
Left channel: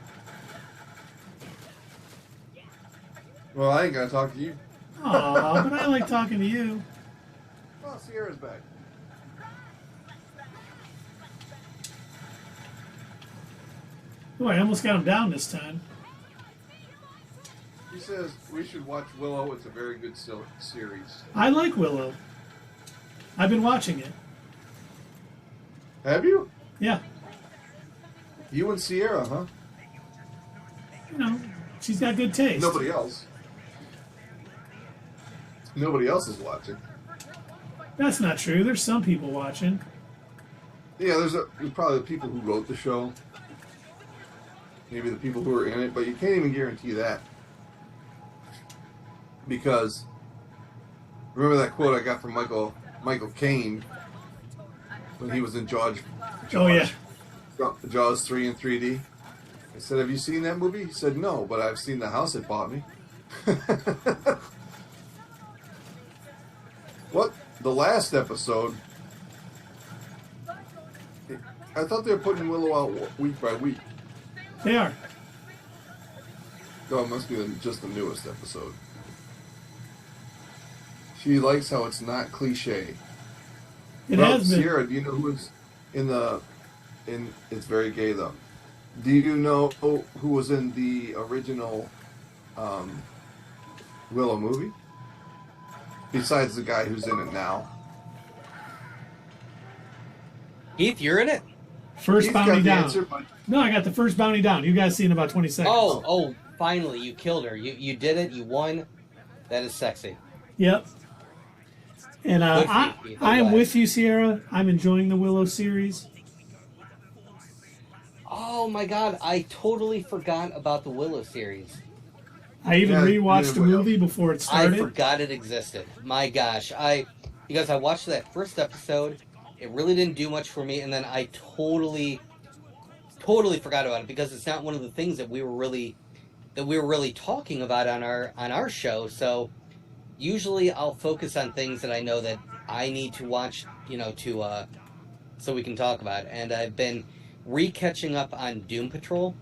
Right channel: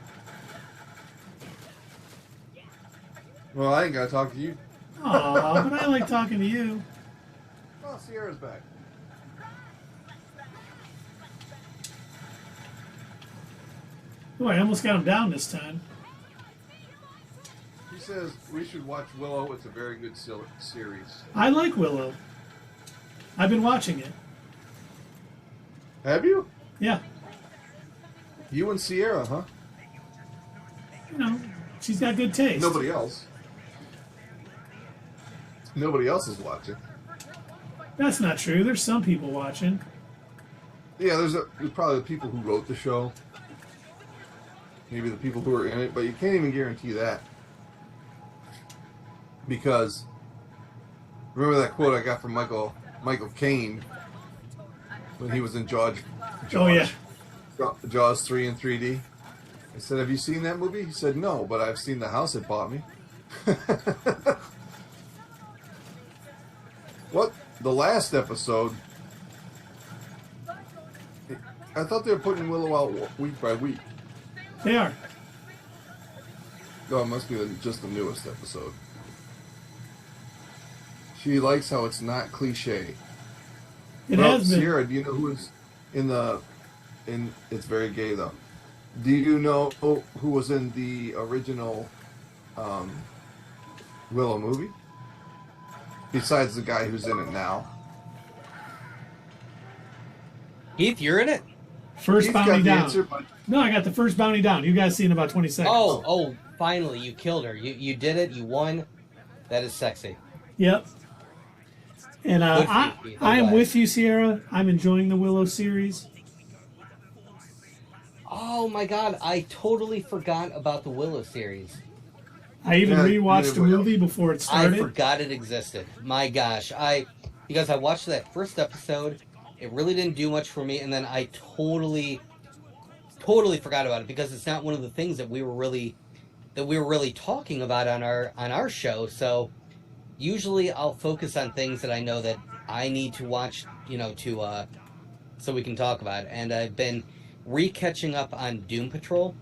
Well, I ain't gonna talk to you. Aw, but I like talking to you. Oh, Sierra's back. Oh, I almost got him down this time. He says we should watch Willow. It's a very good series. I like Willow. I've been watching it. Have you? Yeah. You and Sierra, huh? You know, she's got good taste. Nobody else. Nobody else is watching. That's not true. There's some people watching. Yeah, there's probably the people who wrote the show. Maybe the people who are in it, but you can't even guarantee that. Because, remember that quote I got from Michael Michael Caine when he was in Jaws. Oh yeah. Jaws 3 in 3D. I said, "Have you seen that movie?" He said, "No, but I've seen the house it bought me." What? The last episode, I thought they were putting Willow out week by week. They are. No, it must be just the newest episode. She likes how it's not cliche. It has been. Sierra, do you know who's in it's very gay though. Do you know who was in the original Willow movie? Besides the guy who's in it now. Heath, you're in it? First He's bounty got the down. answer, but No, I got the first bounty down. You guys see in about 20 seconds. Oh, finally, you killed her. You did it. You won. That is sexy. Yep. And I am with you, Sierra. I'm enjoying the Willow series. Oh my god, I totally forgot about the Willow series. I even rewatched the movie before it started. I forgot it existed. My gosh, because I watched that first episode, it really didn't do much for me, and then I totally forgot about it because it's not one of the things that we were really talking about on our show. So usually I'll focus on things that I know that I need to watch, so we can talk about it. And I've been re-catching up on Doom Patrol.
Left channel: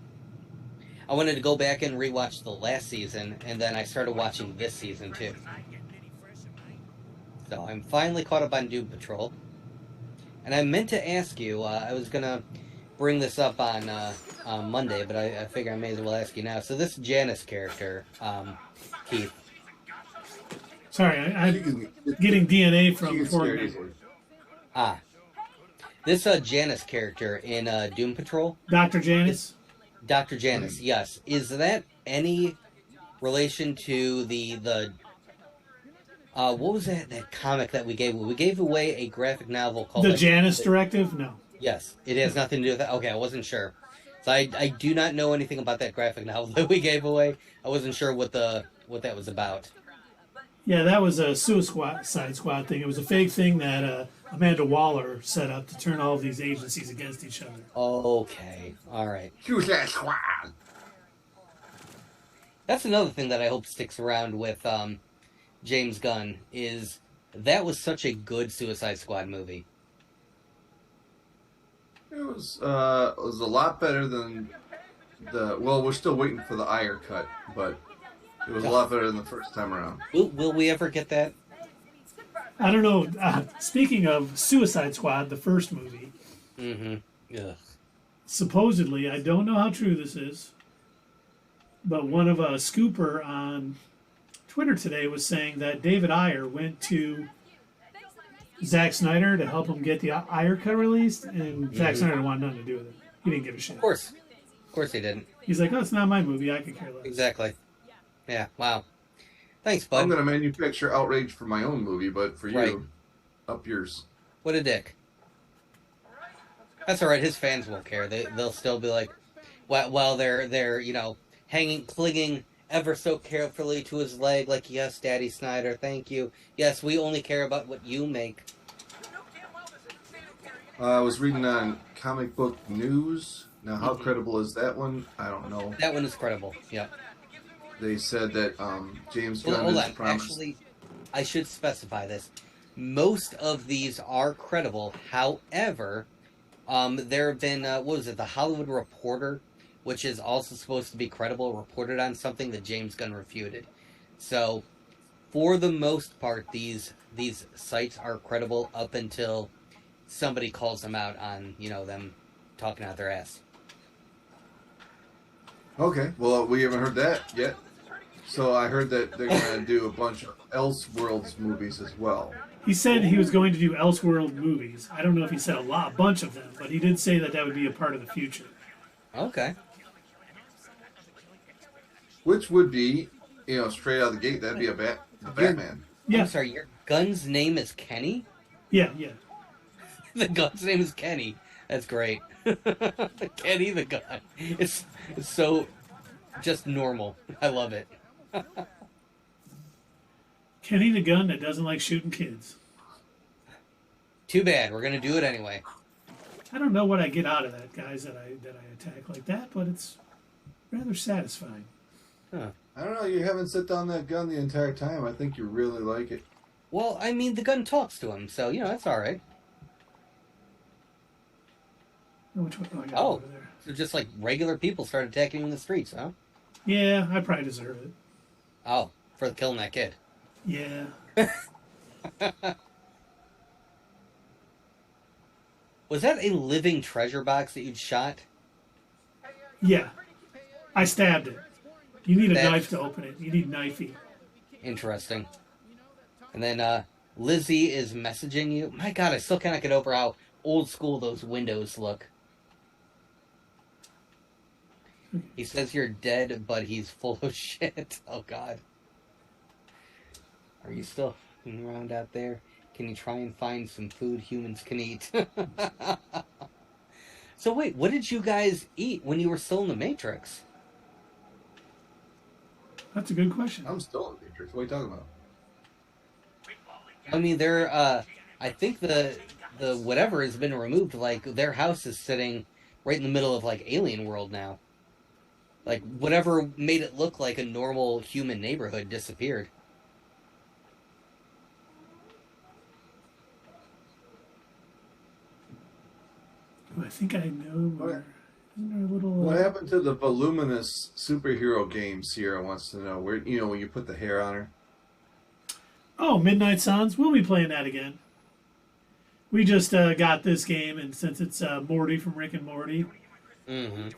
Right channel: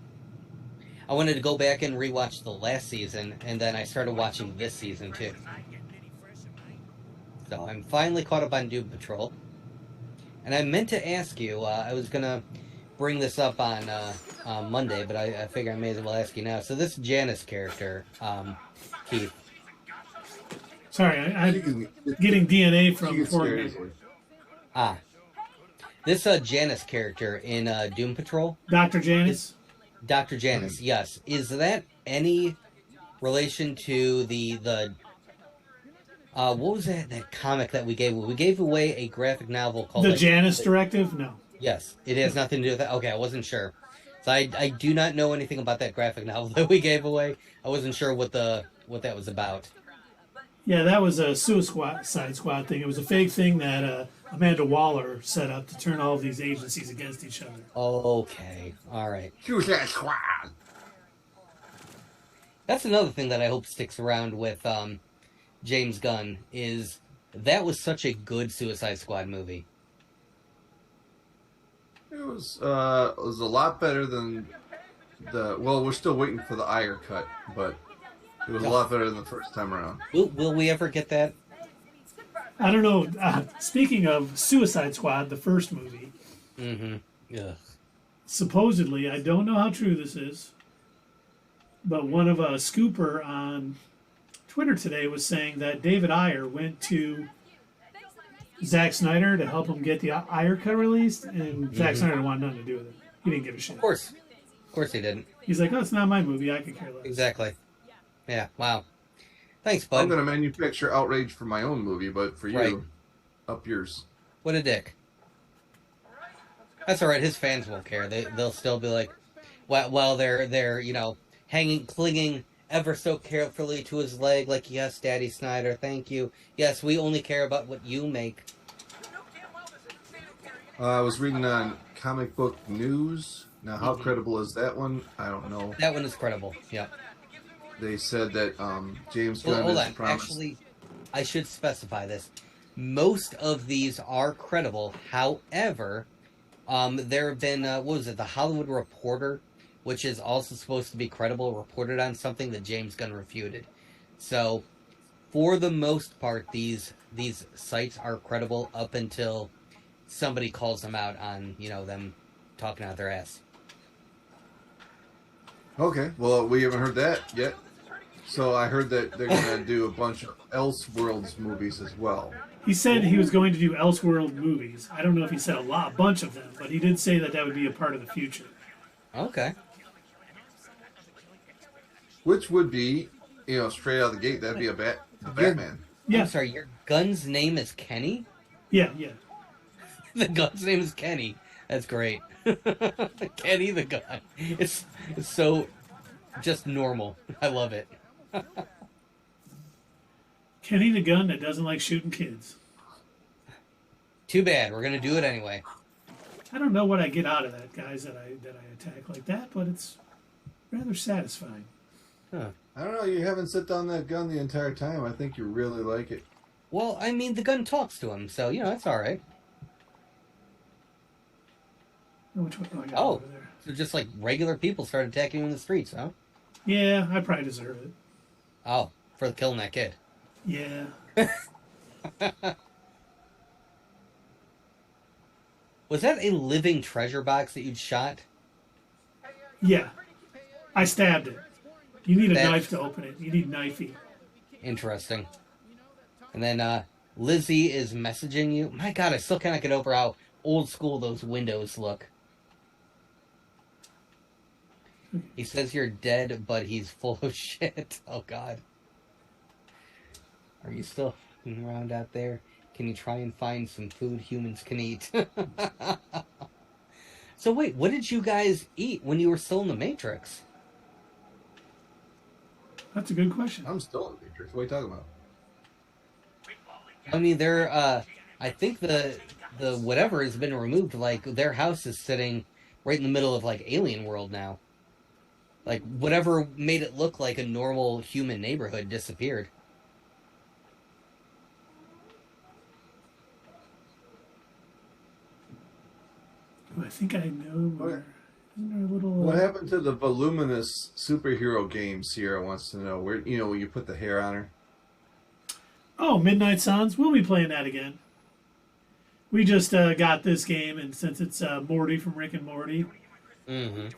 I wanted to go back and rewatch the last season, and then I started watching this season too. So I'm finally caught up on Doom Patrol. And I meant to ask you, I was going to bring this up on Monday, but I figure I may as well ask you now. So this Janice character, Keith. Sorry, I'm getting DNA from Fortnite. This Janice character in Doom Patrol. Dr. Janice? Dr. Janice, yes. Is that any relation to the what was that comic that we gave? We gave away a graphic novel called The Janice Directive? No. Yes, it has nothing to do with that. Okay, I wasn't sure. So I do not know anything about that graphic novel that we gave away. I wasn't sure what that was about. Yeah, that was a Suicide Squad thing. It was a fake thing that Amanda Waller set up to turn all of these agencies against each other. Okay, all right. Suicide Squad. That's another thing that I hope sticks around with James Gunn is that was such a good Suicide Squad movie. It was a lot better than we're still waiting for the Ayer cut, but it was a lot better than the first time around. Will we ever get that? I don't know. Speaking of Suicide Squad, the first movie. Mm-hmm. Yeah. Supposedly, I don't know how true this is, but one of a scooper on Twitter today was saying that David Ayer went to Zack Snyder to help him get the Ayer cut released, and Zack Snyder wanted nothing to do with it. He didn't give a shit. Of course he didn't. He's like, "Oh, it's not my movie. I could care less." Exactly. Yeah. Wow. Thanks, bud. I'm going to manufacture outrage for my own movie, but for you, up yours. What a dick. That's all right. His fans won't care. They'll still be like, while they're clinging ever so carefully to his leg, like, yes, Daddy Snyder, thank you. Yes, we only care about what you make. I was reading on Comic Book News. Now, how credible is that one? I don't know. That one is credible. Yeah. They said that James Gunn hold has on. promised. Actually, I should specify this. Most of these are credible. However, there have been The Hollywood Reporter, which is also supposed to be credible, reported on something that James Gunn refuted. So, for the most part, these sites are credible up until somebody calls them out on them talking out their ass. Okay, well, we haven't heard that yet. So I heard that they're going to do a bunch of Elseworlds movies as well. He said he was going to do Elseworld movies. I don't know if he said a bunch of them, but he did say that would be a part of the future. Okay. Which would be, straight out of the gate, that'd be a Batman. Yeah. I'm sorry, your gun's name is Kenny? Yeah. The gun's name is Kenny. That's great. Kenny the gun. It's so just normal. I love it. Kenny the gun that doesn't like shooting kids. Too bad. We're gonna do it anyway. I don't know what I get out of that, guys, that I attack like that, but it's rather satisfying. Huh. I don't know. You haven't sit down that gun the entire time. I think you really like it. Well, I mean, the gun talks to him, so, you know, that's all right. Which one? Oh, I got it Oh, over there. so just like regular people start attacking you in the streets, huh? Yeah, I probably deserve it. Oh, for killing that kid. Yeah. Was that a living treasure box that you'd shot? Yeah. I stabbed it. You need a That- knife to open it. You need knifey. Interesting. And then Lizzie is messaging you. My God, I still cannot get over how old school those windows look. He says you're dead, but he's full of shit. Oh, God. Are you still around out there? Can you try and find some food humans can eat? So wait, what did you guys eat when you were still in the Matrix? That's a good question. I'm still in the Matrix. What are you talking about? I mean, I think the whatever has been removed. Like, their house is sitting right in the middle of, like, Alien World now. Like, whatever made it look like a normal human neighborhood disappeared. Oh, I think I know where. Isn't there a little? What happened to the voluminous superhero game? Sierra wants to know. Where, you know, when you put the hair on her. Oh, Midnight Suns. We'll be playing that again. We just got this game, and since it's Morty from Rick and Morty,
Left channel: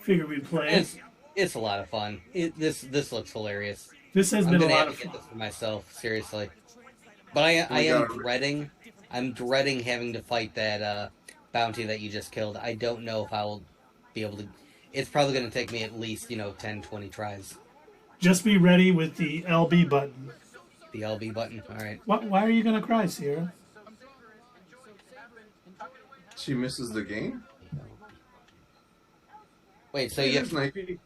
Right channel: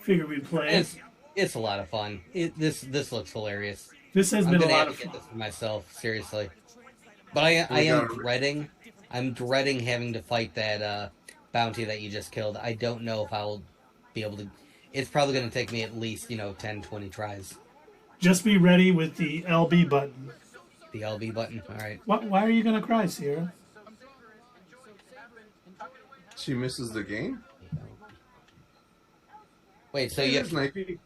figured we'd play it. It's a lot of fun. This looks hilarious. This has been a lot of get fun. this for myself, seriously. But I am dreading. I'm dreading having to fight that bounty that you just killed. I don't know if I will be able to. It's probably going to take me at least 10, 20 tries. Just be ready with the LB button. The LB button. All right. Why are you gonna cry, Sierra? She misses the game? Wait, so Hey, you there's Knifey.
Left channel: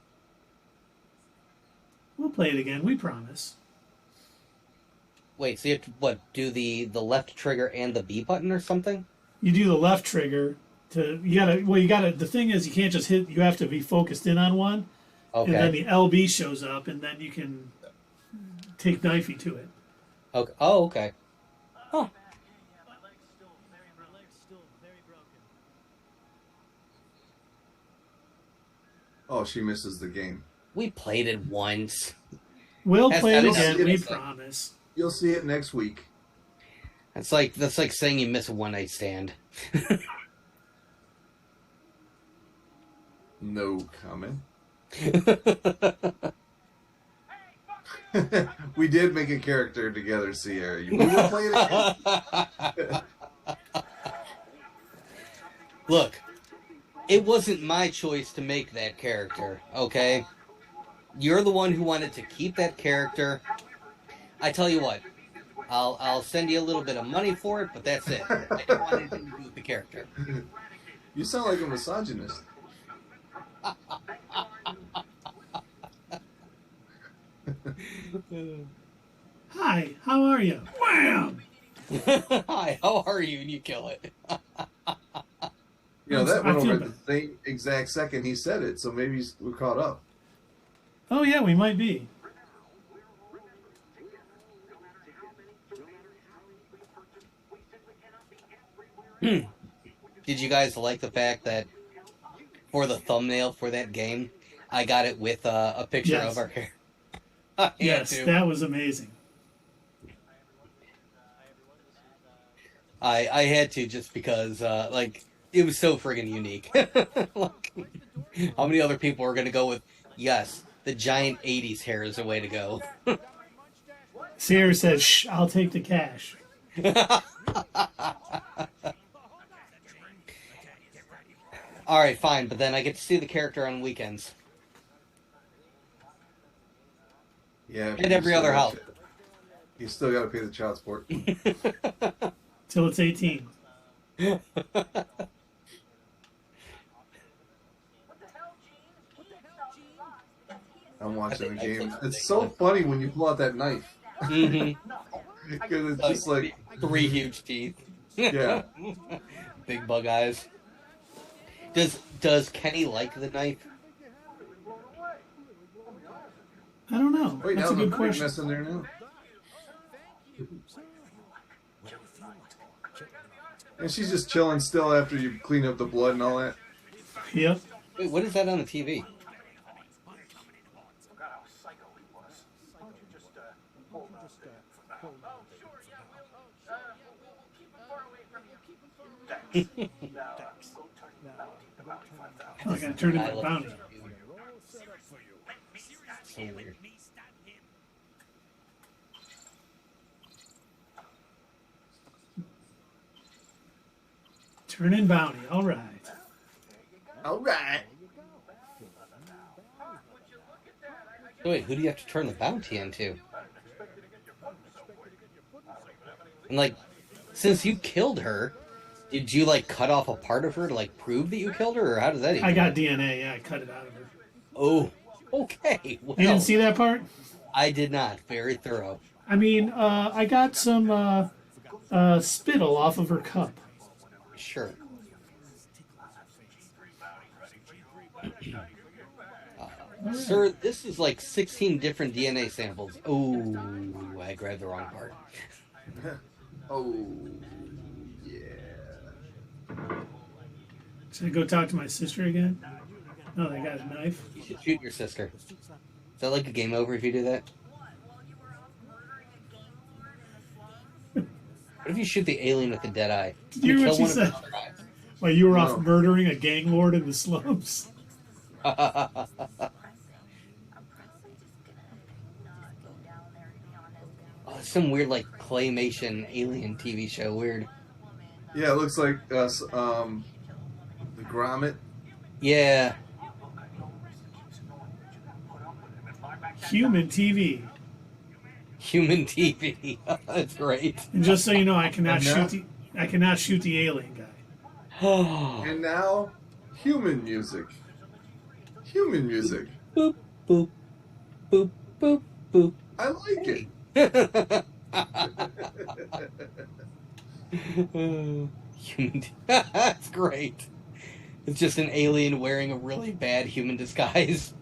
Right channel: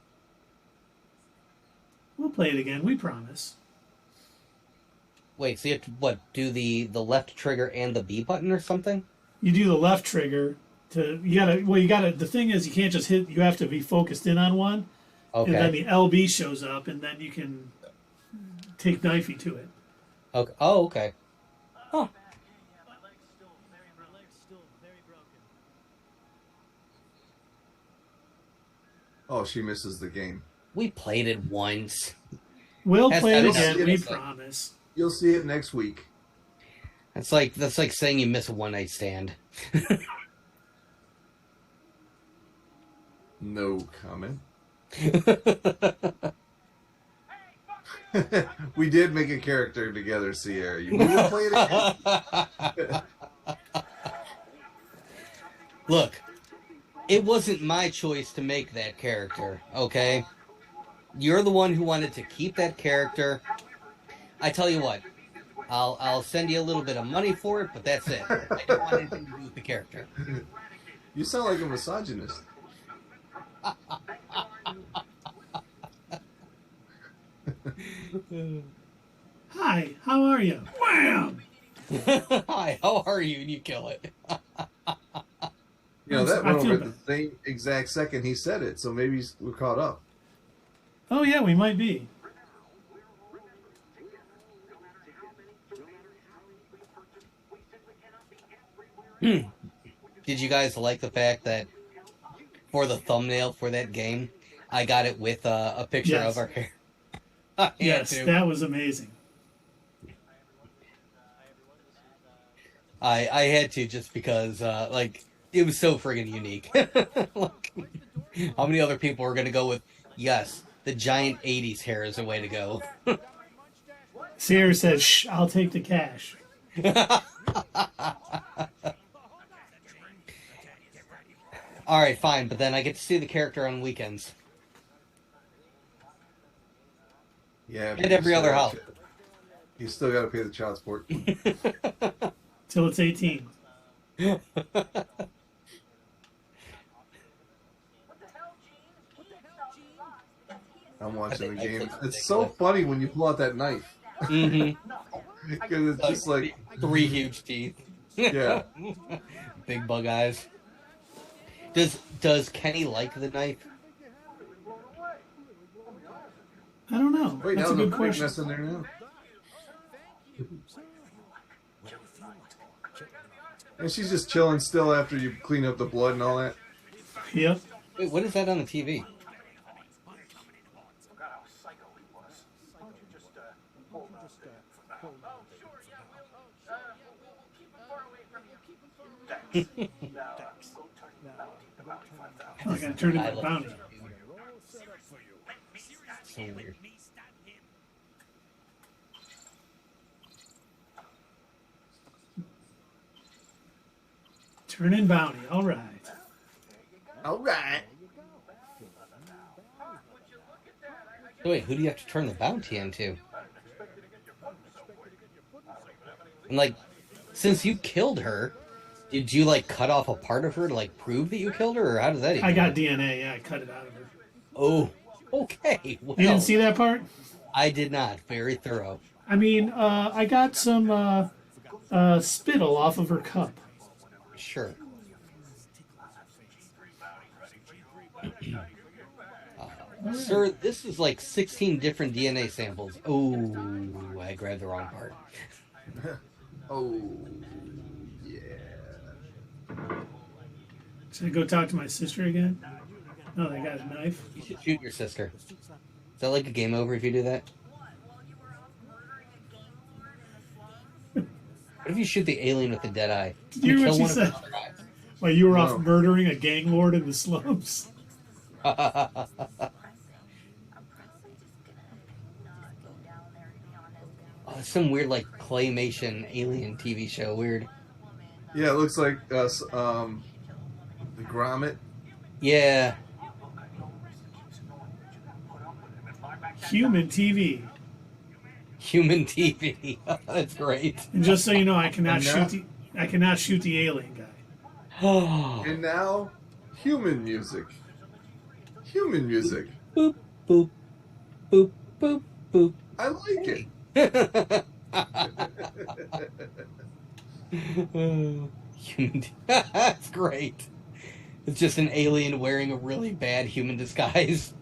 We'll play it again. We promise. wait, so you have to do the left trigger and the B button or something? You do the left trigger to you gotta. The thing is, you can't just hit. You have to be focused in on one, Okay. and then the LB shows up, and then you can take knifey to it. Okay. Oh, okay. Huh. Oh, she misses the game. We played it once. We'll That's- play it that's- again. We that's like- promise. You'll see it next week. That's like saying you miss a one night stand. No comment. We did make a character together, Sierra. We will play it again. Look, it wasn't my choice to make that character, okay? You're the one who wanted to keep that character. I tell you what, I'll send you a little bit of money for it, but that's it. I don't want anything to do with the character. You sound like a misogynist. Hi, how are you? Wham! Hi, how are you? And you kill it. You know, that I went feel over at the same exact second he said it, so maybe we're caught up. Oh yeah, we might be. Did you guys like the fact that for the thumbnail for that game, I got it with a picture Yes. of our character? Yes, that was amazing. I had to just because it was so friggin' unique. Like, how many other people are gonna go with yes, the giant 80s hair is a way to go. Sierra says, "Shh, I'll take the cash." Alright, fine, but then I get to see the character on weekends. Yeah. And every other house. You still got to pay the child support. Till it's 18. I'm watching the I game. think It's so funny when you pull out that knife. Mm-hmm. Because it's just like, Three huge teeth. Yeah. Big bug eyes. Does Kenny like the knife? I don't know. Wait, That's a now good the question. mess in there now. And she's just chilling still after you clean up the blood and all that. Yep. Wait, what is that on the TV? Oh, I gotta turn in my bounty. So weird. Turn in bounty. All right. All right. So wait, who do you have to turn the bounty into? And like, since you killed her, did you like cut off a part of her to like prove that you killed her, or how does that even I got work? DNA. Yeah, I cut it out of her. Oh, okay. Well, You didn't see that part? I did not. Very thorough. I mean, I got some spittle off of her cup. Sure. Sir, this is like 16 different DNA samples. Oh, I grabbed the wrong part. Oh, yeah. Should I go talk to my sister again? No, they got a knife. You should shoot your sister. Is that like a game over if you do that? What if you shoot the alien with the dead eye? Did you hear what Kill she one said? of their eyes. Well, you were off No. murdering a gang lord in the slums. Oh, it's some weird like claymation alien TV show. Weird. Yeah, it looks like the grommet. Yeah. Human TV. Human TV. That's great. And just so you know, I cannot And shoot the alien guy. Oh. And now, human music. Human music. Boop boop boop boop boop. I like it. Human. That's great. It's just an alien wearing a really bad human disguise.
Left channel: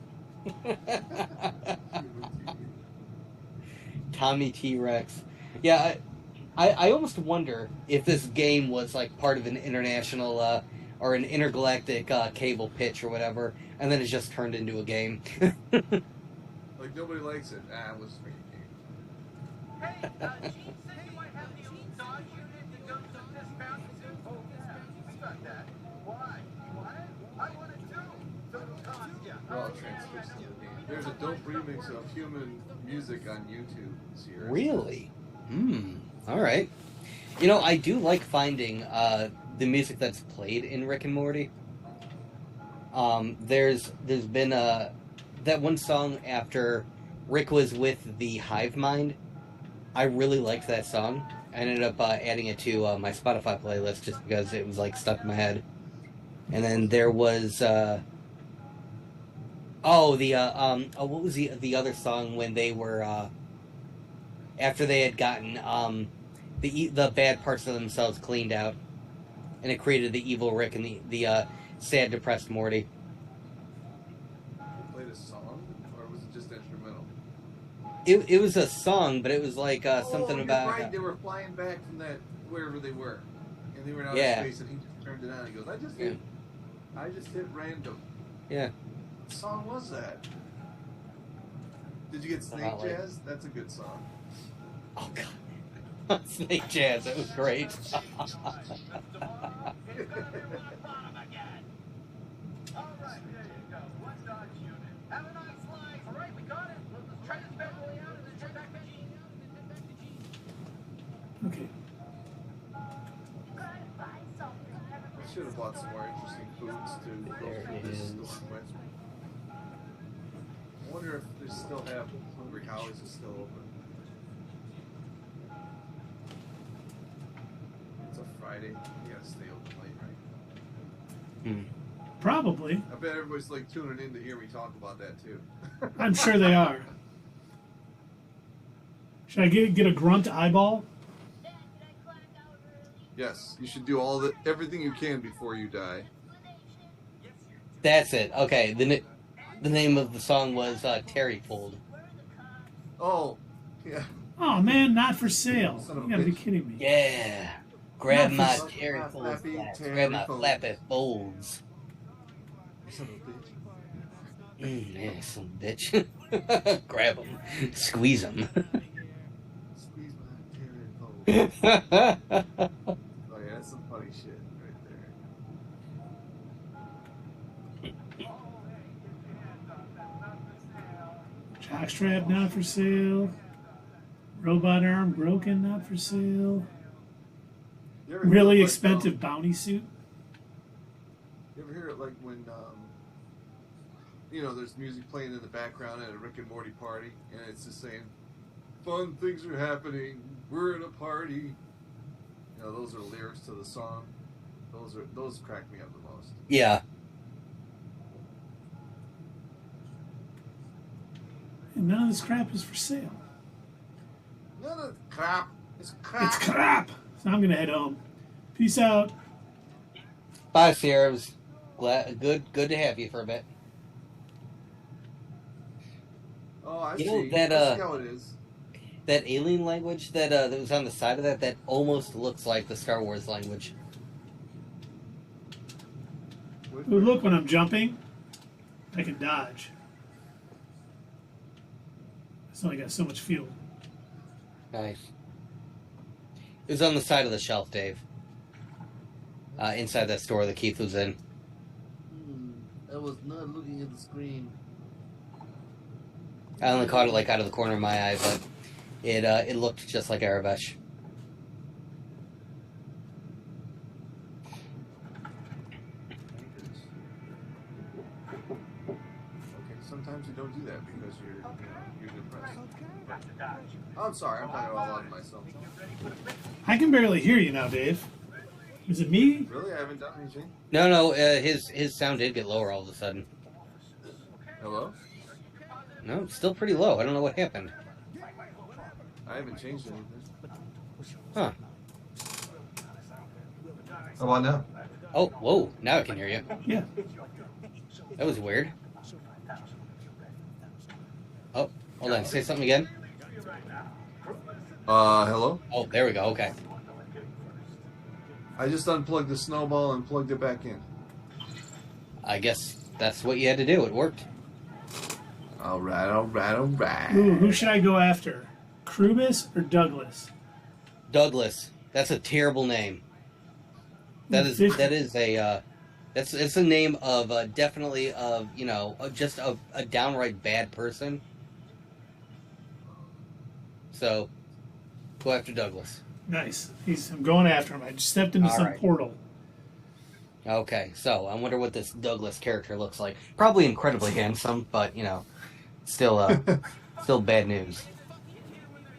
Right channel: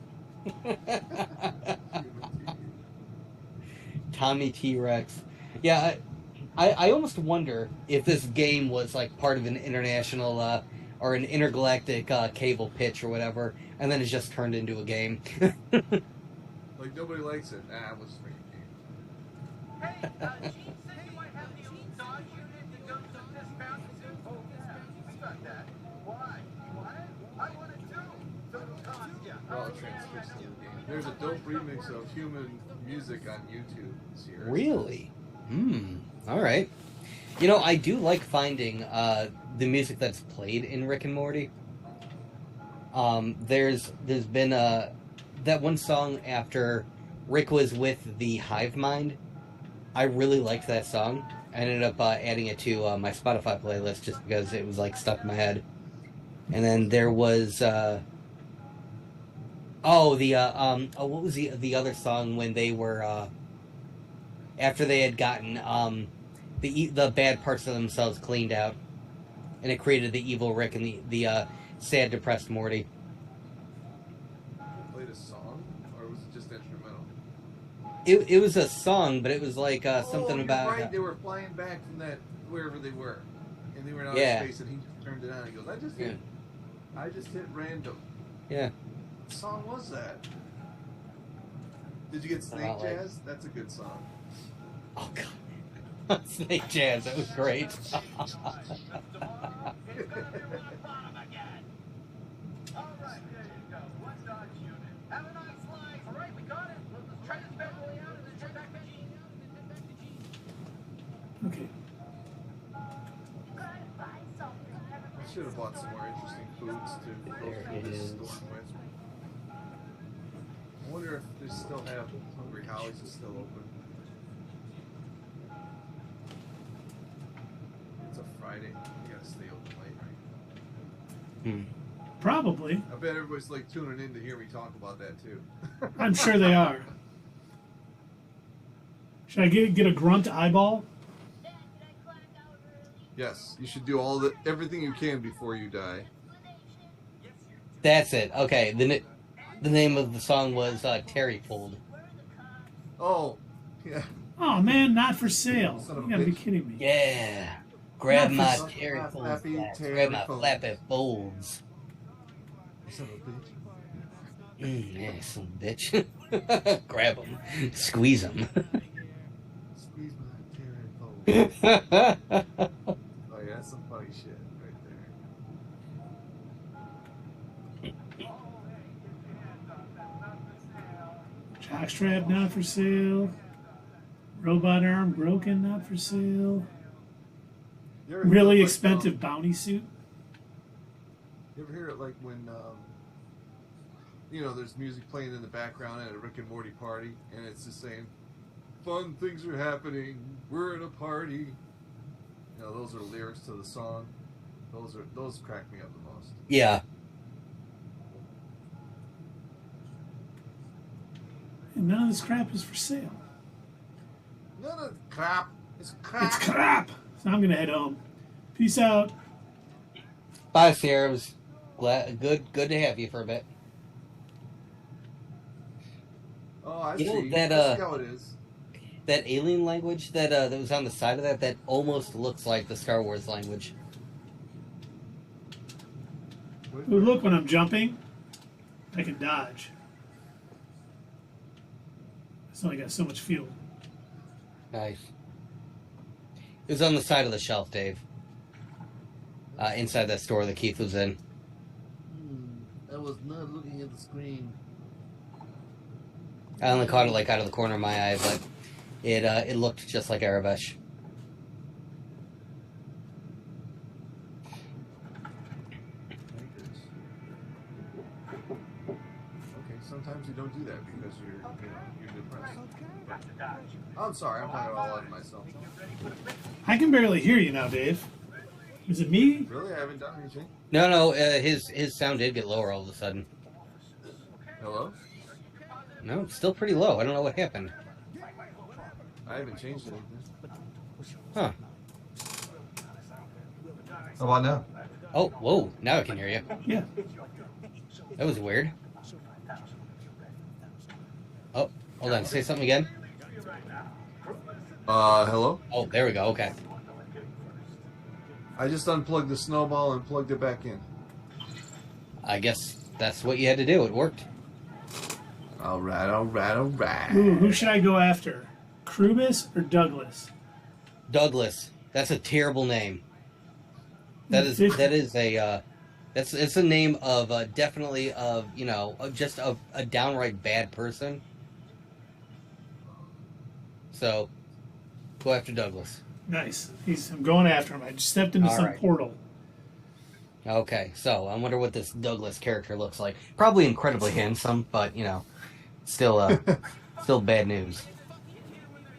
Tommy T-Rex. Yeah, I almost wonder if this game was like part of an international or an intergalactic cable pitch or whatever, and then it's just turned into a game. Like, nobody likes it. Ah, it was freaking. Hey, Gene said you might have the old Dodge unit that goes to this mountain too. Oh, yeah, we got that. Why? You want it? I want it too. So it'll cost you. Oh, there's a dope remix of human music on YouTube this year. Really? All right. You know, I do like finding the music that's played in Rick and Morty. There's been that one song after Rick was with the Hive Mind. I really liked that song. I ended up adding it to my Spotify playlist just because it was like stuck in my head. And then there was what was the other song when they were after they had gotten the bad parts of themselves cleaned out, and it created the evil Rick and the sad, depressed Morty. Played a song, or was it just instrumental? It was a song, but it was like something you're about right. They were flying back from that wherever they were, and they were in outer Yeah. space, and he just turned it on. He goes, I just hit random. yeah. What song was that? Did you get Snake Like- Jazz? That's a good song. Oh god, Snake Jazz, that was great. All right, there you go. One Dodge unit. Have a nice life. All right, we got it. Let's try this bad boy out and then turn back to Gene. Okay. I should have bought some more interesting foods to go There through it this is. storm with. I wonder if they still have Hungry Howie's is still open. It's a Friday. You gotta stay open late. Probably. I bet everybody's like tuning in to hear me talk about that too. I'm sure they are. Should I get a grunt eyeball? Yes, you should do everything you can before you die. That's it. Okay, the name of the song was Terry Pulled. Oh, yeah. Oh man, not for sale. Son of You a gotta be bitch. kidding me. Yeah. Grab Not my for- Terry My Pulled flappy slats. Terry Grab my folds. flappy folds. Son of a bitch. Yeah, son of a bitch. Grab them. Squeeze them. Squeeze my Terry folds. Oh yeah, that's some funny shit right Jockstrap not for sale. Robot arm broken not for sale. there. You ever hear Really it like, expensive bounty suit. You ever hear it like when you know, there's music playing in the background at a Rick and Morty party, and it's just saying, "Fun things are happening. We're in a party." You know, those are lyrics to the song. Those crack me up the most. Yeah. And none of this crap is for sale. None of crap. It's crap. It's crap. So I'm gonna head home. Peace out. Bye, Sierra. It was good to have you for a bit. Oh, I You know see. that, I see how it is. That alien language that was on the side of that almost looks like the Star Wars language. Ooh, look, when I'm jumping, I can dodge. It's only got so much fuel. Nice. It was on the side of the shelf, Dave. Inside that store that Keith was in. I was not looking at the screen. I only caught it like out of the corner of my eye, but it looked just like Arabesh. Okay, sometimes you don't do that because you're depressed. I'm sorry, I'm talking all about myself. I can barely hear you now, Dave. Is it me? Really, I haven't done anything. No, his sound did get lower all of a sudden. Hello? No, it's still pretty low. I don't know what happened. I haven't changed anything. Huh. How about now? Oh, whoa, now I can hear you. Yeah. That was weird. Oh, hold on, say something again. Hello? Oh, there we go, okay. I just unplugged the snowball and plugged it back in. I guess that's what you had to do. It worked. Alright, alright, alright. Ooh, who should I go after? Krubis or Douglas? Douglas. That's a terrible name. It's a name of definitely of, you know, just a downright bad person. So go after Douglas. Nice. I'm going after him. I just stepped into some Alright. portal. Okay, so I wonder what this Douglas character looks like. Probably incredibly handsome, but you know, still still bad news.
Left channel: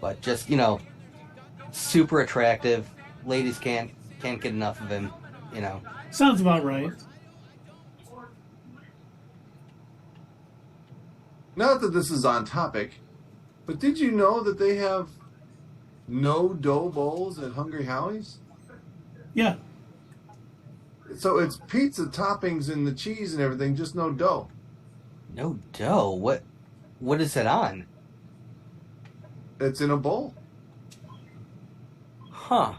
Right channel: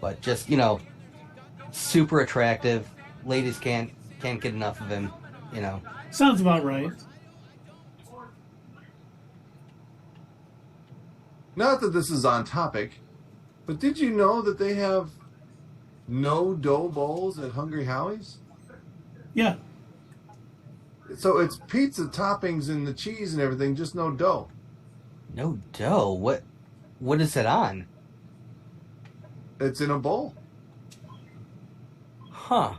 But just, you know, super attractive. Ladies can't get enough of him, you know. Sounds about right. Not that this is on topic, but did you know that they have no dough bowls at Hungry Howie's? Yeah. So it's pizza toppings and the cheese and everything, just no dough. No dough. What is it on? It's in a bowl. Huh.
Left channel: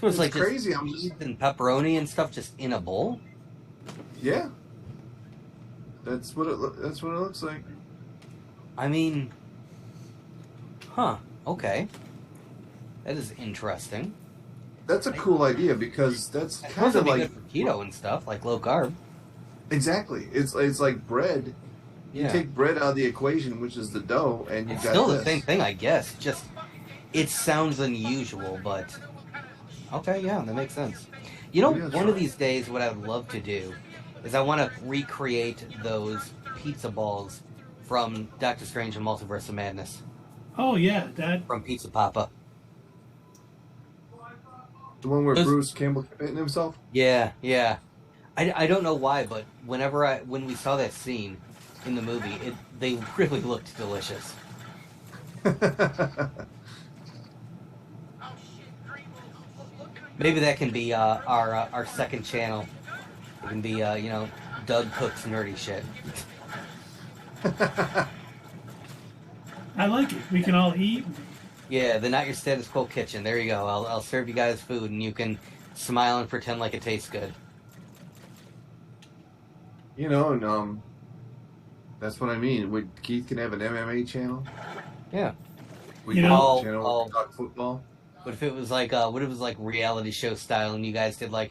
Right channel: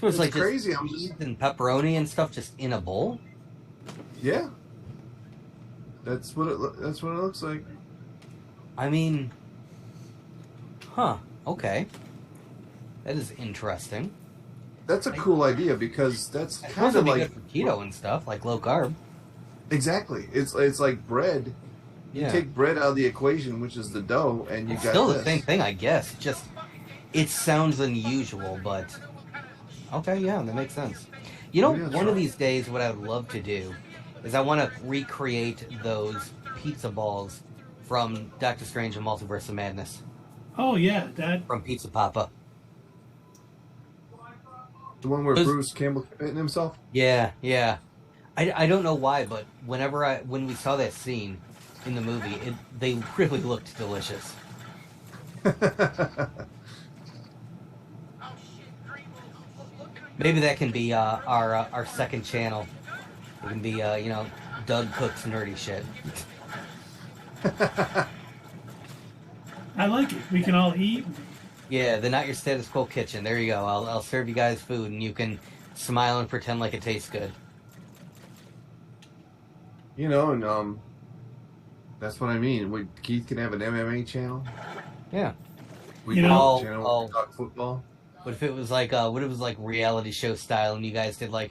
So it's like crazy. just I'm just cheese and pepperoni and stuff just in a bowl? yeah. That's what it looks like. I mean, huh. Okay. That is interesting. That's a cool idea because that's I suppose kind it'd of be like good for keto and stuff, like low carb. exactly. It's like bread. You Yeah. take bread out of the equation, which is the dough, and you It's got still the this. same thing, I guess. Just it sounds unusual, but okay, yeah, that makes sense. You know, Maybe that's one of right. these days, what I would love to do is I want to recreate those pizza balls from Doctor Strange and Multiverse of Madness Oh, yeah. That. from Pizza Papa. The one where Those- Bruce Campbell hitting himself. Yeah. I don't know why, but when we saw that scene in the movie, they really looked delicious. Oh shit, Greenville! Look who Maybe that can be our second channel. It can be you know, Doug cooks nerdy shit. I like it. We can all eat. Yeah, the Not Your Status Quo Kitchen. There you go. I'll serve you guys food, and you can smile and pretend like it tastes good. You know, and that's what I mean. Keith can have an MMA channel. Yeah. We You can know- have a channel where we talk football. What if it was like what if it was like reality show style, and you guys did like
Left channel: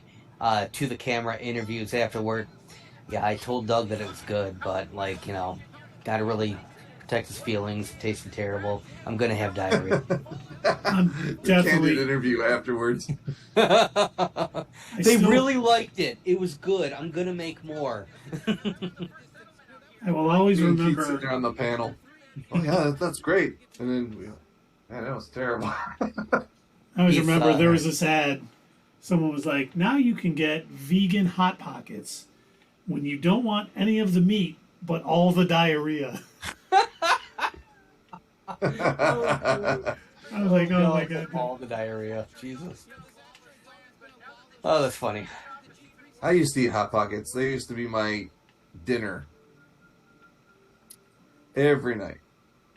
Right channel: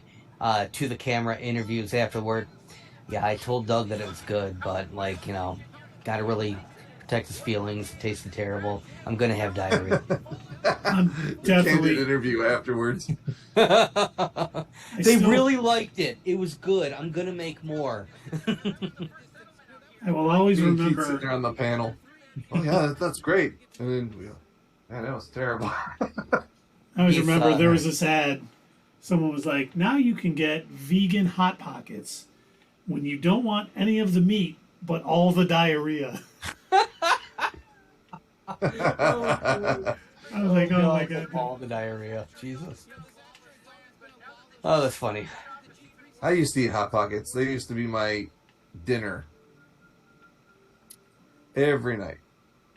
to the camera interviews afterward? Yeah, I told Doug that it was good, but like, you know, gotta really protect his feelings. It tasted terrible. I'm gonna have diarrhea. I'm You can't do definitely. an interview afterwards. They still- really liked it. It was good. I'm gonna make more. I will always Me and Keith remember. sitting there on the panel. Oh yeah, that's great. And then, man, that was terrible. I always He's, remember there was this ad. Someone was like, "Now you can get vegan hot pockets when you don't want any of the meat but all the diarrhea." I was like, "Oh my god!" All the diarrhea. Jesus. Oh, that's funny. I used to eat Hot Pockets. They used to be my dinner every night.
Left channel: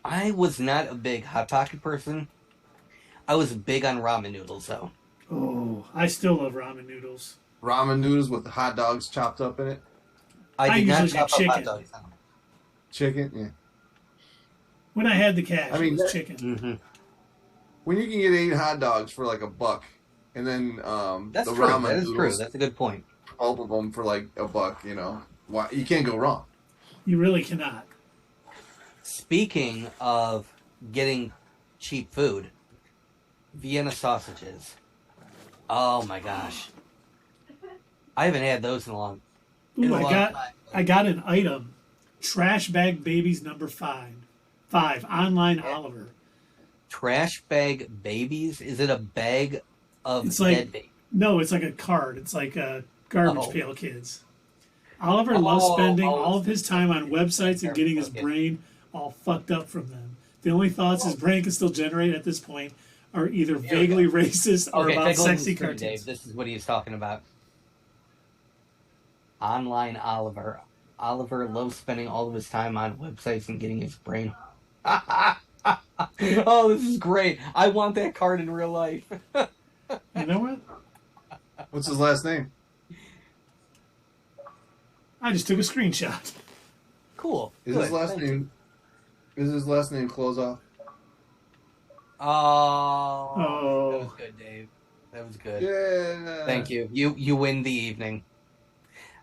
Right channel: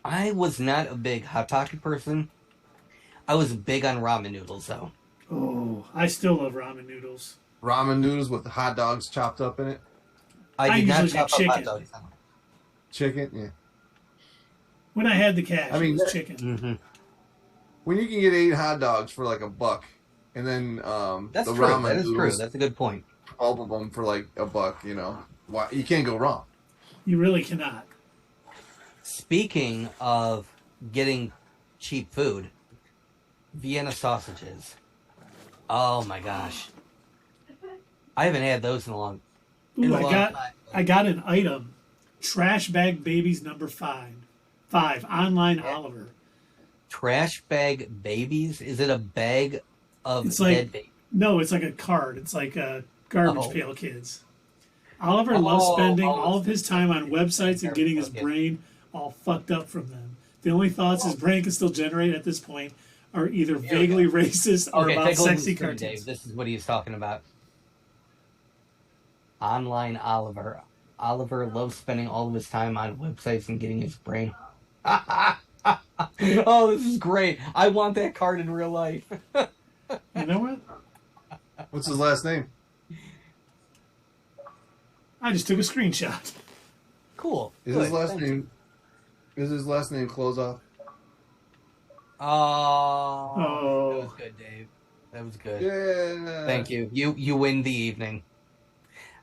I was not a big Hot Pocket person. I was big on ramen noodles, though. Oh, I still love ramen noodles. Ramen noodles with hot dogs chopped up in it. I did not usually chop get up hot chicken. dogs. Chicken, yeah. When I had the cash, I mean, it was that- chicken. Mm-hmm. When you can get 8 hot dogs for like $1, and then That's the true. ramen That is noodles, true. That's a good point. all of them for like $1, you know, why you can't go wrong. You really cannot. Speaking of getting cheap food, Vienna sausages. Oh my gosh. I haven't had those in a long Ooh, in a long time. I got an item. Trash bag babies number 5. Online Oliver. Trash bag babies? Is it a bag of It's like- dead babies? No, it's like a card. It's like a garbage Oh. pail kids. Oliver loves Oh, spending oh. all of his time on websites and getting his Okay. brain all fucked up from them. The only thoughts his brain can still generate at this point are either vaguely racist or about take a look at sexy the screen, cartoons. Dave. This is what he's talking about. Online Oliver. Oliver loves spending all of his time on websites and getting his brain. Oh, this is great. I want that card in real life. You know what? What's his last name? I just took a screenshot. Cool. Is Good. his last Thank you. name? Is his last name Close Off? Oh. That Oh. was good, Dave. That was good. Yeah. Thank you. You win the evening.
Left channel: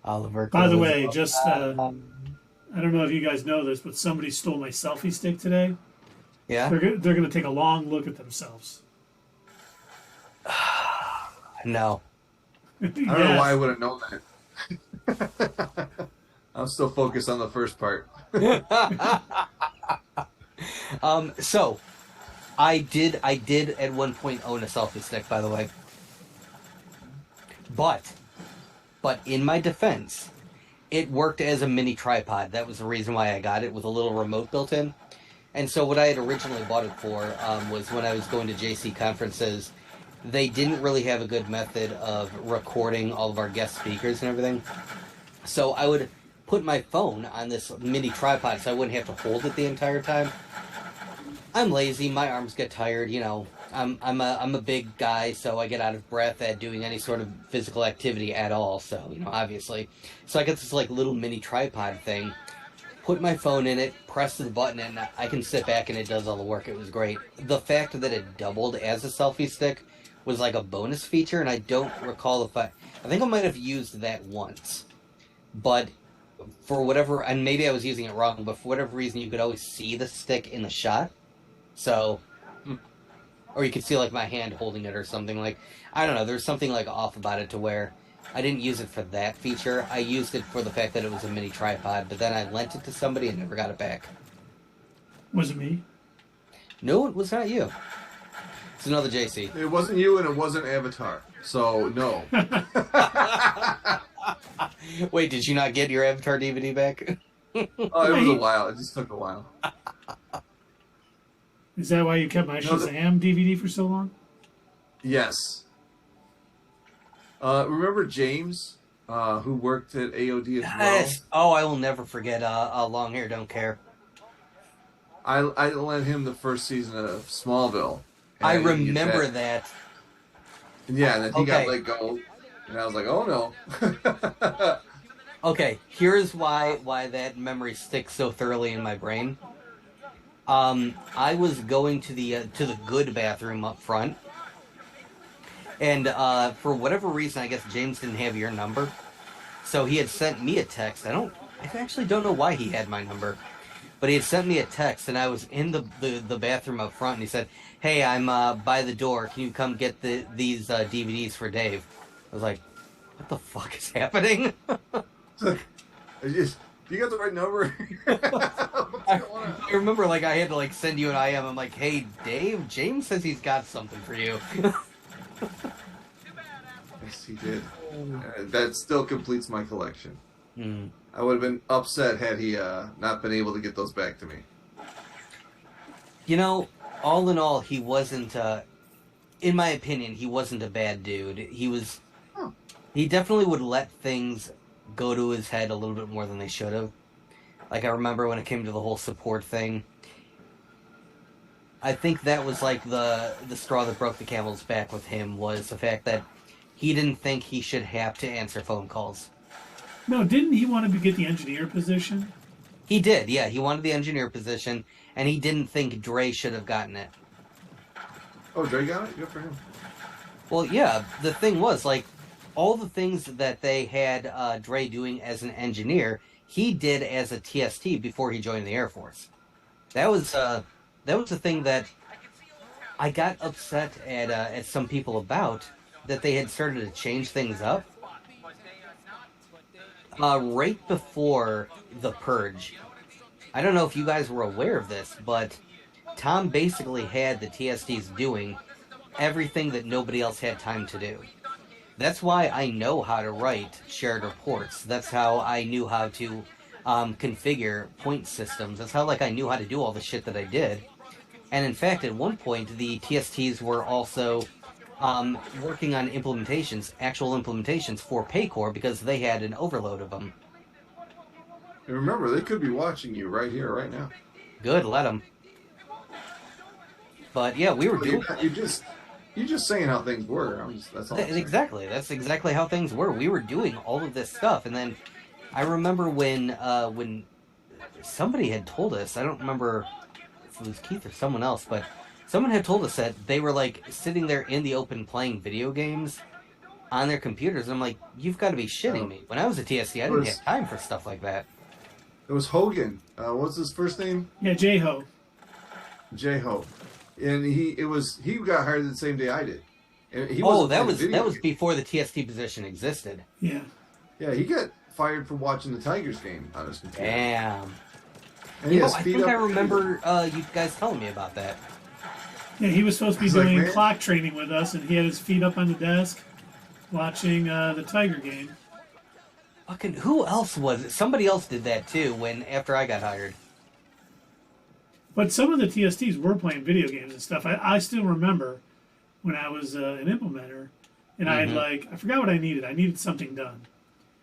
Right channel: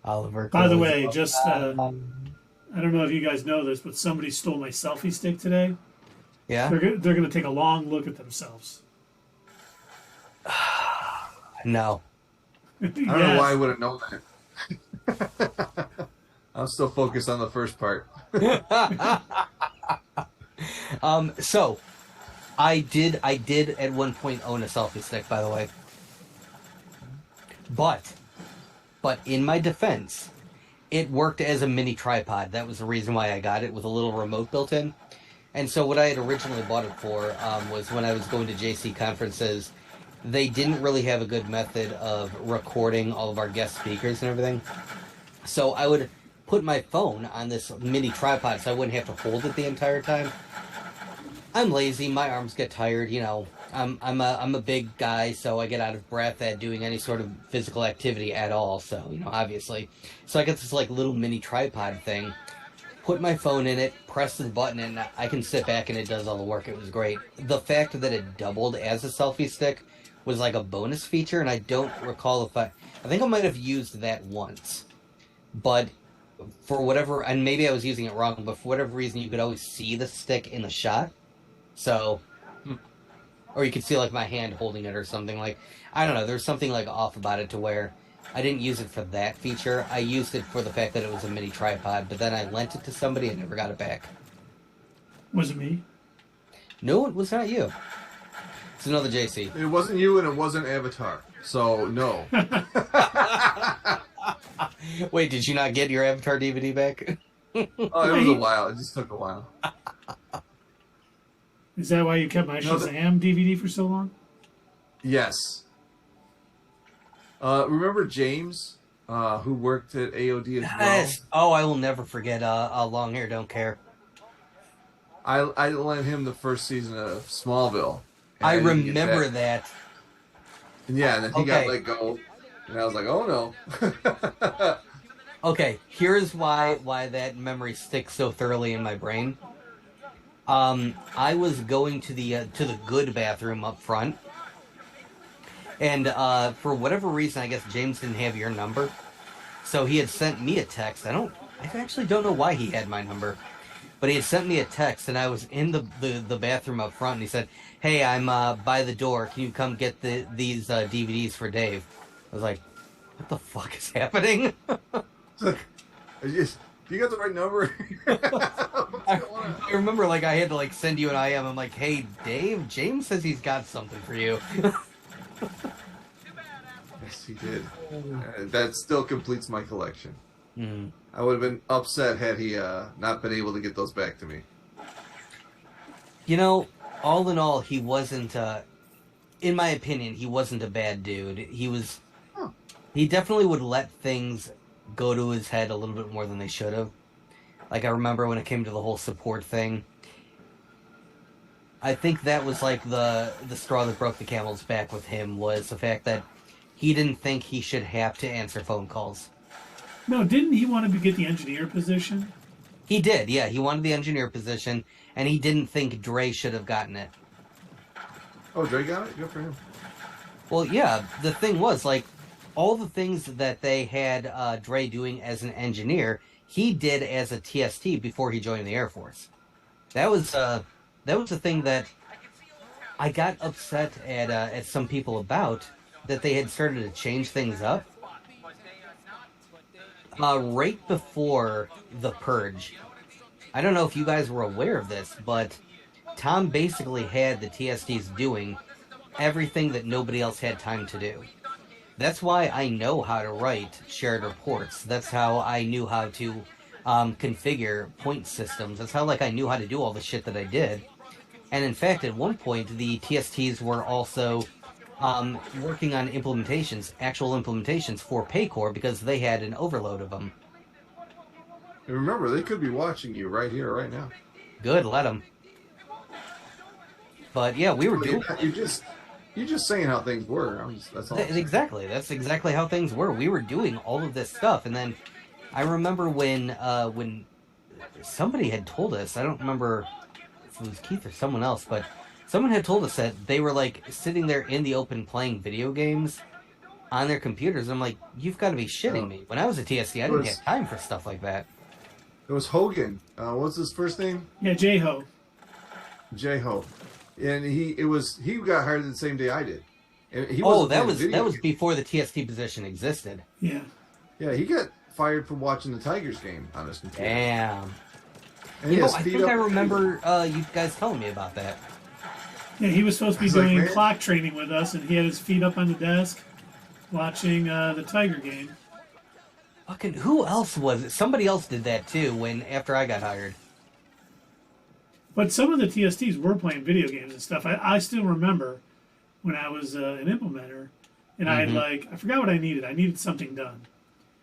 Oliver. By the Close way, off. just I don't know if you guys know this, but somebody stole my selfie stick today. Yeah? They're going to take a long look at themselves. No. I don't know why I would have known that. I'm still focused on the first part. So I did at one point own a selfie stick, by the way. But in my defense, it worked as a mini tripod. That was the reason why I got it, with a little remote built in. And so what I had originally bought it for was when I was going to JC conferences, they didn't really have a good method of recording all of our guest speakers and everything. So I would put my phone on this mini tripod so I wouldn't have to hold it the entire time. I'm lazy, my arms get tired, you know. I'm a big guy, so I get out of breath at doing any sort of physical activity at all, so, you know, obviously. So I get this, like, little mini tripod thing, put my phone in it, press the button, and I can sit back and it does all the work. It was great. The fact that it doubled as a selfie stick was like a bonus feature, and I don't recall if I think I might have used that once. But for whatever, and maybe I was using it wrong, but for whatever reason, you could always see the stick in the shot. So, or you could see, like, my hand holding it or something. Like, I don't know, there's something, like, off about it to where I didn't use it for that feature. I used it for the fact that it was a mini tripod, but then I lent it to somebody and never got it back. Was it me? No, it was not you. It's another JC. It wasn't you, and it wasn't Avatar. So no. Wait, did you not get your Avatar DVD back? Oh, it was a while. It just took a while. Is that why you kept my No, the- Shazam DVD for so long? Yes. Remember James, who worked at AOD as well? Yes. Oh, I will never forget Long Hair Don't Care. I lent him the first season of Smallville. I remember that. And yeah, and then he got let go. And I was like, oh no. Okay, here's why that memory sticks so thoroughly in my brain. I was going to the good bathroom up front, and for whatever reason, I guess James didn't have your number, so he had sent me a text. I actually don't know why he had my number, but he had sent me a text, and I was in the bathroom up front, and he said, "Hey, I'm by the door. Can you come get these DVDs for Dave?" I was like, "What the fuck is happening?" You got the right number. I remember, like, I had to, like, send you an IM. I'm like, hey, Dave, James says he's got something for you. Yes, he did. That still completes my collection. Mm. I would have been upset had he not been able to get those back to me. You know, all in all, he wasn't, in my opinion, he wasn't a bad dude. He definitely would let things go to his head a little bit more than they should have. Like, I remember when it came to the whole support thing, I think that was like the straw that broke the camel's back with him, was the fact that he didn't think he should have to answer phone calls. No, didn't he want to get the engineer position? He did, yeah. He wanted the engineer position, and he didn't think Dre should have gotten it. Oh, Dre got it? Good for him. Well, yeah, the thing was, like, all the things that they had Dre doing as an engineer, he did as a TST before he joined the Air Force. That was the thing that I got upset at some people about, that they had started to change things up. Right before the Purge, I don't know if you guys were aware of this, but Tom basically had the TSTs doing everything that nobody else had time to do. That's why I know how to write shared reports. That's how I knew how to configure point systems. That's how, like, I knew how to do all the shit that I did. And in fact, at one point, the TSTs were also working on implementations, actual implementations for Paycor, because they had an overload of them. And remember, they could be watching you right here, right now. Good, let them. But yeah, we were doing... You're just saying how things were. That's all. Exactly. That's exactly how things were. We were doing all of this stuff, and then I remember when somebody had told us, I don't remember if it was Keith or someone else, but someone had told us that they were, like, sitting there in the open playing video games on their computers. I'm like, you've got to be shitting me. When I was a TSC, I didn't have time for stuff like that. It was Hogan. What's his first name? Yeah, J-Ho. J-Ho. And he got hired the same day I did. And that was before the TST position existed. Yeah. Yeah, he got fired for watching the Tigers game on his computer. Damn. And I think I remember you guys telling me about that. Yeah, he was supposed to be doing clock training with us, and he had his feet up on the desk watching the Tiger game. Fucking, who else was it? Somebody else did that too after I got hired. But some of the TSTs were playing video games and stuff. I still remember when I was an implementer, and I forgot what I needed. I needed something done.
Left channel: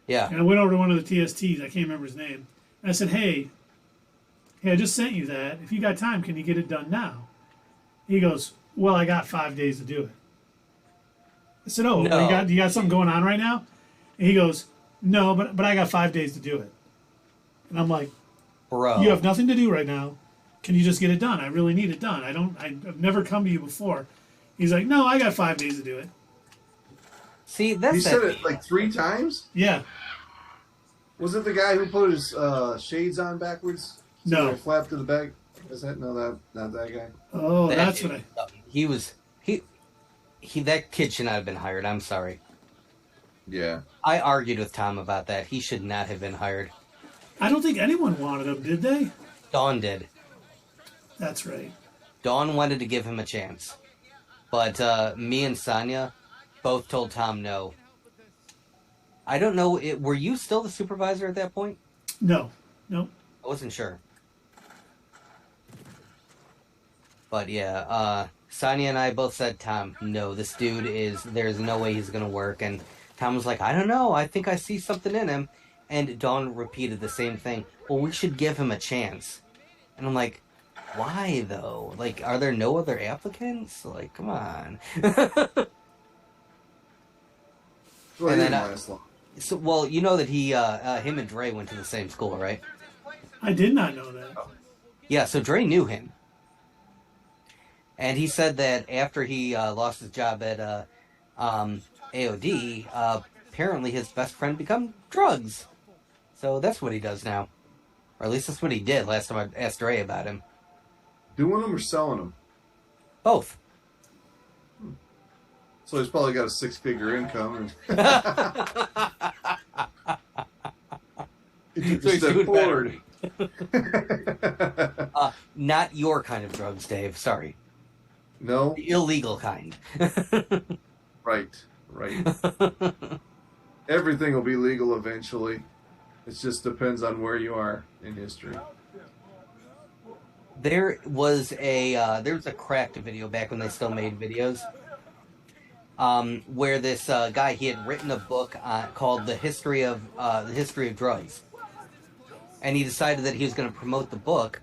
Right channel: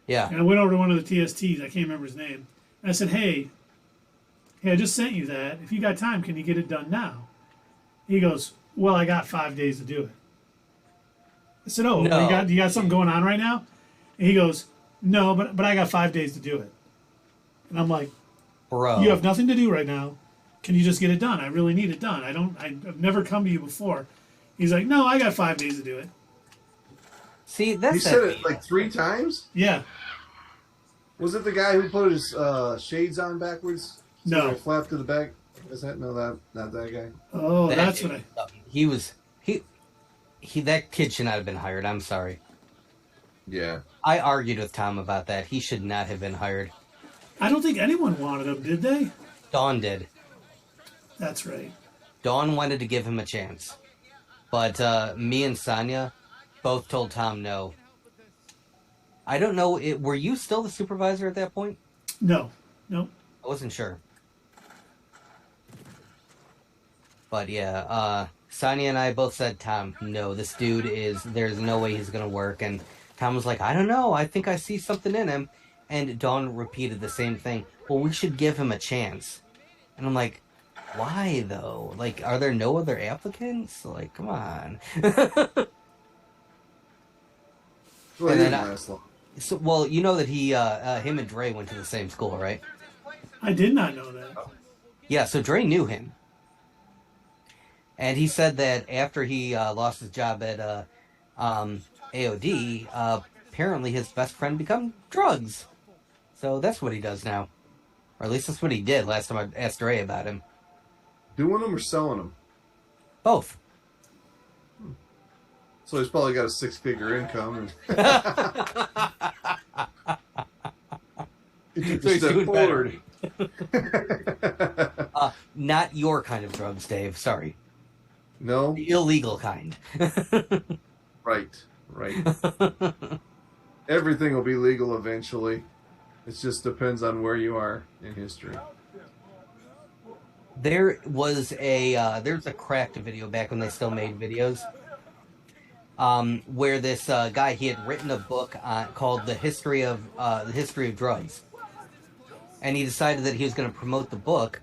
Yeah. And I went over to one of the TSTs. I can't remember his name. And I said, hey, I just sent you that. If you got time, can you get it done now? He goes, well, I got 5 days to do it. I said, oh, No. you got something going on right now? And he goes, no, but I got 5 days to do it. And I'm like, bro, you have nothing to do right now. Can you just get it done? I really need it done. I've never come to you before. He's like, no, I got 5 days to do it. See, that's He said it like 3 times? Yeah. Was it the guy who put his shades on backwards? No. Flap to the back? Is that not that guy? Oh, that's what I... That kid should not have been hired. I'm sorry. Yeah. I argued with Tom about that. He should not have been hired. I don't think anyone wanted him, did they? Dawn did. That's right. Dawn wanted to give him a chance. But me and Sonia both told Tom no. I don't know, were you still the supervisor at that point? No. Nope. I wasn't sure. But yeah, Sonia and I both said, Tom, no, this dude there's no way he's going to work. And Tom was like, I don't know. I think I see something in him. And Dawn repeated the same thing. Well, we should give him a chance. And I'm like, why though? Like, are there no other applicants? Like, come on. Well, And he then, didn't last long. so, well, you know that him and Dre went to the same school, right? I did not know that. Yeah, so Dre knew him. And he said that after he lost his job at AOD, apparently his best friend become drugs. So that's what he does now. Or at least that's what he did last time I asked Dre about him. Doing them or selling them? Both. So he's probably got a 6-figure income. And he took So a he's step doing forward. Not your kind of drugs, Dave. Sorry. No? The illegal kind. Right. Everything will be legal eventually. It just depends on where you are in history. There was there's a Cracked video back when they still made videos, where this guy, he had written a book called The History of Drugs, and he decided that he was going to promote the book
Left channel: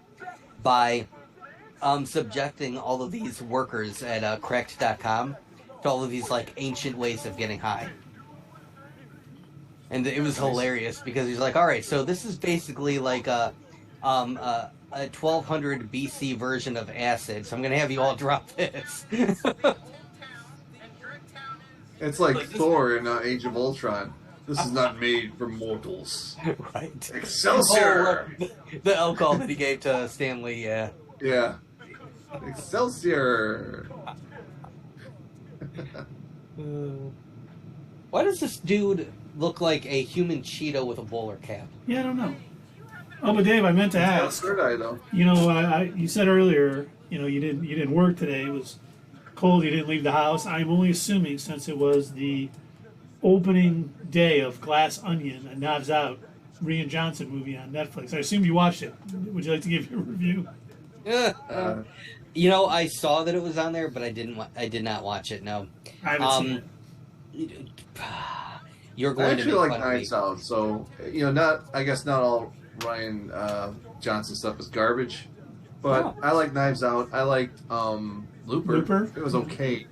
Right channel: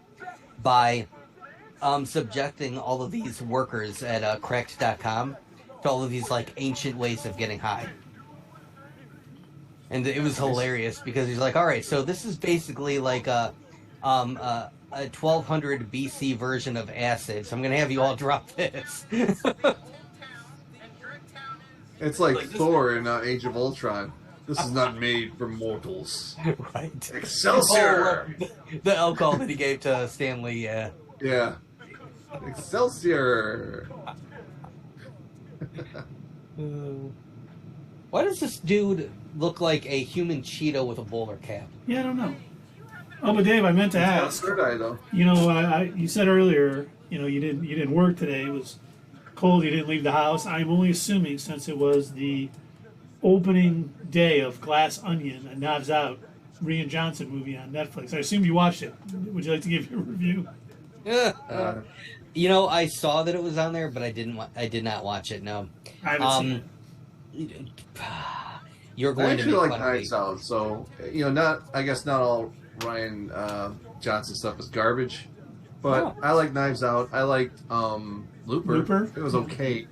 by subjecting all of these workers at Cracked.com to all of these like ancient ways of getting high. And it was hilarious because he's like, all right, so this is basically like a 1200 BC version of acid, so I'm going to have you all drop this. It's like Thor in Age of Ultron. This is not made for mortals. Right. Excelsior! The alcohol that he gave to Stanley, yeah. Yeah. Excelsior! Why does this dude look like a human Cheeto with a bowler cap? Yeah, I don't know. Oh, but Dave, I meant to ask. Third eye, though. You know, you said earlier, you know, you didn't work today. It was cold. You didn't leave the house. I'm only assuming since it was the opening day of Glass Onion, a Knives Out, Rian Johnson movie on Netflix. I assume you watched it. Would you like to give your review? You know, I saw that it was on there, but I did not watch it. No. I haven't seen it. You're I going to actually make like fun of me. Knives Out, so I guess not all Ryan Johnson stuff is garbage, but I like Knives Out. I liked Looper. It was okay.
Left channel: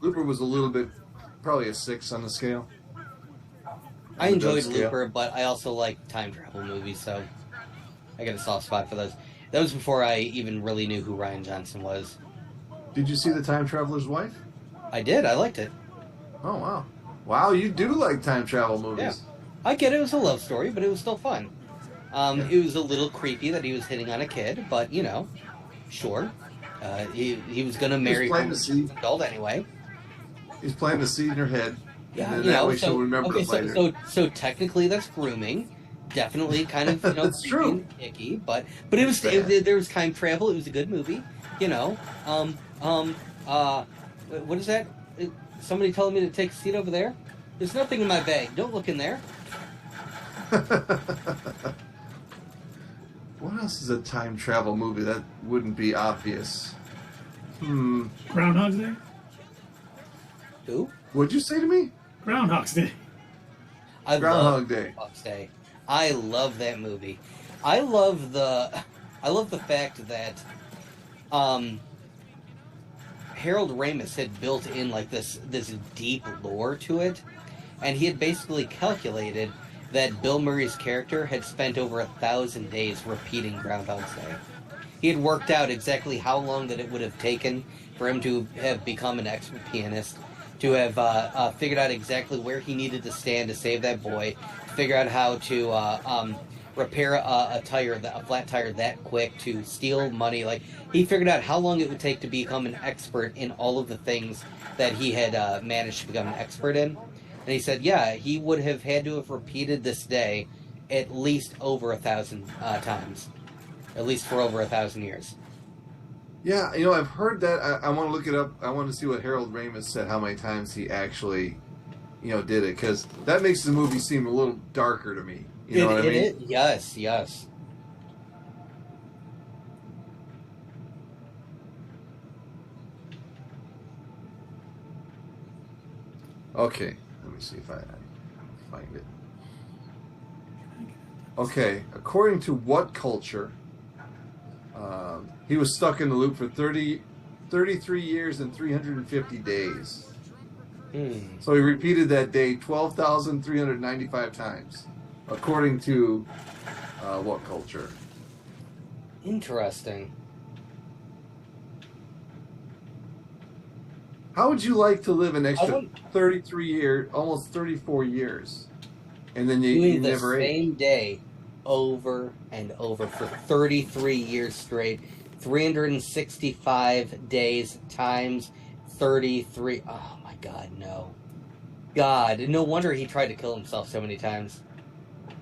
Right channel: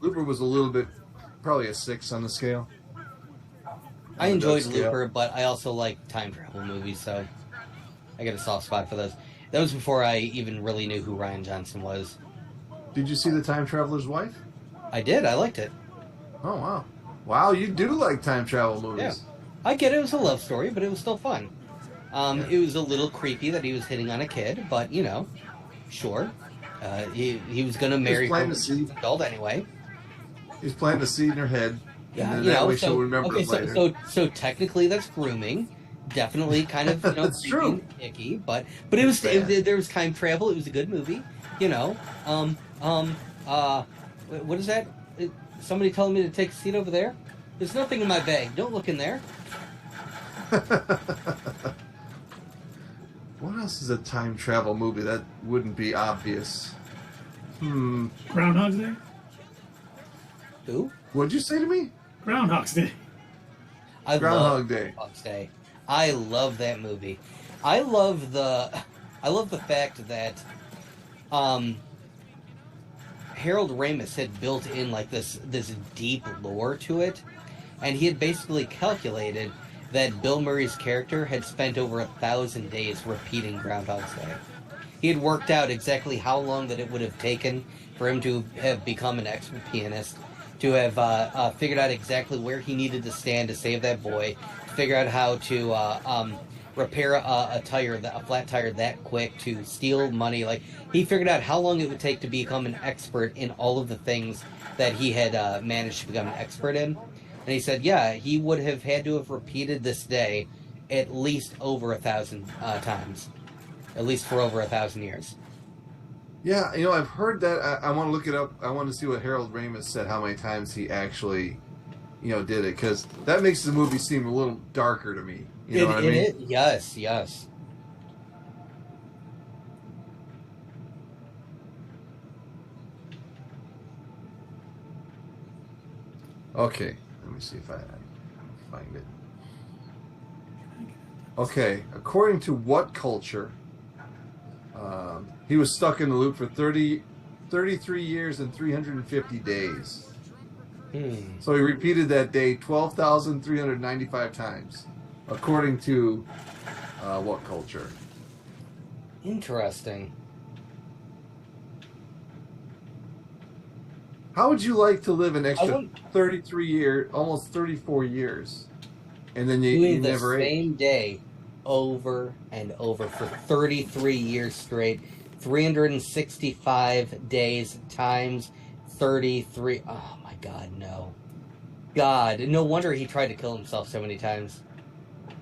Looper was a little bit, probably a 6 on the scale. I enjoyed Looper, but I also like time travel movies, so I got a soft spot for those. That was before I even really knew who Rian Johnson was. Did you see The Time Traveler's Wife? I did. I liked it. Oh, wow. Wow, you do like time travel movies. Yeah. I get it. It was a love story, but it was still fun. It was a little creepy that he was hitting on a kid, but, you know, sure. He was going to marry her when she was an adult anyway. He's planting a seed in her head. Yeah, and you that know, way she'll remember it later. so technically that's grooming. Definitely kind of, you know, That's true. and icky, but it was there was time travel. It was a good movie, you know. What is that? Somebody telling me to take a seat over there? There's nothing in my bag. Don't look in there. What else is a time travel movie that wouldn't be obvious? Groundhog's Day? Who? What'd you say to me? Groundhog's Day. I Groundhog love Day. Groundhog's Day. I love that movie. I love the fact that Harold Ramis had built in like this deep lore to it, and he had basically calculated that Bill Murray's character had spent over 1,000 days repeating Groundhog's Day. He had worked out exactly how long that it would have taken for him to have become an expert pianist, to have figured out exactly where he needed to stand to save that boy, figure out how to repair a flat tire that quick, to steal money. Like, he figured out how long it would take to become an expert in all of the things that he had managed to become an expert in. And he said, yeah, he would have had to have repeated this day at least over 1,000 times. At least for over 1,000 years. Yeah, I've heard that. I want to look it up. I want to see what Harold Ramis said, how many times he actually, did it. Because that makes the movie seem a little darker to me. You know what I mean? Yes. Okay. Let me see if I find it. Okay, according to what culture, he was stuck in the loop for 33 years and 350 days. So he repeated that day 12,395 times, according to what culture? Interesting. How would you like to live an extra 33 years, almost 34 years, and then you Doing the never ate? same day over and over for 33 years straight, 365 days times 33. Oh my God, no. God, no wonder he tried to kill himself so many times.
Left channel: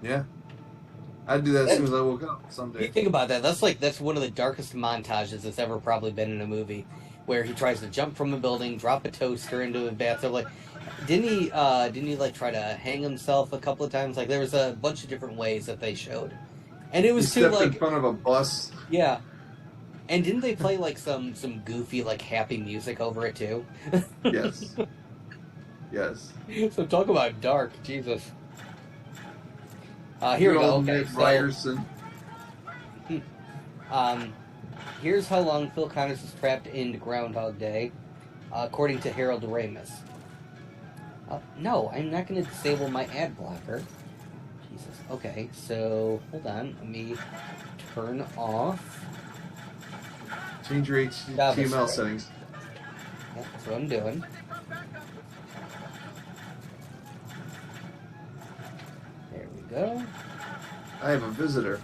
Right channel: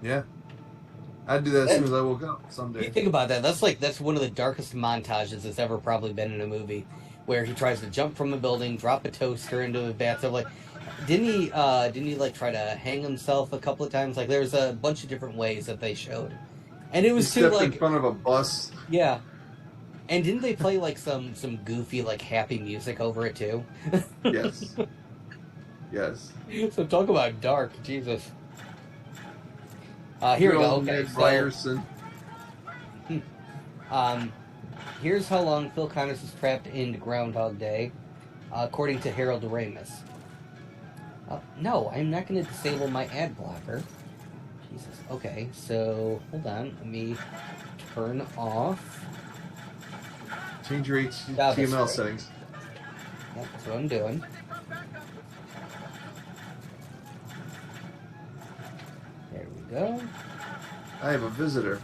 Yeah. I'd do that as soon as I woke up someday. You think about that. That's one of the darkest montages that's ever probably been in a movie, where he tries to jump from a building, drop a toaster into a bathtub. Like, didn't he like try to hang himself a couple of times? Like, there was a bunch of different ways that they showed, and it was he too stepped like in front of a bus. yeah. And didn't they play like some goofy like happy music over it too? Yes. Yes. So talk about dark, Jesus. Here we go. Okay, Ryerson. Here's how long Phil Connors is trapped in Groundhog Day, according to Harold Ramis. No, I'm not going to disable my ad blocker. Jesus. Okay, so hold on. Let me turn off. Change your HTML settings. That's what I'm doing. There we go. I have a visitor.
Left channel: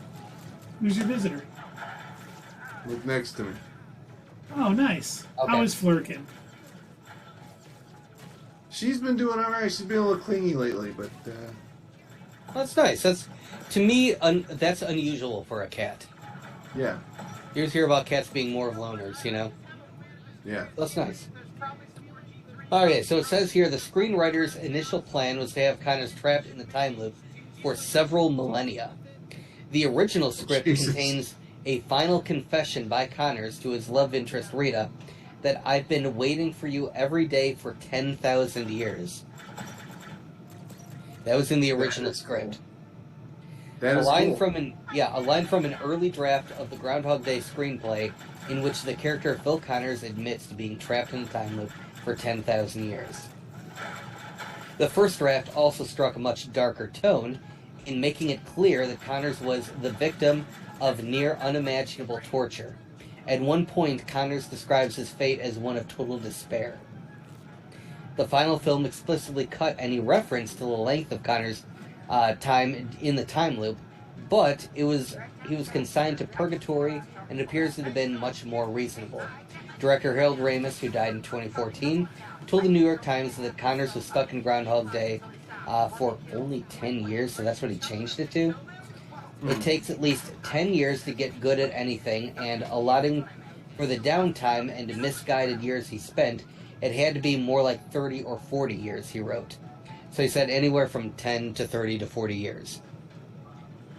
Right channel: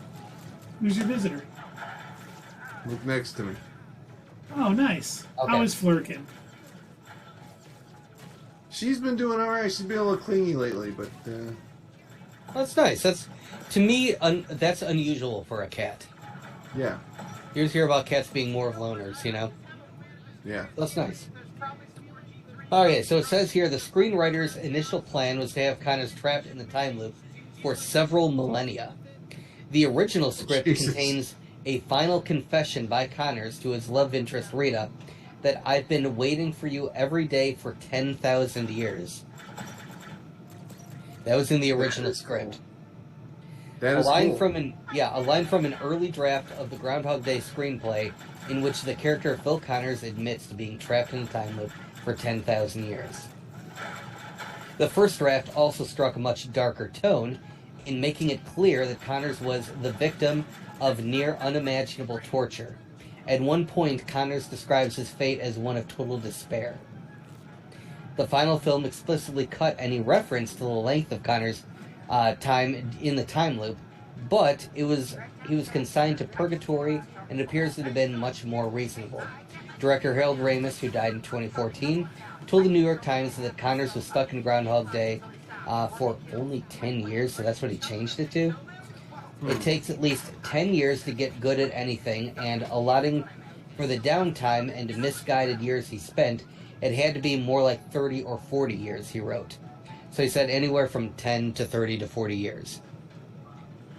Who's your visitor? Look next to me. Oh, nice. Okay. How is Flurkin? She's been doing all right. She's been a little clingy lately, but That's nice. That's, to me, that's unusual for a cat. yeah, You always hear about cats being more of loners, you know? yeah. That's nice. Okay, so it says here the screenwriter's initial plan was to have Connors trapped in the time loop for several millennia. The original script contains a final confession by Connors to his love interest Rita that I've been waiting for you every day for 10,000 years. That was in the original script. That A is line cool. from an early draft of the Groundhog Day screenplay in which the character Phil Connors admits to being trapped in a time loop for 10,000 years. The first draft also struck a much darker tone in making it clear that Connors was the victim of near unimaginable torture. At one point, Connors describes his fate as one of total despair. The final film explicitly cut any reference to the length of Connors' time in the time loop, but he was consigned to purgatory and appears to have been much more reasonable. Director Harold Ramis, who died in 2014, told the New York Times that Connors was stuck in Groundhog Day for only 10 years, so that's what he changed it to. It takes at least 10 years to get good at anything, and allotting for the downtime and misguided years he spent, it had to be more like 30 or 40 years, he wrote. So he said anywhere from 10 to 30 to 40 years.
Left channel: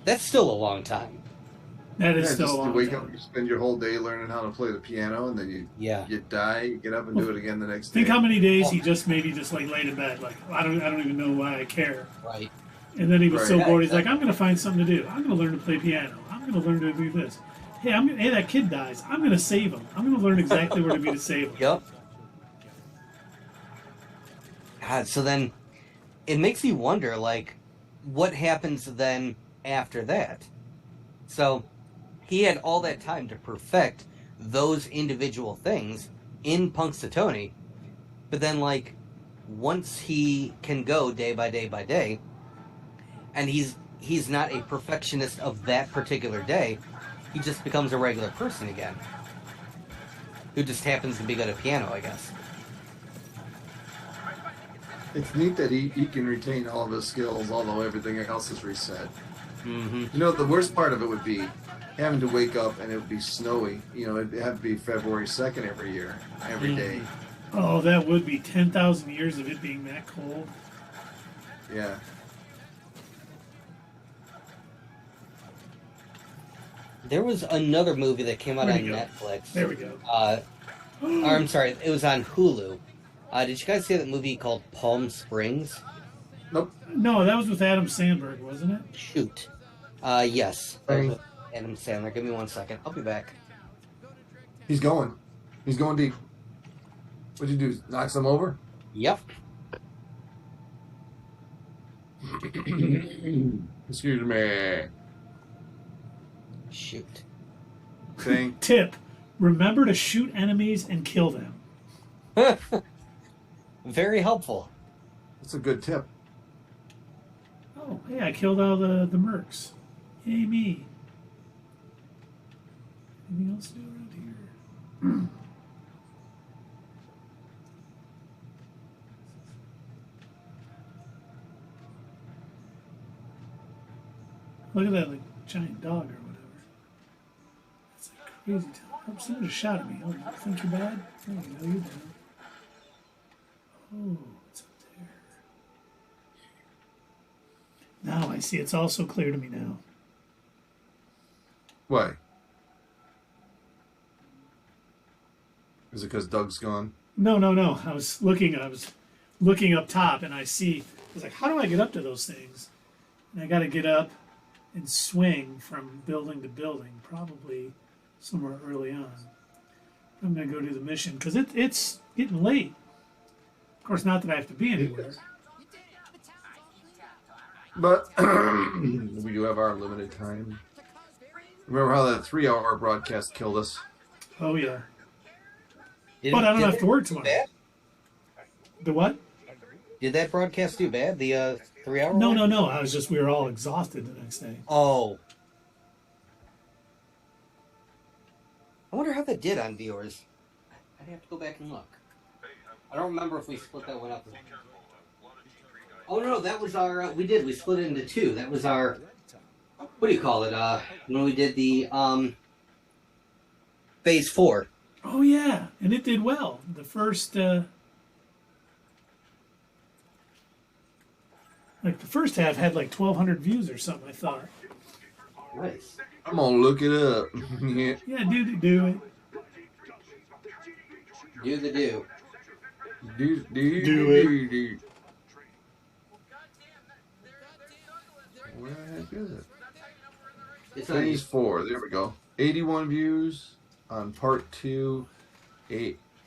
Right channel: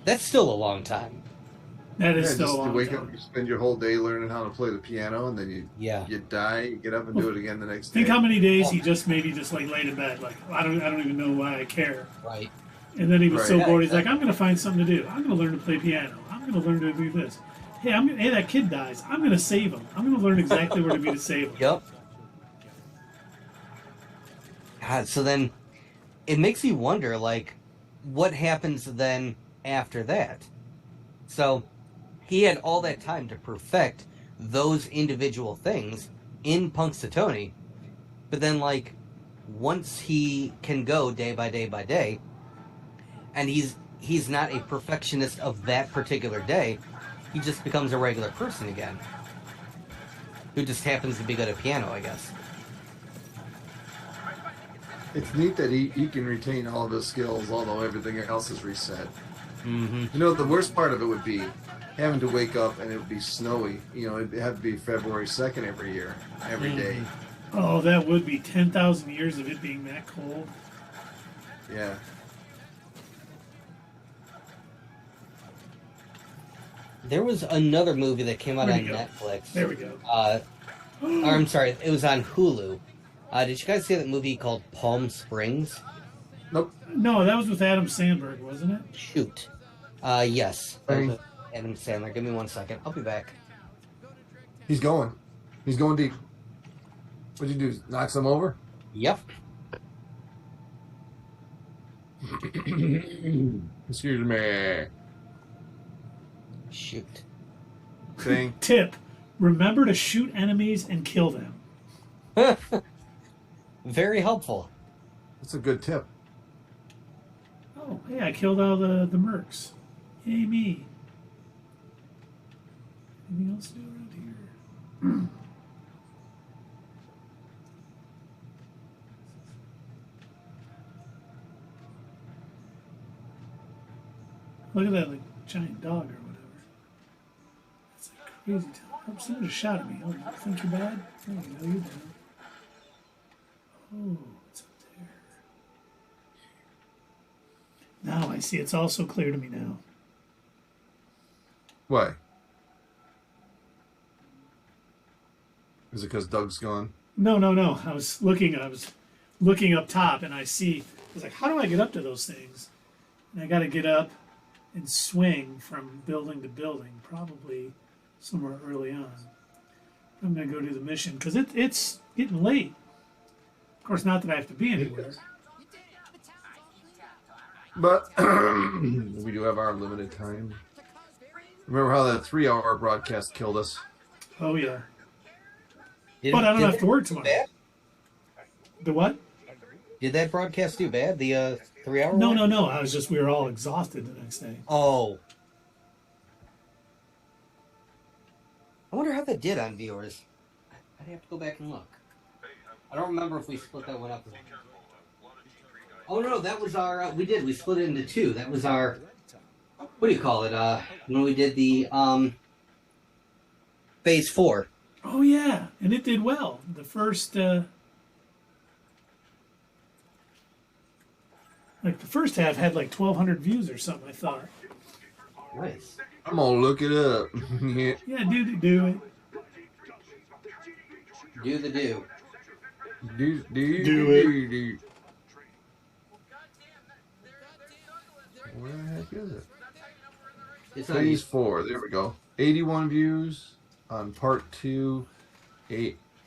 That's still a long time. That is Yeah, still just a long to wake time. up, you spend your whole day learning how to play the piano, and then you die, you get up and do it again the next day. Think how many days he just maybe just like laid in bed, like I don't even know why I care. Right. And then he was so Right. bored, he's like, I'm going to find something to do. I'm going to learn to play piano. I'm going to learn to do this. Hey, hey, that kid dies. I'm going to save him. I'm going to learn exactly where to be to save him. Yep. God, so then it makes you wonder, like, what happens then after that? So he had all that time to perfect those individual things in Punxsutawney, but then, like, once he can go day by day by day, and he's not a perfectionist of that particular day, he just becomes a regular person again, who just happens to be good at piano, I guess. It's neat that he can retain all of his skills, although everything else is reset. Mm-hmm. You know, the worst part of it would be having to wake up and it would be snowy. You know, it'd have to be February 2nd every year, every day. Oh, that would be 10,000 years of it being that cold. Yeah. There was another movie that came out Where'd on it go? Netflix. There we go. I'm sorry, it was on Hulu. Did you guys see that movie called Palm Springs? Nope. No, that was with Adam Sandberg, wasn't it? Shoot. Yes. Hey. Adam Sandler. Give me 1 second. I'll be back. He's going. He's going deep. What'd you do? Knock some over? Yep. Excuse me. Shoot. Thing. Tip: remember to shoot enemies and kill them. Very helpful. That's a good tip. Oh, hey, I killed all the mercs. Yay me. Anything else to do around here? Look at that, like, giant dog or whatever. That's like crazy. Oh, someone just shot at me. Oh, you think you're bad? Oh, you know you're bad. Oh, it's up there. Now I see. It's all so clear to me now. Why? Is it because Doug's gone? No. I was looking up top, and I was like, how do I get up to those things? And I got to get up and swing from building to building, probably somewhere early on. I'm going to go do the mission because it's getting late. Of course, not that I have to be anywhere. But we do have our limited time. Remember how that 3-hour broadcast killed us? Oh yeah. But I don't have to work tomorrow. Bad? The what? Did that broadcast do bad? The 3 hour? No. We were all exhausted the next day. Oh. I wonder how that did on viewers. I'd have to go back and look. I don't remember if we split that one up. Oh no, that was our. We split it into two. That was our. What do you call it? When we did the phase 4. Oh yeah, and it did well. The first. Like the first half had like 1,200 views or something, I thought. Nice. I'm gonna look it up. Yeah. Yeah, do it. Do the do. Do it. Where the heck is it? It's on Phase 4. There we go. 81 views on part 2.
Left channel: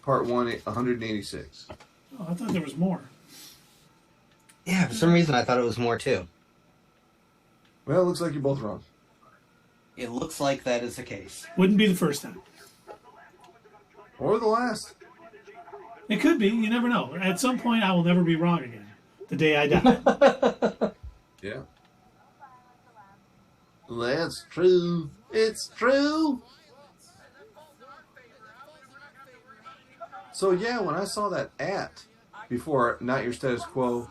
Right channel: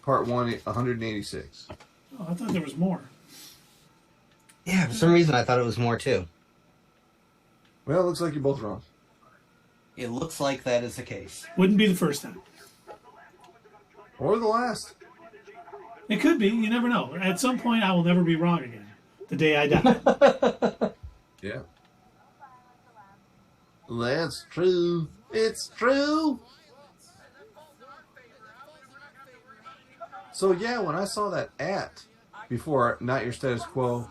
Part 1, 186. Oh, I thought there was more. Yeah, for some reason I thought it was more too. Well, it looks like you're both wrong. It looks like that is the case. Wouldn't be the first time. Or the last. It could be. You never know. At some point, I will never be wrong again. The day I die. Yeah. That's true. It's true. So yeah, when I saw that before Not Your Status Quo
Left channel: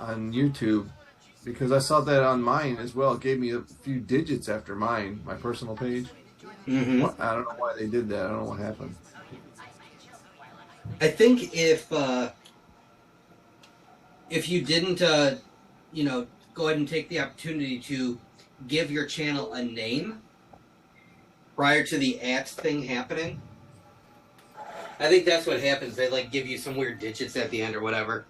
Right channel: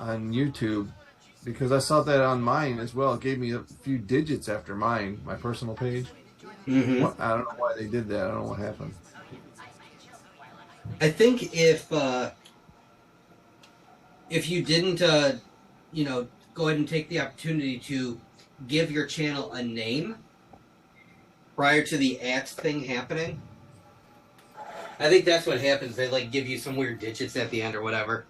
on YouTube, because I saw that on mine as well, it gave me a few digits after mine, my personal page. Mm-hmm. I don't know why they did that. I don't know what happened. I think if you didn't, go ahead and take the opportunity to give your channel a name prior to the thing happening, I think that's what happens. They give you some weird digits at the end or whatever.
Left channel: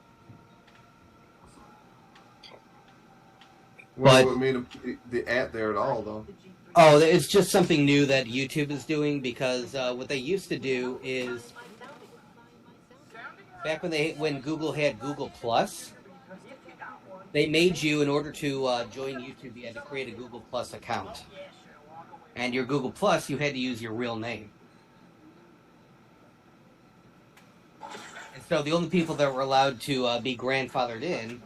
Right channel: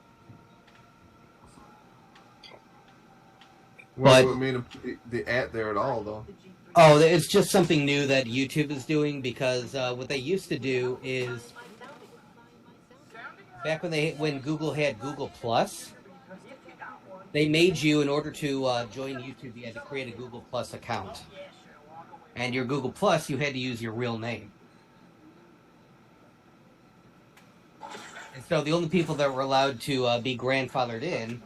What made them the there at all, though? Oh, it's just something new that YouTube is doing because what they used to do is back when Google had Google Plus, they made you, in order to join YouTube, you had to create a Google Plus account. And your Google Plus, you had to use your real name. And so the only people that were allowed to be grandfathered in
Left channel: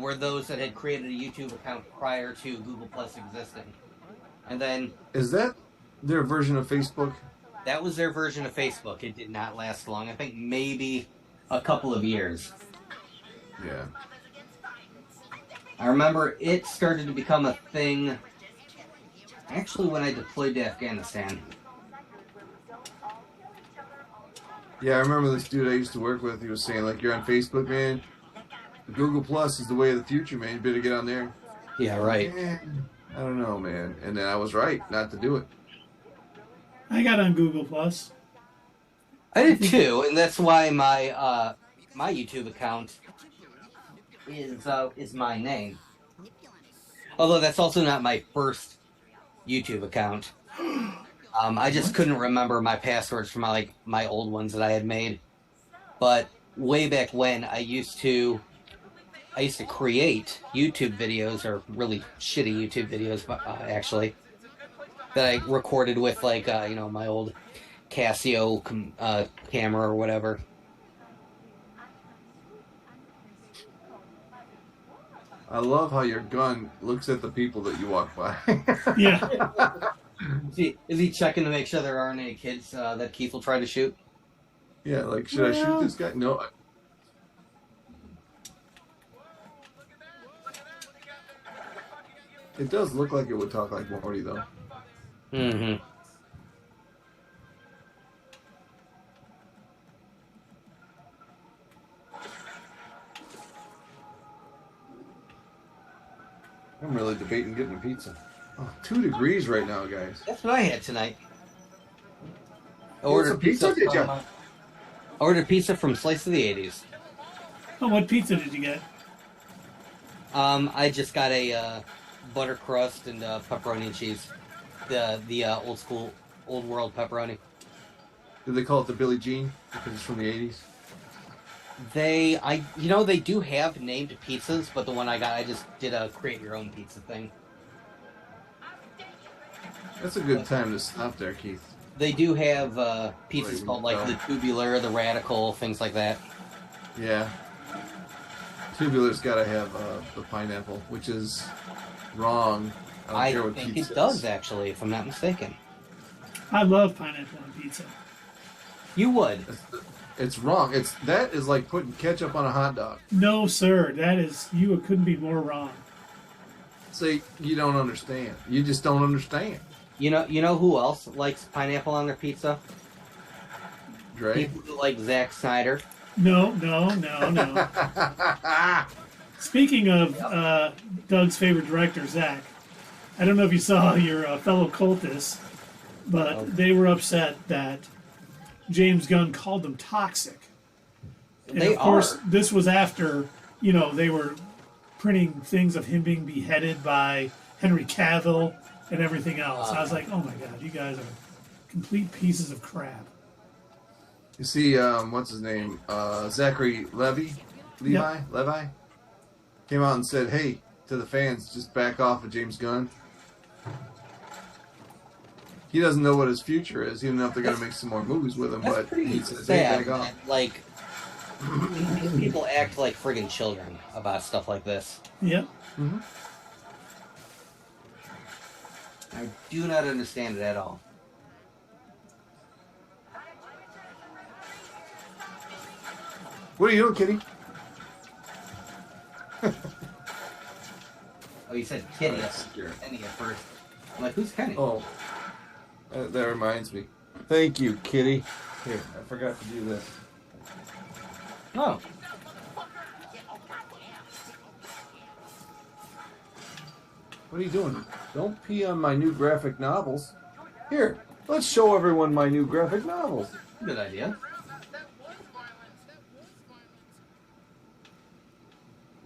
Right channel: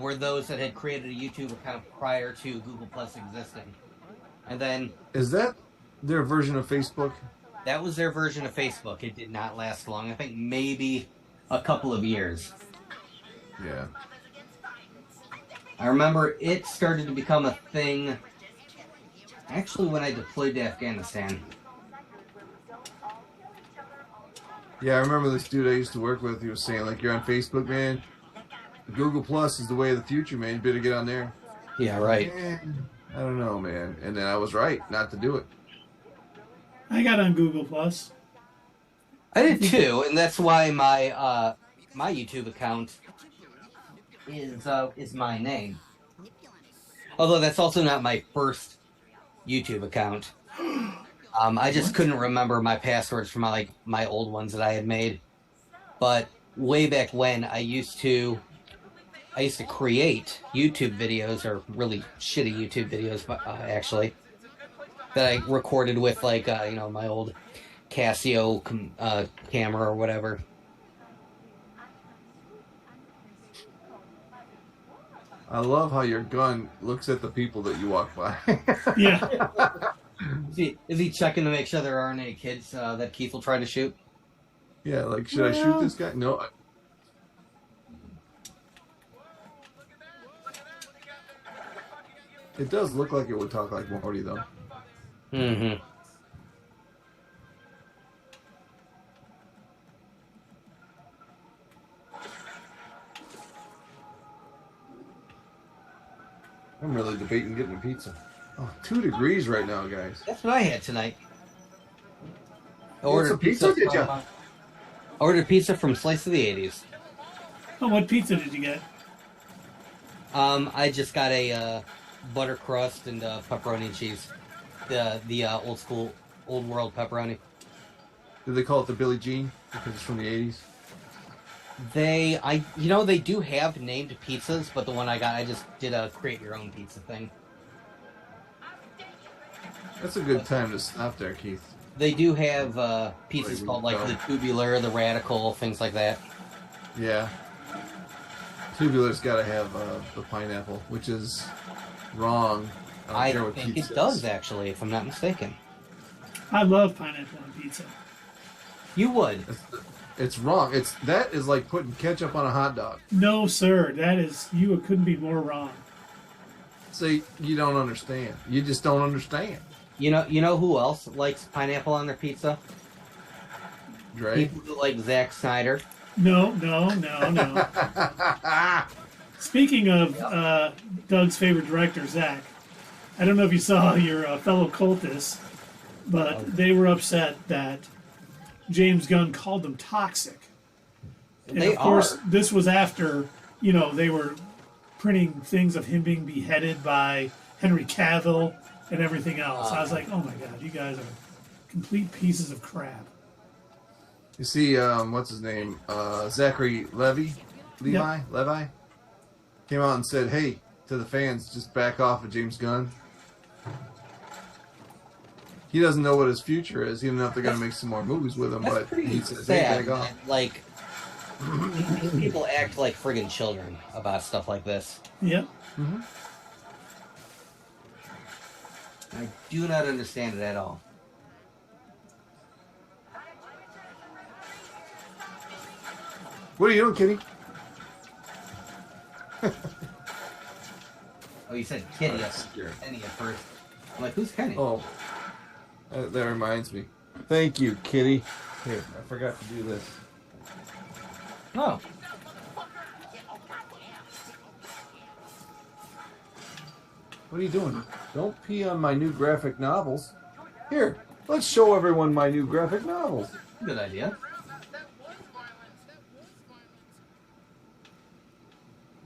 were those that had created a YouTube account prior to Google Plus existing. And then... Is that their version of Facebook? That was their version of Facebook. It did not last long. I think maybe a couple of years. Yeah. I remember it started to become a thing actually when I deployed to Afghanistan. Yeah, I remember this dude I used to work with. He was saying, you're on Facebook, man. Google Plus is the way of the future, man. You better get on there. Yeah, right. Man, I don't know, man. And then I was right not to do it. I got on Google Plus. I did too, and that's why my my YouTube account is my name. Although that's also not my first YouTube account. I just couldn't remember my passwords from my old ones that I had made. But way back when, I used to create YouTube videos, or really shitty YouTube videos, actually, that I recorded with my old Casio camera or whatever. I love how your gun looks at the people that you walk by. Yeah. Is he checking to make sure there aren't any kids that Keith will try to shoot? Yeah, like, should I shoot this guy? No. It does look like it would talk like Morty, though. Mm-hmm. I'm really debating getting a pizza. Oh, 2 degrees right now, guys. That's what I had tonight. I ordered pizza, did you? Ordered pizza from Slice of the 80s. Oh, what pizza did you get? I just got a butter crust and pepperoni and cheese. The old school, old world pepperoni. Did they call it the Billie Jean because it's from the 80s? They do have named pizzas, but the one I got, I just did a create your own pizza thing. That's a good time to stop there, Keith. They do have pizzas called like the tubular, the radical, things like that. Yeah. Tubular's got to have the pineapple, which is wrong. I don't think it does, actually, if I'm not mistaken. I love pineapple on pizza. You would. It's wrong. That is like putting ketchup on a hot dog. No, sir. You couldn't be more wrong. See, you don't understand. You just don't understand. You know who else likes pineapple on their pizza? Dre? People who like Zack Snyder. No. Speaking of Doug's favorite director, Zach, I don't know if you saw your fellow cultists, but they were upset that James Gunn called them toxic. And of course, this was after, they were printing things of him being beheaded by Henry Cavill and everything else. I was like, oh my God, you guys are complete pieces of crap. You see, what's his name? Zachary Levi came out and said, hey, to the fans, just back off of James Gunn. He doesn't know what his future is. He doesn't know if they're going to make some more movies with him, but he says, hey, back off. Like, people act like friggin' children about stuff like this. Yep. Mm-hmm. I do not understand it at all. What are you doing, Kitty? Oh, you said Kitty. Kenny at first. I'm like, who's Kenny? Oh, that reminds me. Thank you, Kitty. Here, I forgot to do this. Oh. What are you doing? Don't pee on my new graphic novels. Here, let's show everyone my new graphic novels. Good idea.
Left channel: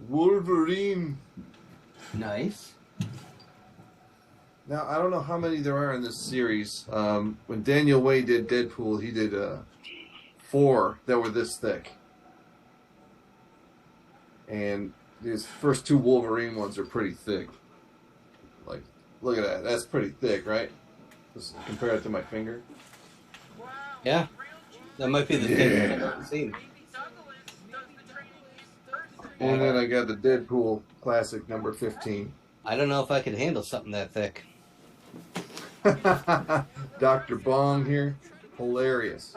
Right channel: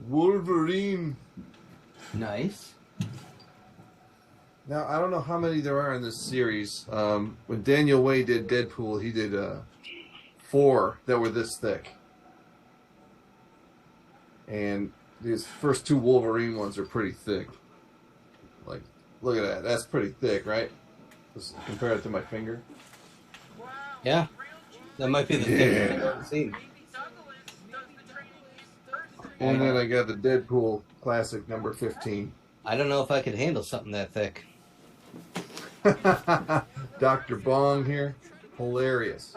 Wolverine. Nice. Now, I don't know how many there are in this series. When Daniel Way did Deadpool, he did 4 that were this thick. And these first 2 Wolverine ones are pretty thick. Like, look at that. That's pretty thick, right? Just compare it to my finger. Yeah. That might be the thing I've ever seen. And then I got the Deadpool classic number 15. I don't know if I could handle something that thick. Dr. Bong here. Hilarious.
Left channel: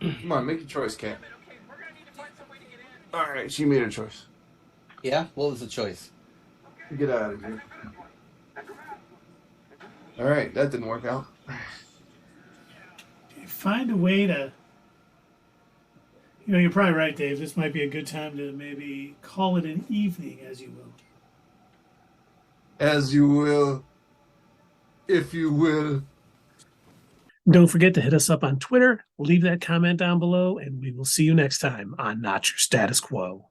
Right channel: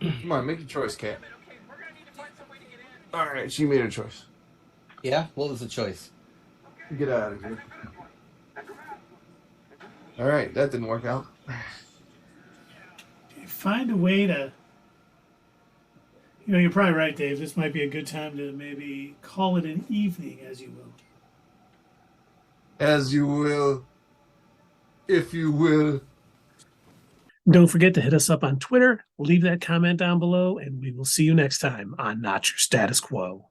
Come on, make a choice, Kat. Alright, she made a choice. Yeah? What was the choice? Get out of here. Alright, that didn't work out. Find a way to... you're probably right, Dave. This might be a good time to maybe call it an evening, as you will. As you will. if you will. Don't forget to hit us up on Twitter. Leave that comment down below, and we will see you next time on Not Your Status Quo.